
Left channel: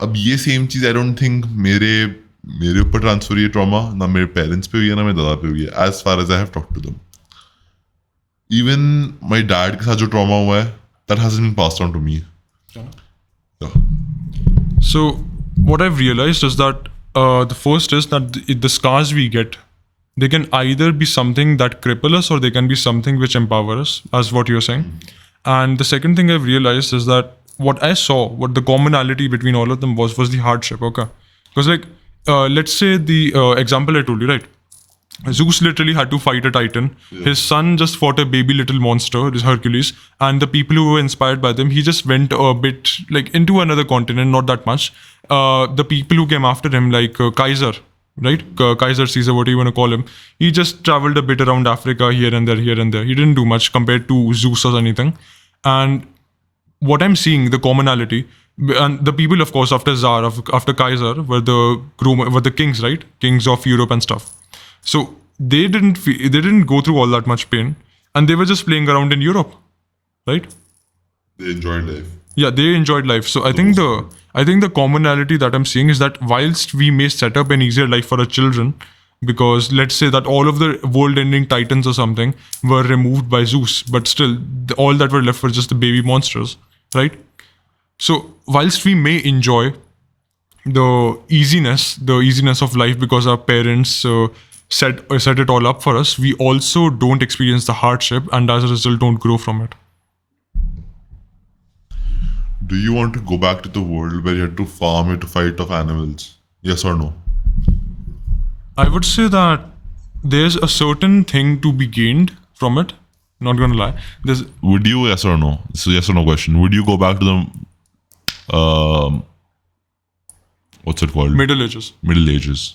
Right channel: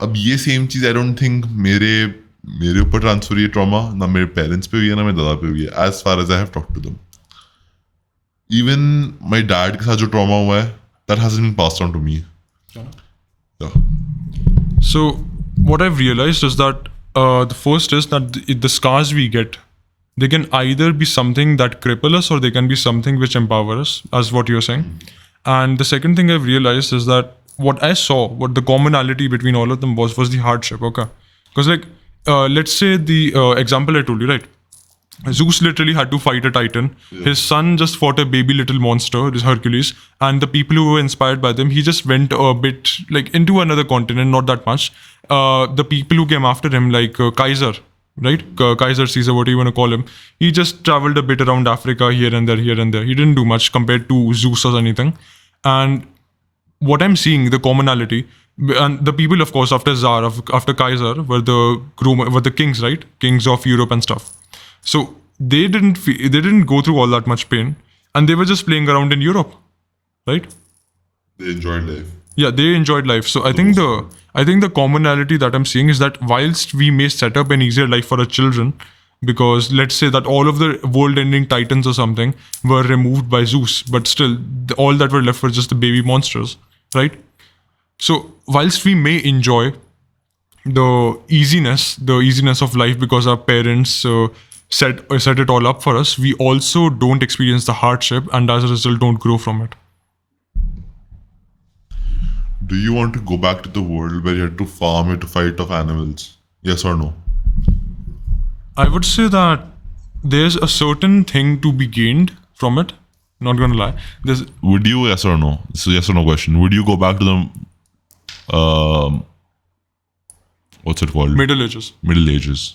अब ये same cheese I don't think मेरे ऊपर ट्रांसफर ये ट्रॉमा ना मेरे पेरेंट्स पे हुई है ना मेरे दादा पे हुई है. As far as I have talked to them. Even my dad के साथ जो ट्रॉमा हुआ है, that hasn't been passed on to me. So what I've realized is that the first is that the scars we get, they can either be something that cripple us or they can be something which empower us, as what you're saying. And the second thing I've realized is that what I saw, what the commonality between all of them was the hardship. Okay, because like let's say the example I told you, right? Zeus literally had to fight a titan. His son just fought a baby little monster, this Hercules, and the people who were inspired by them, he just went a bit like into another continent, not that much. The people who came after him, like Kaiser, right? Kaiser Caesar, what do you want to call him? He just traveled a bit around Africa, here and there, here and there. He didn't do much compared to Zeus or anything. And what I'm seeing, the commonality, and the people, of course, after Tsar, after Kaiser, were the kings, right? Kings of Europe and stuff. So they didn't go through all that much pain, and they were just playing around in Europe, right? They enjoyed life. Yeah, they enjoyed life. So I think the commonality that I'm seeing is that whilst we may set up an easier life for our children, because let's say that all of the world-ending titans or something were removed by Zeus, but still all that were left were just the baby monsters, right? So whilst we may enjoy the easiness of life because our parents set it all up for us, we also don't experience the hardship, and as a result don't grow from it. Do you want to go back to the world where you had to farm, you had to fight off animals? Yes or no? I would say that there's a certain thing to be gained from it. Not gonna lie. Would you, yes or no? This is a yes or no question. Would you go back to the what's it called? Middle Ages. Middle Ages.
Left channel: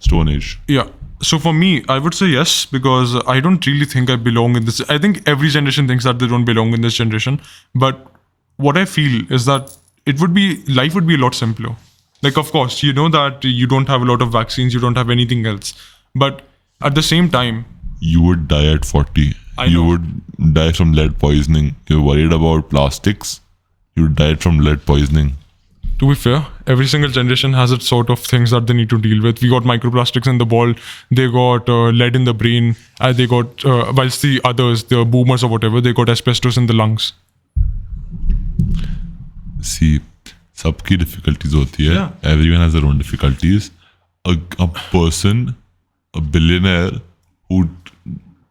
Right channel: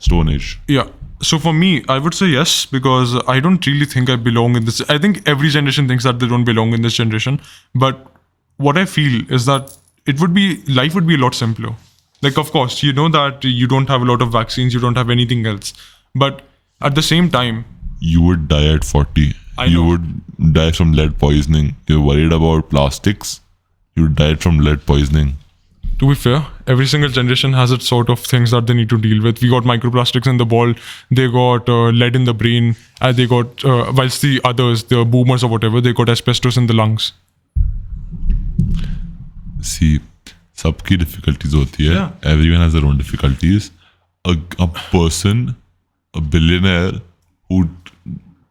Stone Age. Yeah. So for me, I would say yes, because I don't really think I belong in this. I think every generation thinks that they don't belong in this generation. But what I feel is that life would be a lot simpler. Like, of course, you know that you don't have a lot of vaccines, you don't have anything else. But at the same time, you would die at 40. You would die from lead poisoning. You're worried about plastics. You would die from lead poisoning. To be fair, every single generation has its sort of things that they need to deal with. We got microplastics in the ball, they got lead in the brain, they got, whilst the others, the boomers or whatever, they got asbestos in the lungs. See, सबकी difficulties होती है. Everyone has their own difficulties. A person, a billionaire who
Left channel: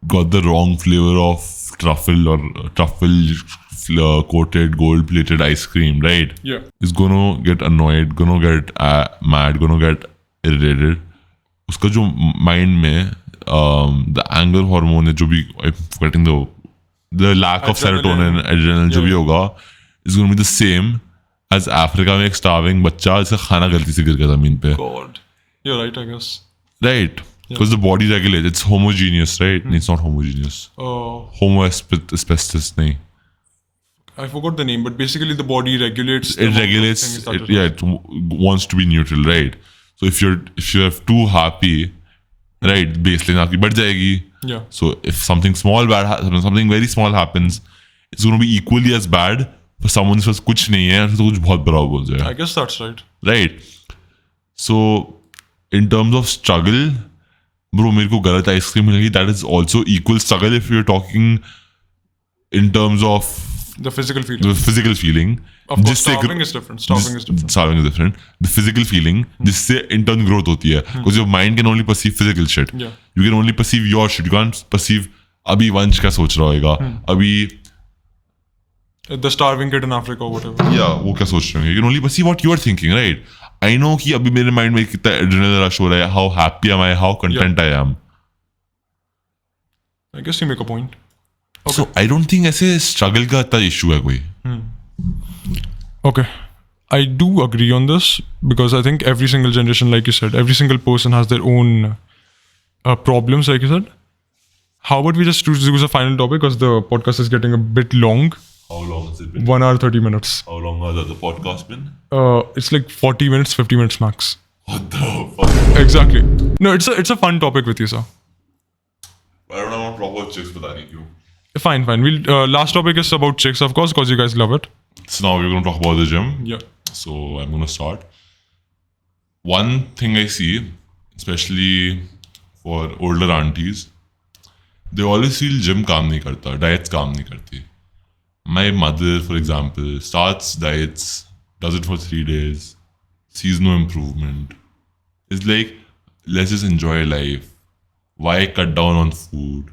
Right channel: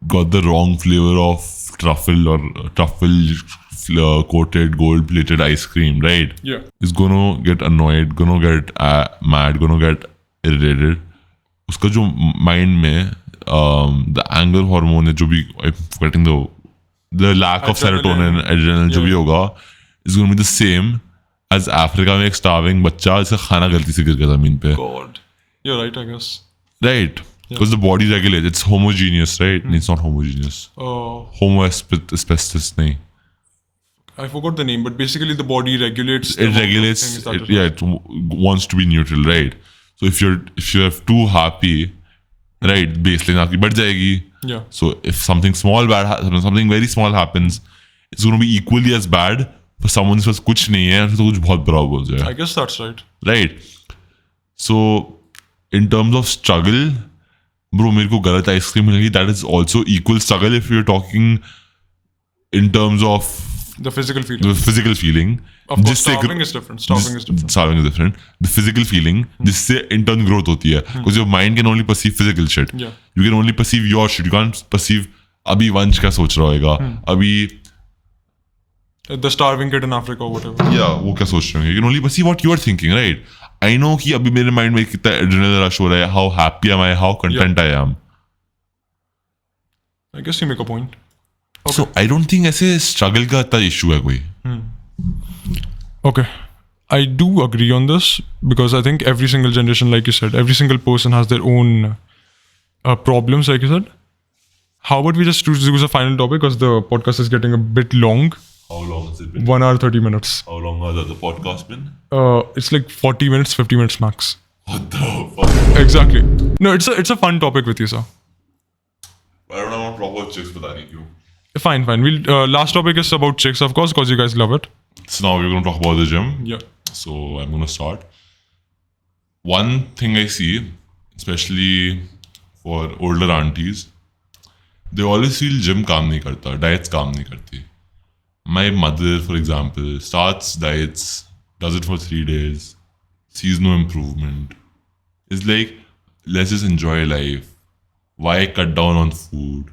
got the wrong flavor of truffle or truffle coated gold plated ice cream, right? Yeah. Is gonna get annoyed, gonna get mad, gonna get irritated. उसका जो mind में the anger hormone है जो भी, I'm forgetting the lack of serotonin, adrenaline जो भी होगा, is gonna be the same as Africa में एक starving बच्चा इसका खाना गलती से गिर गया ज़मीन पे. God. You're right, I guess. Right. Because the body regulates. It's homogeneous, right? No, it's not homogeneous. Homo asbestos, nahi. I forgot the name, but basically the body regulates. It regulates. It wants to be neutral, right? So if you're too happy, right, baseline आपकी बढ़ जाएगी. Yeah. So if something very small happens, it's going to be equally as bad. For someone who says कुछ नहीं है, तो कुछ बहुत बड़ा हो जाएगा. I guess that's right. Right. So in terms of struggle, Bro, मेरे को गलत आइसक्रीम मिल गई. That is also equal struggle if you're talking in terms of The physical feeling. physical feeling. Of course, जिससे starving is different. Starving is different. Starving is different. The physical feeling, जिससे internal growth होती है. Because your mind can only perceive physical shit. Yeah. You can only perceive your shit. You can't perceive अभी वंश क्या सोच रहा होगा. अभी The starving kid in Africa or whatever. वो क्या सोच रहे हैं. You can only perceive what you are thinking, right? I know कि अभी मेरे mind में कितना adrenaline rush हो रहा है. How happy am I? How content I am. I guess you make a point. So I don't think ऐसे struggle का इतना issue है कोई. Okay. I do agree on this because I think every single generation, like you said, every single person has their own problems, like you said. How about we just choose a final topic because the podcast is getting a bit long. How long has it been? 1 hour, 30 minutes. How long has the podcast been? It's like 40 minutes, 50 minutes max. What the fuck? Exactly. No, it's a fun topic with you, sir. I don't have proper chicks बताने क्यों. Fine. We'll last topic is about chicks, of course, because you guys love it. So now we're going to talk about the gym. Yeah. So I'm going to start. One thing I see, especially for older aunties, they always feel gym काम नहीं करता, diets काम नहीं करते. My mother, for example, starts diets, does it for 3 days, sees no improvement. It's like, let's just enjoy life. Why cut down on food?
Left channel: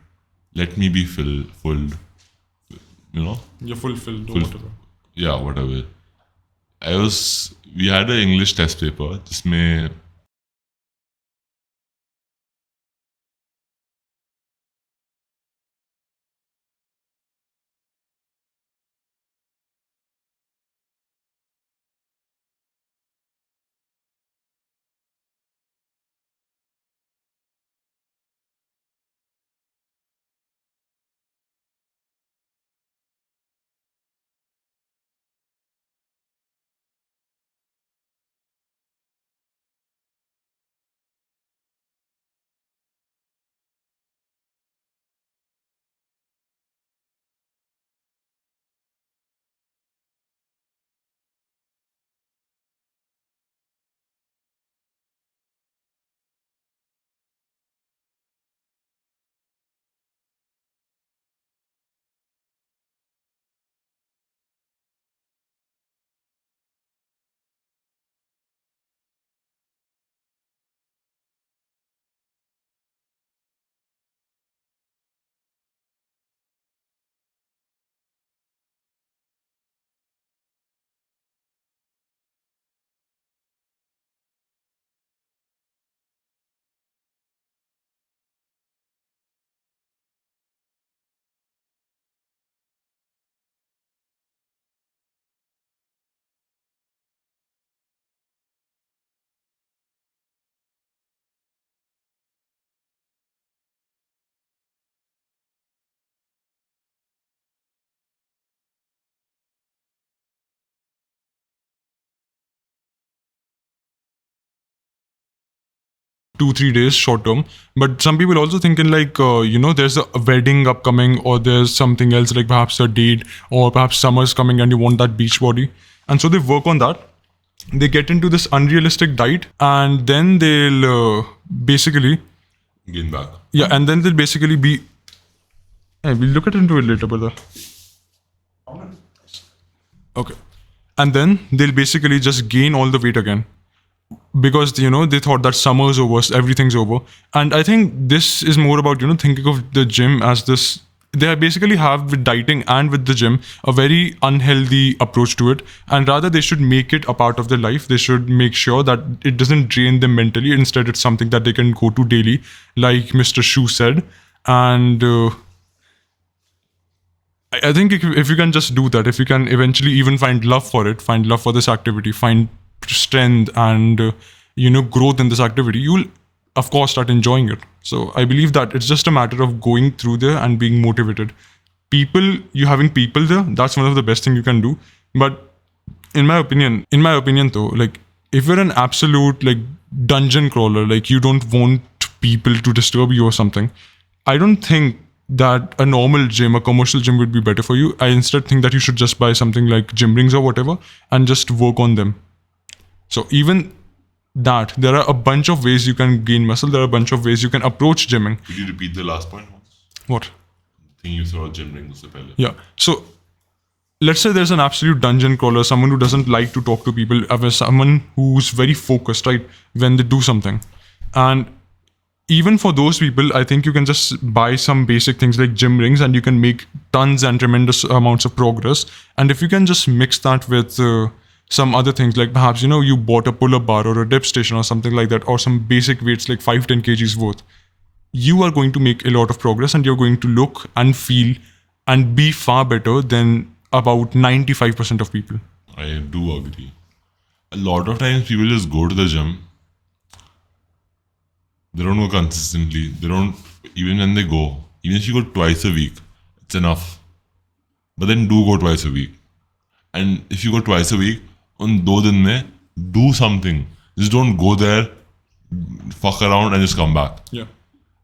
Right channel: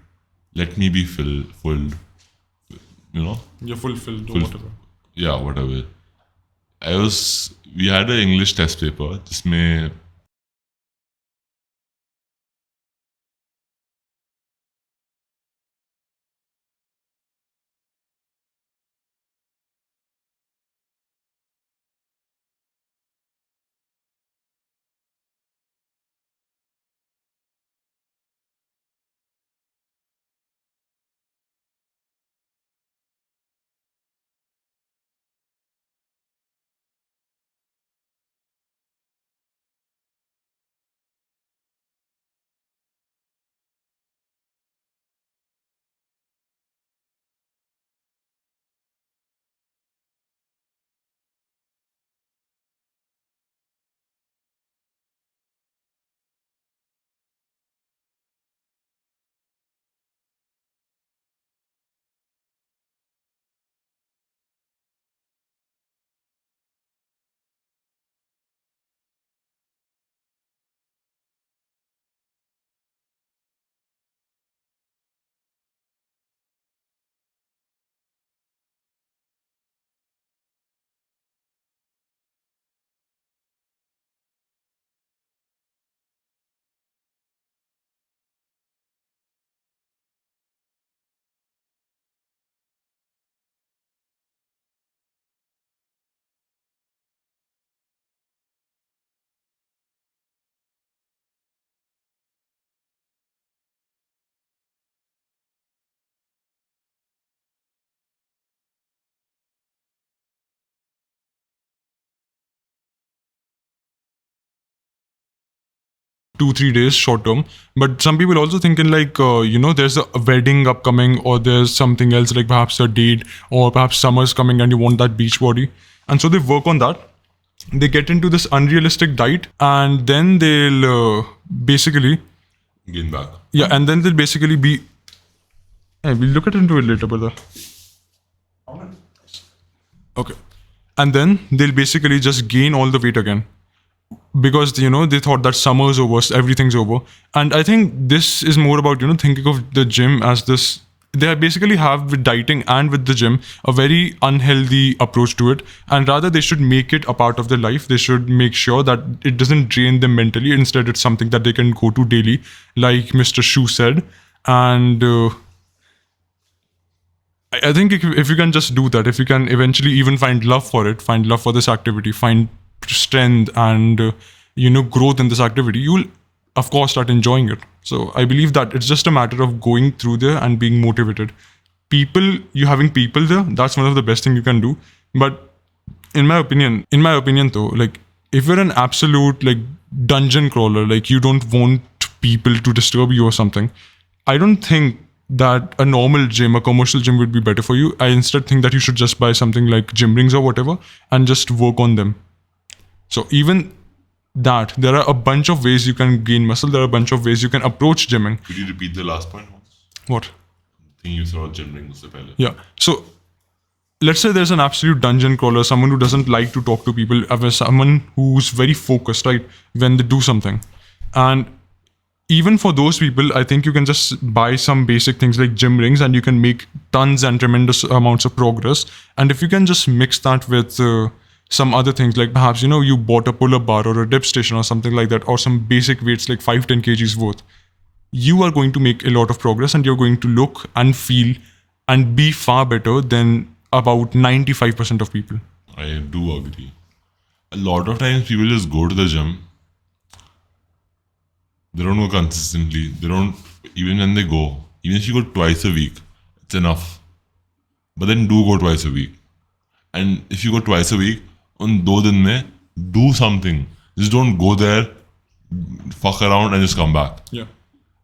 Let me be full. You know? You're fulfilled. Full. Yeah, whatever. We had an English test paper, जिसमें Two, 3 days short term, but some people also think in like there's a wedding upcoming or there's something else like perhaps a date or perhaps summer's coming and you want that beach body, and so they work on that. They get into this unrealistic diet and then they'll basically gain back. and then they'll basically be we'll look into it later, brother. Okay. And then they'll basically just gain all the weight again because they thought that summer's over, everything's over. And I think this is more about thinking of the gym as this. They basically have with dieting and with the gym a very unhealthy approach to it, and rather they should make it a part of their life. They should make sure that it doesn't drain them mentally. Instead, it's something that they can go to daily, like Mr. Shu said. And I think if you can just do that, if you can eventually even find love for it, find love for this activity, find strength and growth in this activity, you'll of course start enjoying it. So I believe that it's just a matter of going through there and being motivated. You having people there, that's one of the best thing you can do. But in my opinion though, like if you're an absolute like dungeon crawler, like you don't want people to disturb you or something, I don't think that a normal gym, a commercial gym would be better for you. I instead think that you should just buy something like gym rings or whatever and just work on them. So even that there are a bunch of ways you can gain muscle. There are a bunch of ways you can approach gymming. Could you repeat the last point? What? Thing you saw gendering was the better. Yeah. So let's say there's an absolute dungeon crawler, someone who doesn't like to talk to people, someone who's very focused, right, when they do something. And even for those people, I think you can just buy some basic things like gym rings and you can make tons and tremendous amounts of progress. And if you can just mix that with some other things, like perhaps, you bought a pull-up bar or a dip station or something like that, or some basic weights like 5-10 kgs worth, you are going to make a lot of progress and you're going to look and feel and be far better than about 95% of people. I do agree. A lot of times people just go to the gym. They don't go consistently. They don't, even when they go, even if you go twice a week, it's enough. But then do go twice a week. And if you go twice a week, on 2 din mein, do something. Just don't go there, fuck around and just come back. Yeah.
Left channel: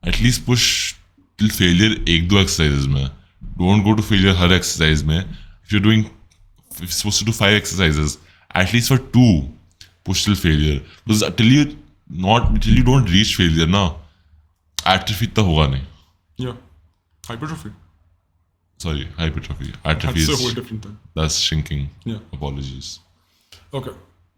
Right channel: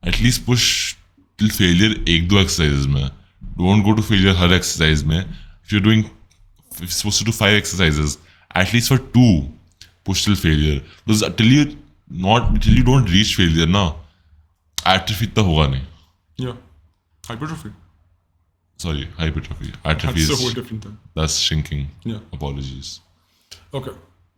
At least push till failure 1-2 exercises mein. Don't go to failure her exercise mein. If you're supposed to do 5 exercises, at least for 2, push till failure. Because until you don't reach failure, na, atrophy itna hoga nahi. Yeah. Hypertrophy. Sorry, hypertrophy. Atrophy That's a is, whole different thing. that's shrinking. Yeah. Apologies. Okay.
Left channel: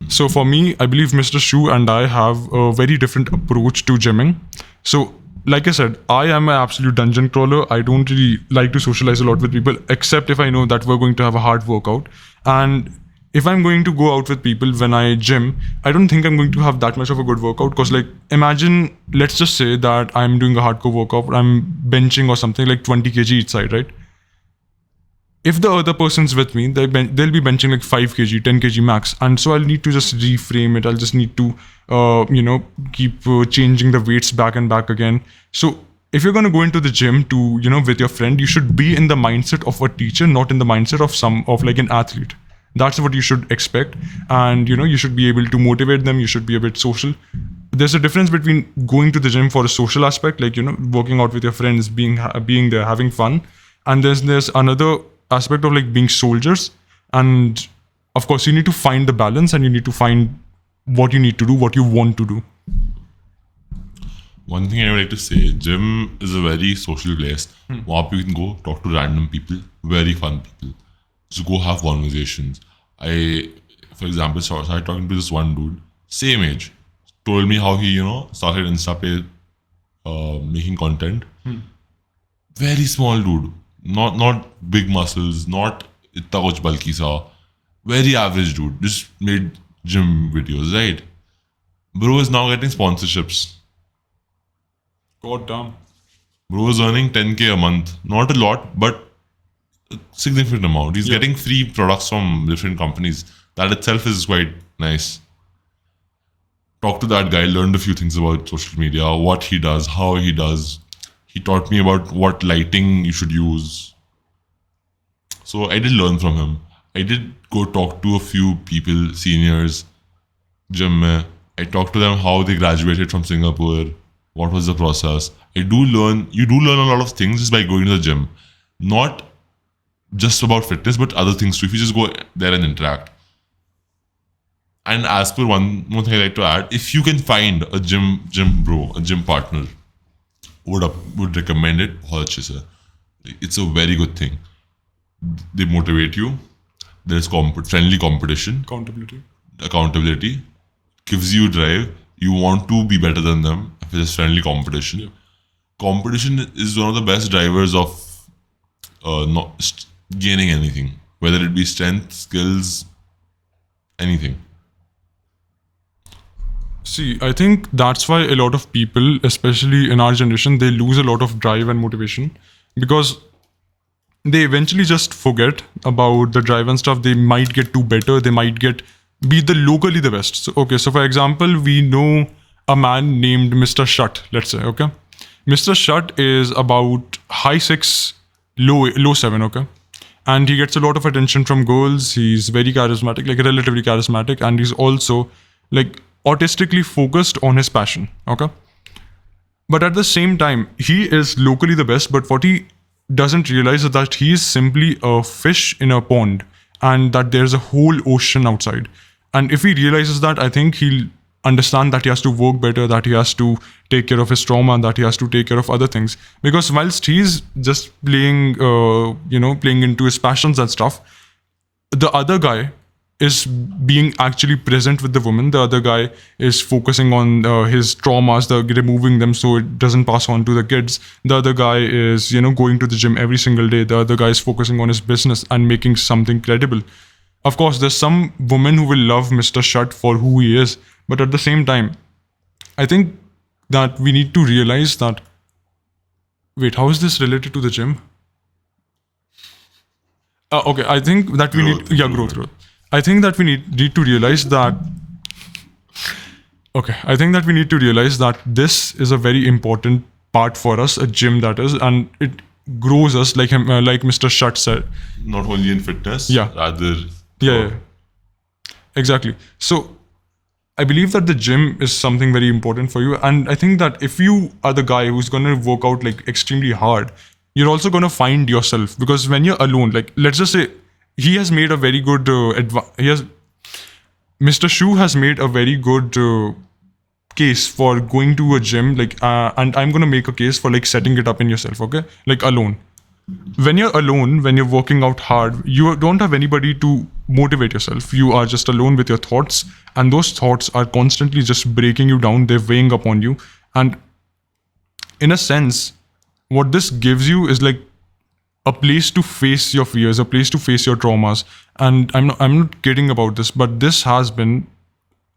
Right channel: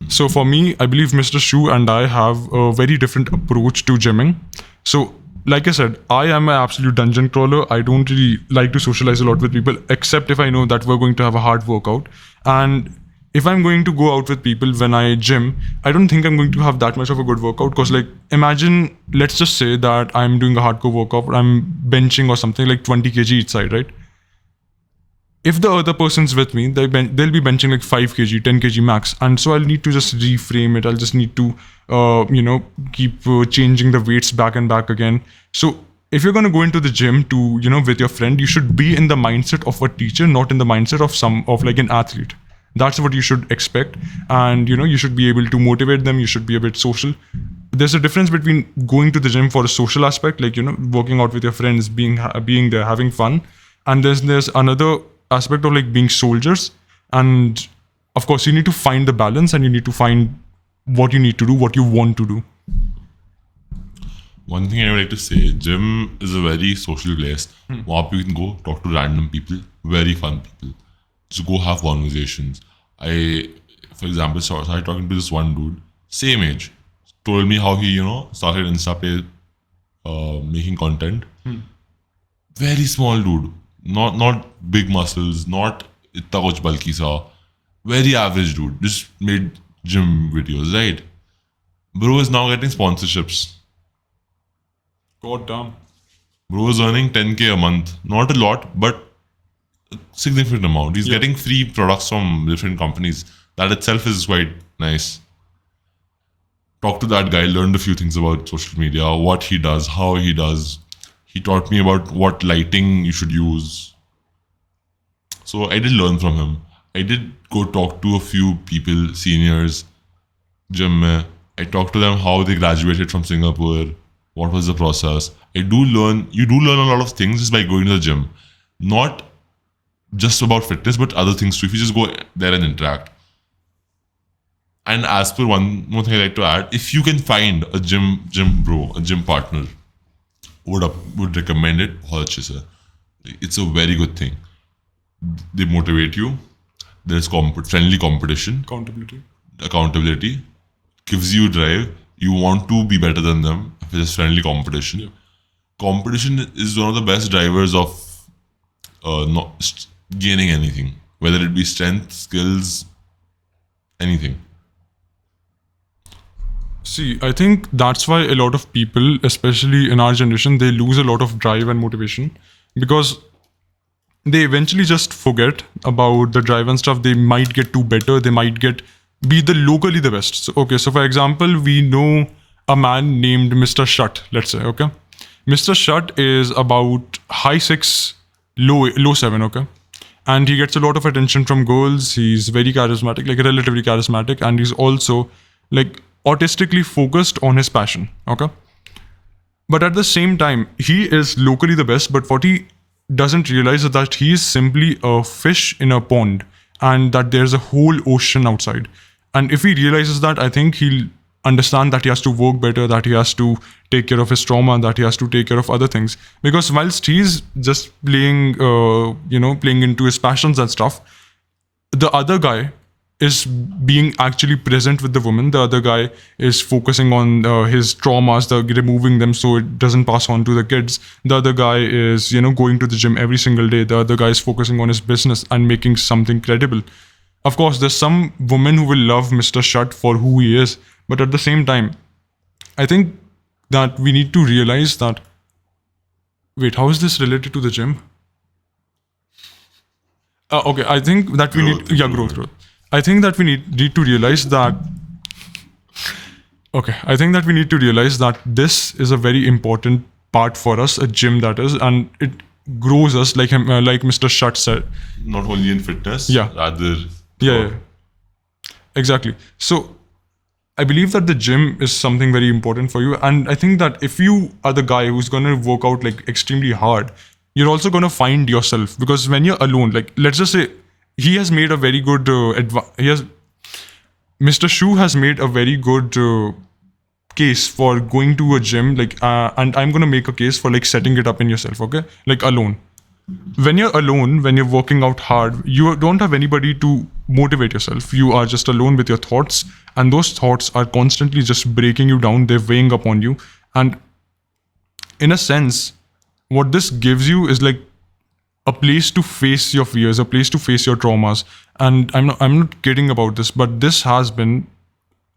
So for me, I believe Mr. Shu and I have a very different approach to gymming. So, like I said, I am an absolute dungeon crawler. I don't really like to socialize a lot with people, except if I know that we're going to have a hard workout. And if I'm going to go out with people when I gym, I don't think I'm going to have that much of a good workout. Because, like, imagine, let's just say that I'm doing a hardcore workout, I'm benching or something like 20 kg each side, right? If the other person's with me, they'll be benching like 5 kg, 10 kg max. And so I'll need to just reframe it. I'll just need to, keep changing the weights back and back again. So if you're going to go into the gym to, with your friend, you should be in the mindset of a teacher, not in the mindset of like an athlete. That's what you should expect. And, you should be able to motivate them. You should be a bit social. There's a difference between going to the gym for a social aspect, like, working out with your friends, being there, having fun. And there's another aspect of like being soldiers. And of course, you need to find the balance and you need to find what you need to do, what you want to do. One thing I would like to say, gym is a very social place. Where you can go talk to random people, very fun people. Just go have conversations. For example, started talking to this one dude, same age, told me how he, started Insta page, making content. Very small dude, not big muscles, not itna kuch bulky sa. Very average dude, just made gym videos, right? Bro is now getting sponsorships. God damn. Bro is earning 10k a month. Not a lot, but a significant amount. He's getting free products from different companies. That itself is quite nice. Talked to that guy, learned a few things about social media, what he does, how he does. He taught me about what lighting you should use. So I did learn from him. I did go talk to a few people, seniors, gym mein. I talked to them how they graduated from Singapore, what was the process. You do learn a lot of things just by going to the gym. Not just about fitness, but other things too. If you just go there and interact. And as per one more thing I'd like to add, if you can find a gym bro, a gym partner, would recommend it. It's a very good thing. They motivate you. There's friendly competition. Accountability. Gives you drive. You want to be better than them. If it's friendly competition. Competition is one of the best drivers of not gaining anything. Whether it be strength, skills, anything. See, I think that's why a lot of people, especially in our generation, they lose a lot of drive and motivation because they eventually just forget about the drive and stuff. They might get too better. They might be locally the best. So for example, we know a man named Mr. Shut, let's say, okay? Mr. Shut is about high 6, low 7, okay? And he gets a lot of attention from girls. He's very charismatic, like relatively charismatic. And he's also like autistically focused on his passion, okay? But at the same time, he is locally the best, but what he doesn't realize is that he is simply a fish in a pond and that there's a whole ocean outside. And if he realizes that, I think he'll understand that he has to work better, that he has to take care of his trauma, that he has to take care of other things. Because whilst he's just playing, playing into his passions and stuff, the other guy is being actually present with the woman. The other guy is focusing on his traumas, removing them so it doesn't pass on to the kids. The other guy is, going to the gym every single day. The other guy is focusing on his business and making something credible. Of course, there's some women who will love Mr. Shut for who he is, but at the same time, I think that we need to realize that. Wait, how is this related to the gym? Okay, I think that we need. Yeah, growth. I think that we need to realize that. Okay, I think that we need to realize that this is a very important part for us, a gym that is, and it grows us like him, like Mr. Shut said. Not only in fitness, Yeah. rather. Yeah. Exactly. So I believe that the gym is something very important for you, and I think that if you are the guy who's gonna work out like extremely hard, you're also gonna find yourself, because when you're alone, like let's just say he has made a very good Mr. Shu has made a very good case for going to a gym, and I'm gonna make a case for like setting it up in yourself, okay? Like alone. When you're alone, when you're working out hard, you don't have anybody to motivate yourself. You are just alone with your thoughts, and those thoughts are constantly just breaking you down. They're weighing upon you, and in a sense, what this gives you is like a place to face your fears, a place to face your traumas. And I'm not kidding about this, but this has been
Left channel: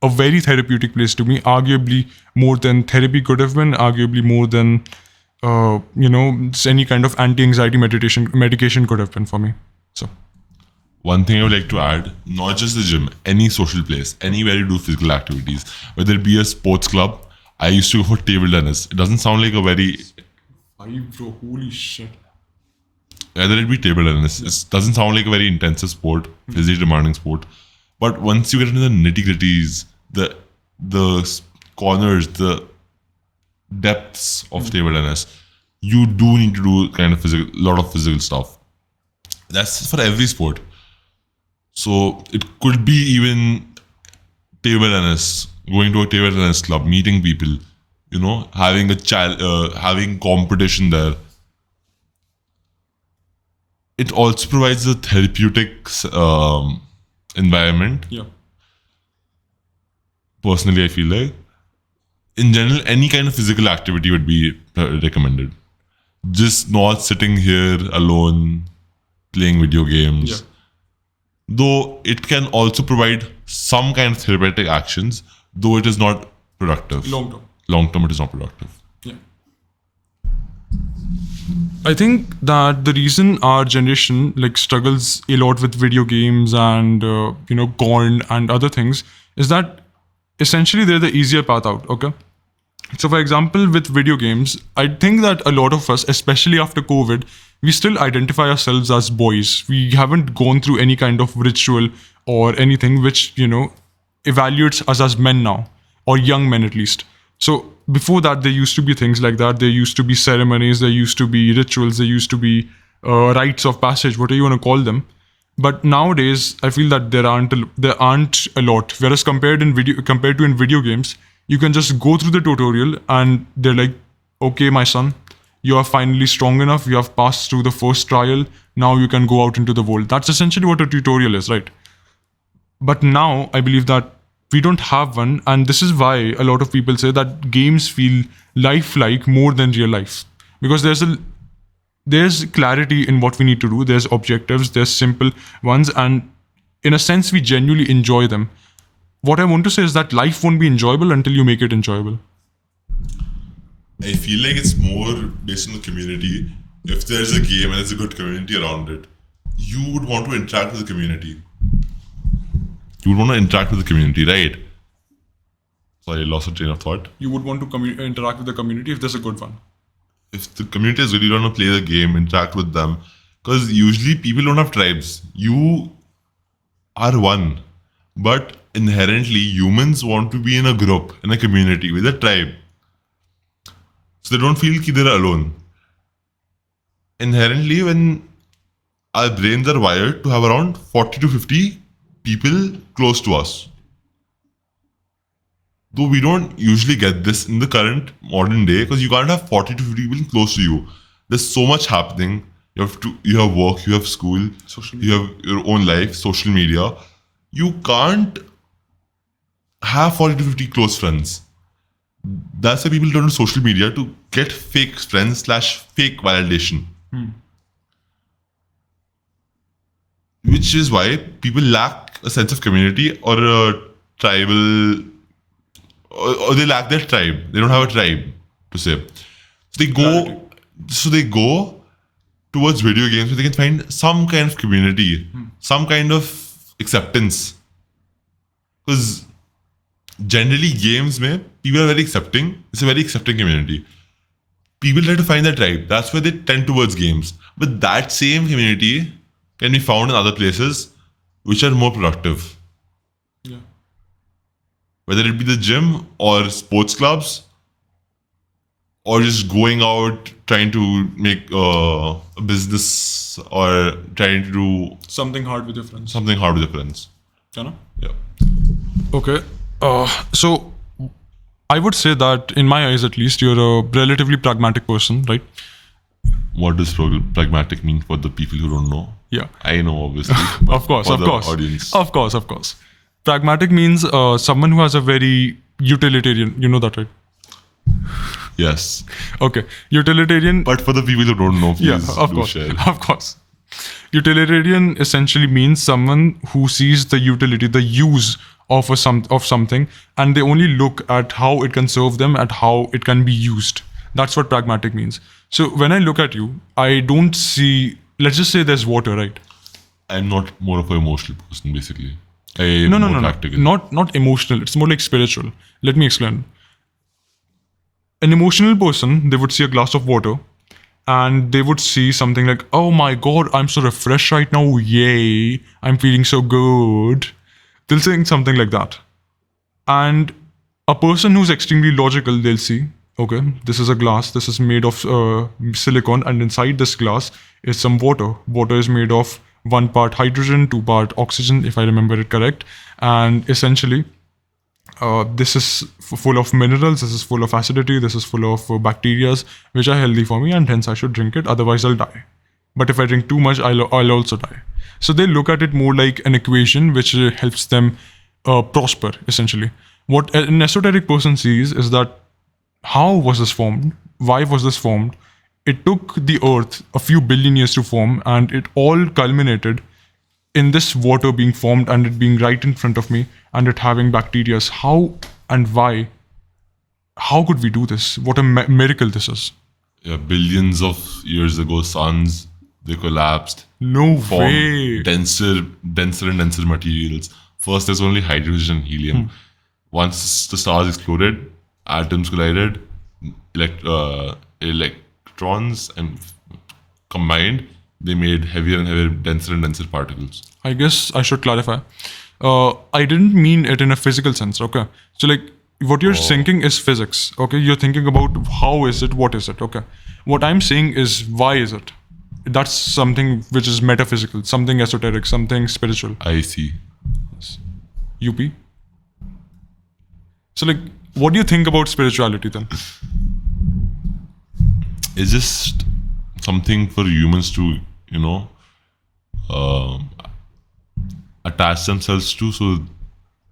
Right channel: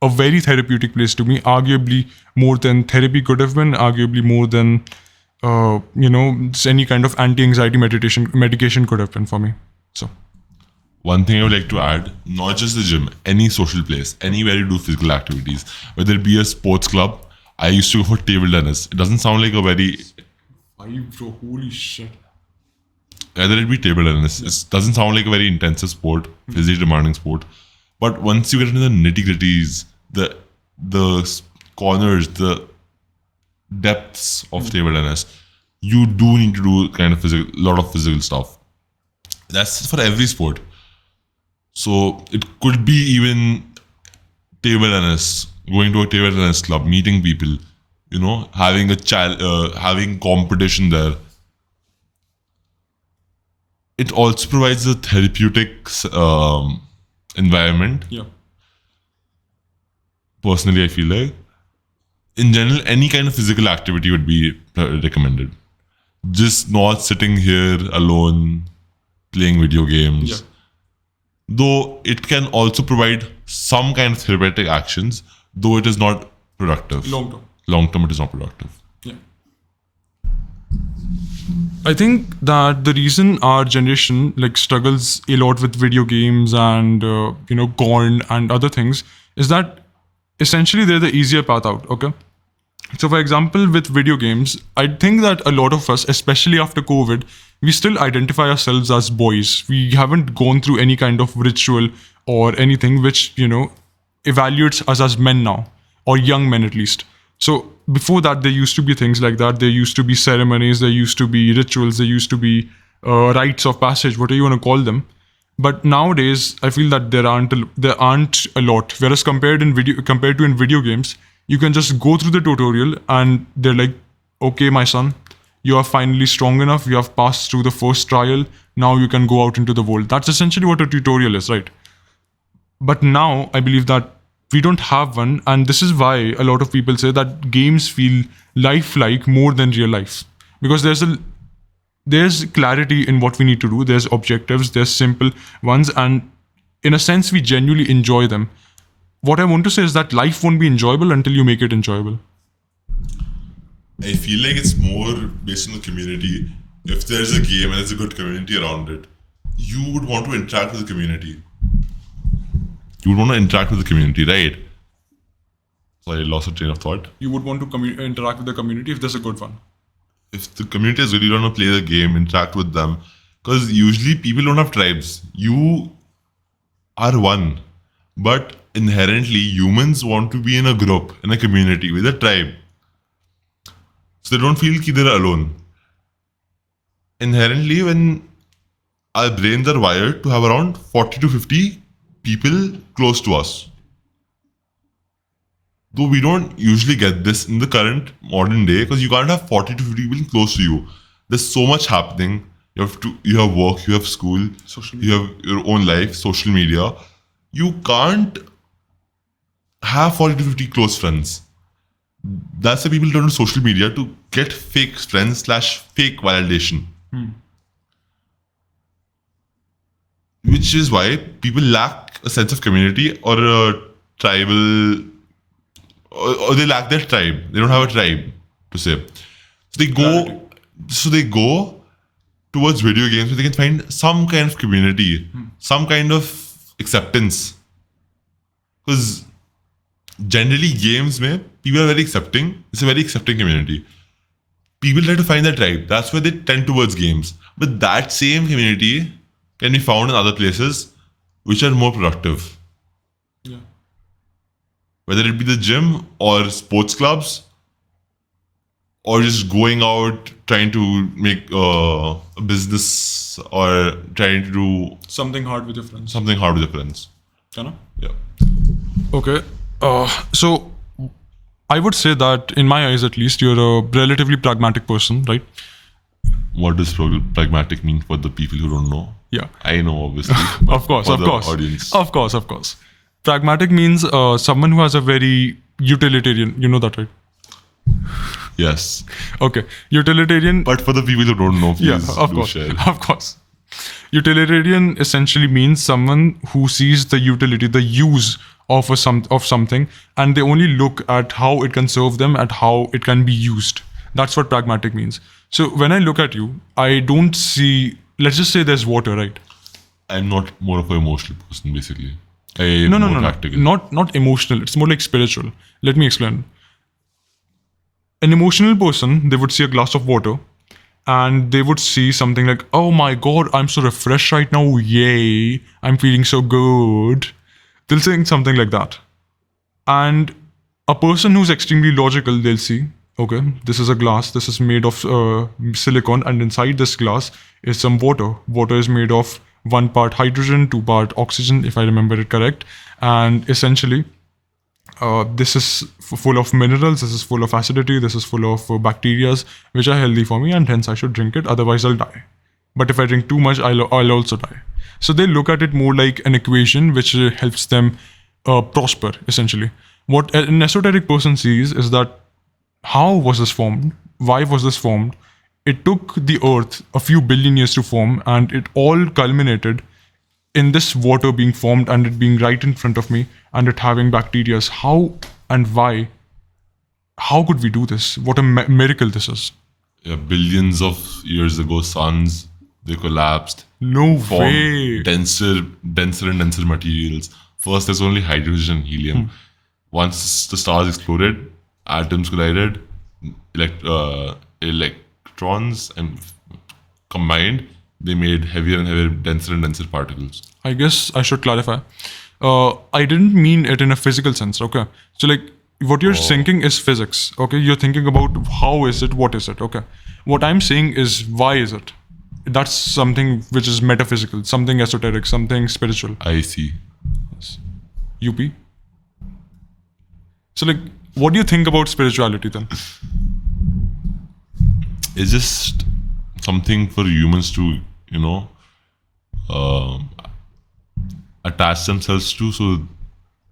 a very therapeutic place to me, arguably more than therapy could have been, arguably more than any kind of anti-anxiety medication could have been for me. So One thing I would like to add, not just the gym, any social place, anywhere you do physical activities, whether it be a sports club. I used to go for table tennis. It doesn't sound like a very, holy shit. whether it be table tennis, it doesn't sound like a very intensive sport, physically demanding sport. But once you get into the nitty-gritties, the corners, the depths of table tennis, you do need to do kind of lot of physical stuff. That's for every sport. So it could be even table tennis, going to a table tennis club, meeting people, having having competition there. It also provides a therapeutic environment. Yeah. Personally, I feel like, in general, any kind of physical activity would be recommended. Just not sitting here alone, playing video games. Yeah. Though it can also provide some kind of therapeutic actions, though it is not productive. Long term. Long term, it is not productive. Yeah. I think that the reason our generation struggles a lot with video games and porn and other things is that essentially they're the easier path out. Okay. So, for example, with video games, I think that a lot of us, especially after COVID, we still identify ourselves as boys. We haven't gone through any kind of ritual or anything which, evaluates us as men now, or young men at least. So, before that, there used to be things like that. There used to be ceremonies, there used to be rituals, there used to be rites of passage, whatever you want to call them. But nowadays, I feel that there aren't a lot. Whereas compared to in video games, you can just go through the tutorial and they're like, okay, my son, you are finally strong enough. You have passed through the first trial. Now you can go out into the world. That's essentially what a tutorial is, right? But now I believe that we don't have one. And this is why a lot of people say that games feel lifelike more than real life. Because there's clarity in what we need to do. There's objectives, there's simple ones. And in a sense, we genuinely enjoy them. What I want to say is that life won't be enjoyable until you make it enjoyable. I feel like it's more based on the community. If there's a game and there's a good community around it, you would want to interact with the community. You would want to interact with the community, right? Sorry, I lost a train of thought. You would want to interact with the community if there's a good one. If the community is really going to play the game, interact with them. Because usually people don't have tribes. You are one. But inherently, humans want to be in a group, in a community, with a tribe. So they don't feel like they're alone. Inherently, when our brains are wired to have around 40 to 50 people close to us. Though we don't usually get this in the current modern day because you can't have 40 to 50 people close to you. There's so much happening. You have work, you have school, you have your own life, social media. You can't have 40 to 50 close friends. That's why people turn to social media to get fake friends / fake validation. Which is why people lack a sense of community or a tribal, or they lack their tribe. They don't have a tribe to say. So they go towards video games so they can find some kind of community, some kind of acceptance. Because generally games, man, people are very accepting. It's a very accepting community. People try to find their tribe. That's why they tend towards games. But that same community can be found in other places which are more productive. Whether it be the gym or sports clubs or just going out trying to make a business or trying to do Something hard with your friends. something hard with your friends. Shana? Yeah. Okay. So I would say that in my eyes, at least, you're a relatively pragmatic person, right? What does pragmatic mean for the people who don't know? Yeah. I know, obviously. Of course, For of the course. audience. Of course. Pragmatic means someone who has a very utilitarian, you know that, right? Yes. Okay. Utilitarian. But for the people who don't know, please Yeah, of do course. share. Of course. Utilitarian essentially means someone who sees the utility, the use of something, and they only look at how it can serve them and how it can be used. That's what pragmatic means. So when I look at you, I don't see. Let's just say there's water, right? I'm not more of an emotional person, basically. No. Practical. Not emotional. It's more like spiritual. Let me explain. An emotional person, they would see a glass of water and they would see something like, oh my god, I'm so refreshed right now. Yay, I'm feeling so good. They'll say something like that. And a person who's extremely logical, they'll see, okay, this is a glass, this is made of silicon, and inside this glass is some water. Water is made of 1 part hydrogen, 2 part oxygen, if I remember it correct. And essentially, this is full of minerals, this is full of acidity, this is full of bacteria, which are healthy for me, and hence I should drink it, otherwise I'll die. But if I drink too much, I'll also die. So they look at it more like an equation which helps them prosper, essentially. What an esoteric person sees is that how was this formed? Why was this formed? It took the earth a few billion years to form, and it all culminated in this water being formed and it being right in front of me and it having bacteria. How and why? How could we do this? What a miracle this is. Yeah, billions of years ago, suns, they collapsed. No Formed way. denser and denser materials. First, there's only hydrogen and helium. Once the stars exploded, atoms collided, electrons and combined, they made heavier and heavier, denser and denser particles. I guess I should clarify. I didn't mean it in a physical sense, okay? So, like, what you're thinking is physics, okay? You're thinking about how is it, what is it, okay? What I'm saying is why is it? That's something which is metaphysical, something esoteric, something spiritual. I see. UP? So, like, what do you think about spirituality then? It's just something for humans to, attach themselves to so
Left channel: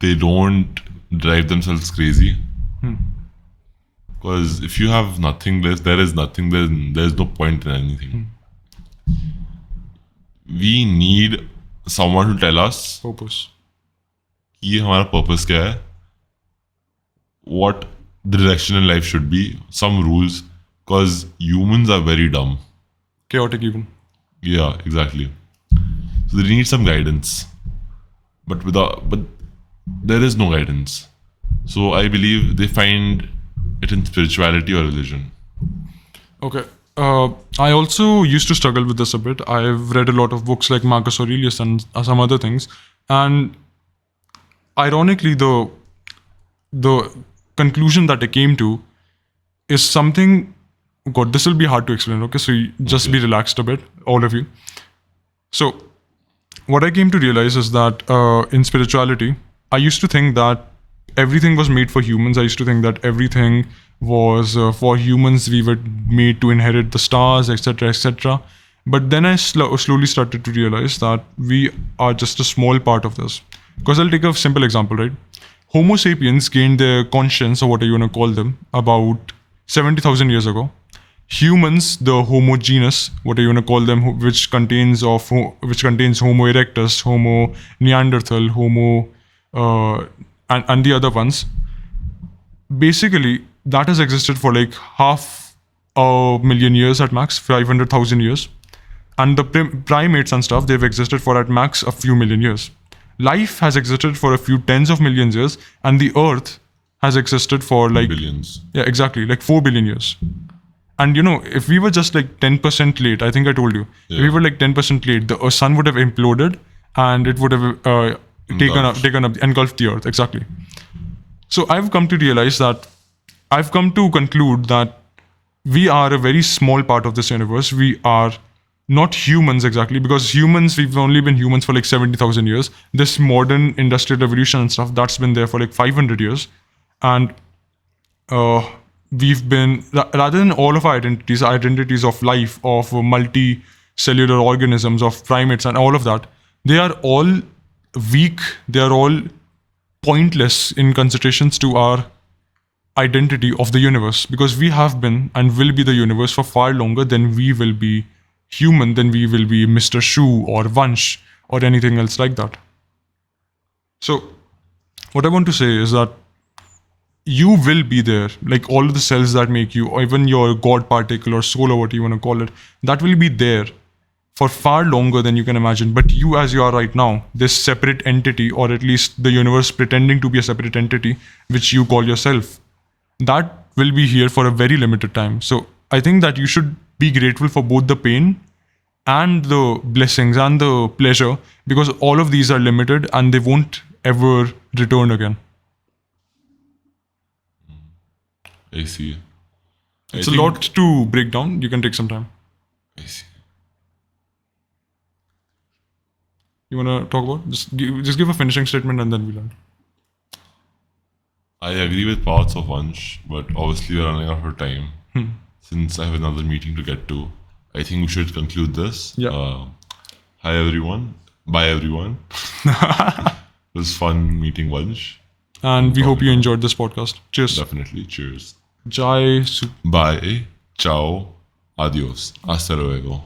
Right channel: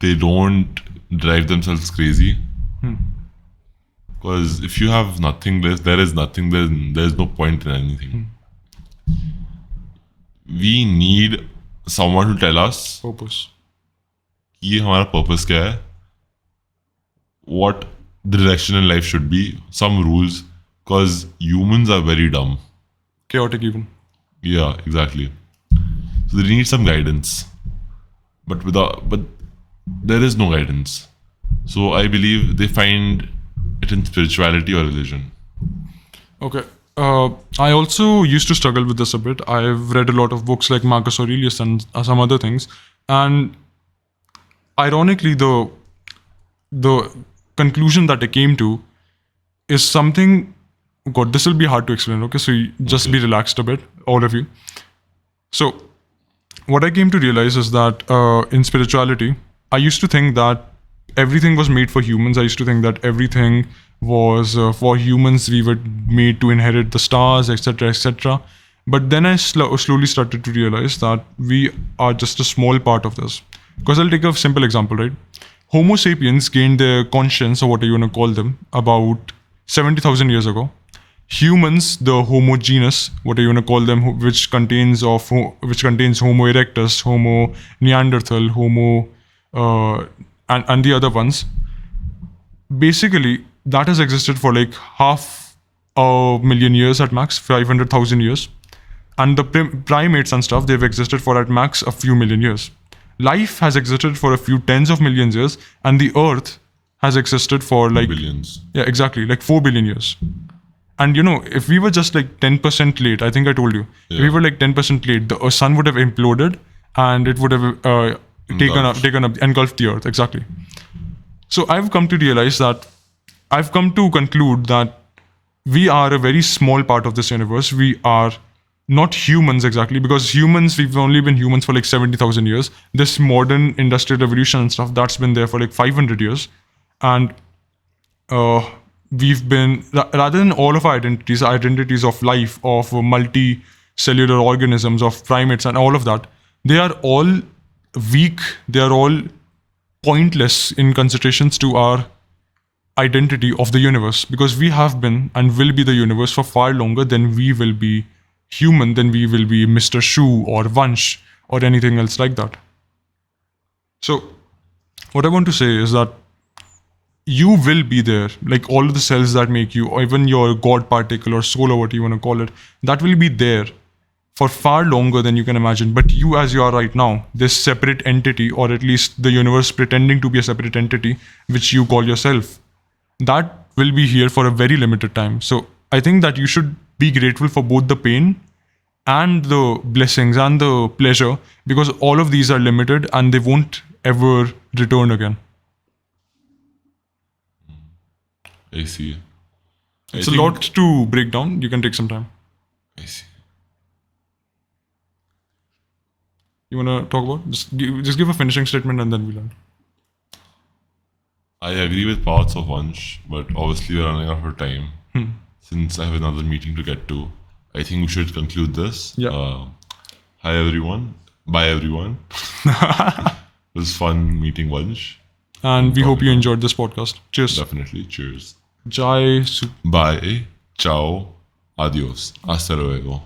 they don't drive themselves crazy. Because if you have nothing, there is nothing, then there's no point in anything. We need someone to tell us Purpose. कि हमारा purpose क्या है, what the direction in life should be, some rules, because humans are very dumb. Chaotic even. Yeah, exactly. So they need some guidance, but there is no guidance. So I believe they find it in spirituality or religion. Okay. I also used to struggle with this a bit. I've read a lot of books like Marcus Aurelius and some other things, and ironically, the conclusion that I came to is something. God, this will be hard to explain. Okay, so just be relaxed a bit, all of you. So, what I came to realize is that in spirituality, I used to think that everything was made for humans. I used to think that everything was for humans. We were made to inherit the stars, etc., etc. But then I slowly started to realize that we are just a small part of this. Because I'll take a simple example, right? Homo sapiens gained their conscience, or what you want to call them, about 70,000 years ago. Humans, the Homo genus, what you want to call them, which contains Homo erectus, Homo Neanderthal, Homo, and the other ones. Basically, that has existed for like half a million years at max, 500,000 years. And the primates and stuff, they've existed for at max a few million years. Life has existed for a few tens of millions years, and the Earth has existed for like Billions. Yeah, exactly, like 4 billion years. And if we were just like 10% late, I think I told you, if we were like 10% late, the sun would have imploded and it would have engulfed the Earth. Exactly. So I've come to conclude that we are a very small part of this universe. We are not humans exactly, because we've only been humans for like 70,000 years. This modern industrial revolution and stuff, that's been there for like 500 years. And we've been, rather than all of our identities of life, of multi-cellular organisms, of primates and all of that, they are all weak, they are all pointless in considerations to our identity of the universe, because we have been and will be the universe for far longer than we will be human, than we will be Mr. Shu or Vansh or anything else like that. So what I want to say is that you will be there, like all of the cells that make you, or even your God particle or soul, or what you want to call it, that will be there for far longer than you can imagine. But you, as you are right now, this separate entity, or at least the universe pretending to be a separate entity, which you call yourself, that will be here for a very limited time. So I think that you should be grateful for both the pain and the blessings and the pleasure, because all of these are limited and they won't ever return again. I see. It's a lot to break down. You can take some time. I see. You want to talk about? Just give a finishing statement and then we'll end. I agree with parts of Vansh, but obviously we're running out of time. Since I have another meeting to get to, I think we should conclude this. Yeah. Hi everyone. Bye everyone. It was fun meeting Vansh. And we hope you enjoyed this podcast. Cheers. Definitely. Cheers. Jai. Bye. Ciao. Adios. Hasta luego.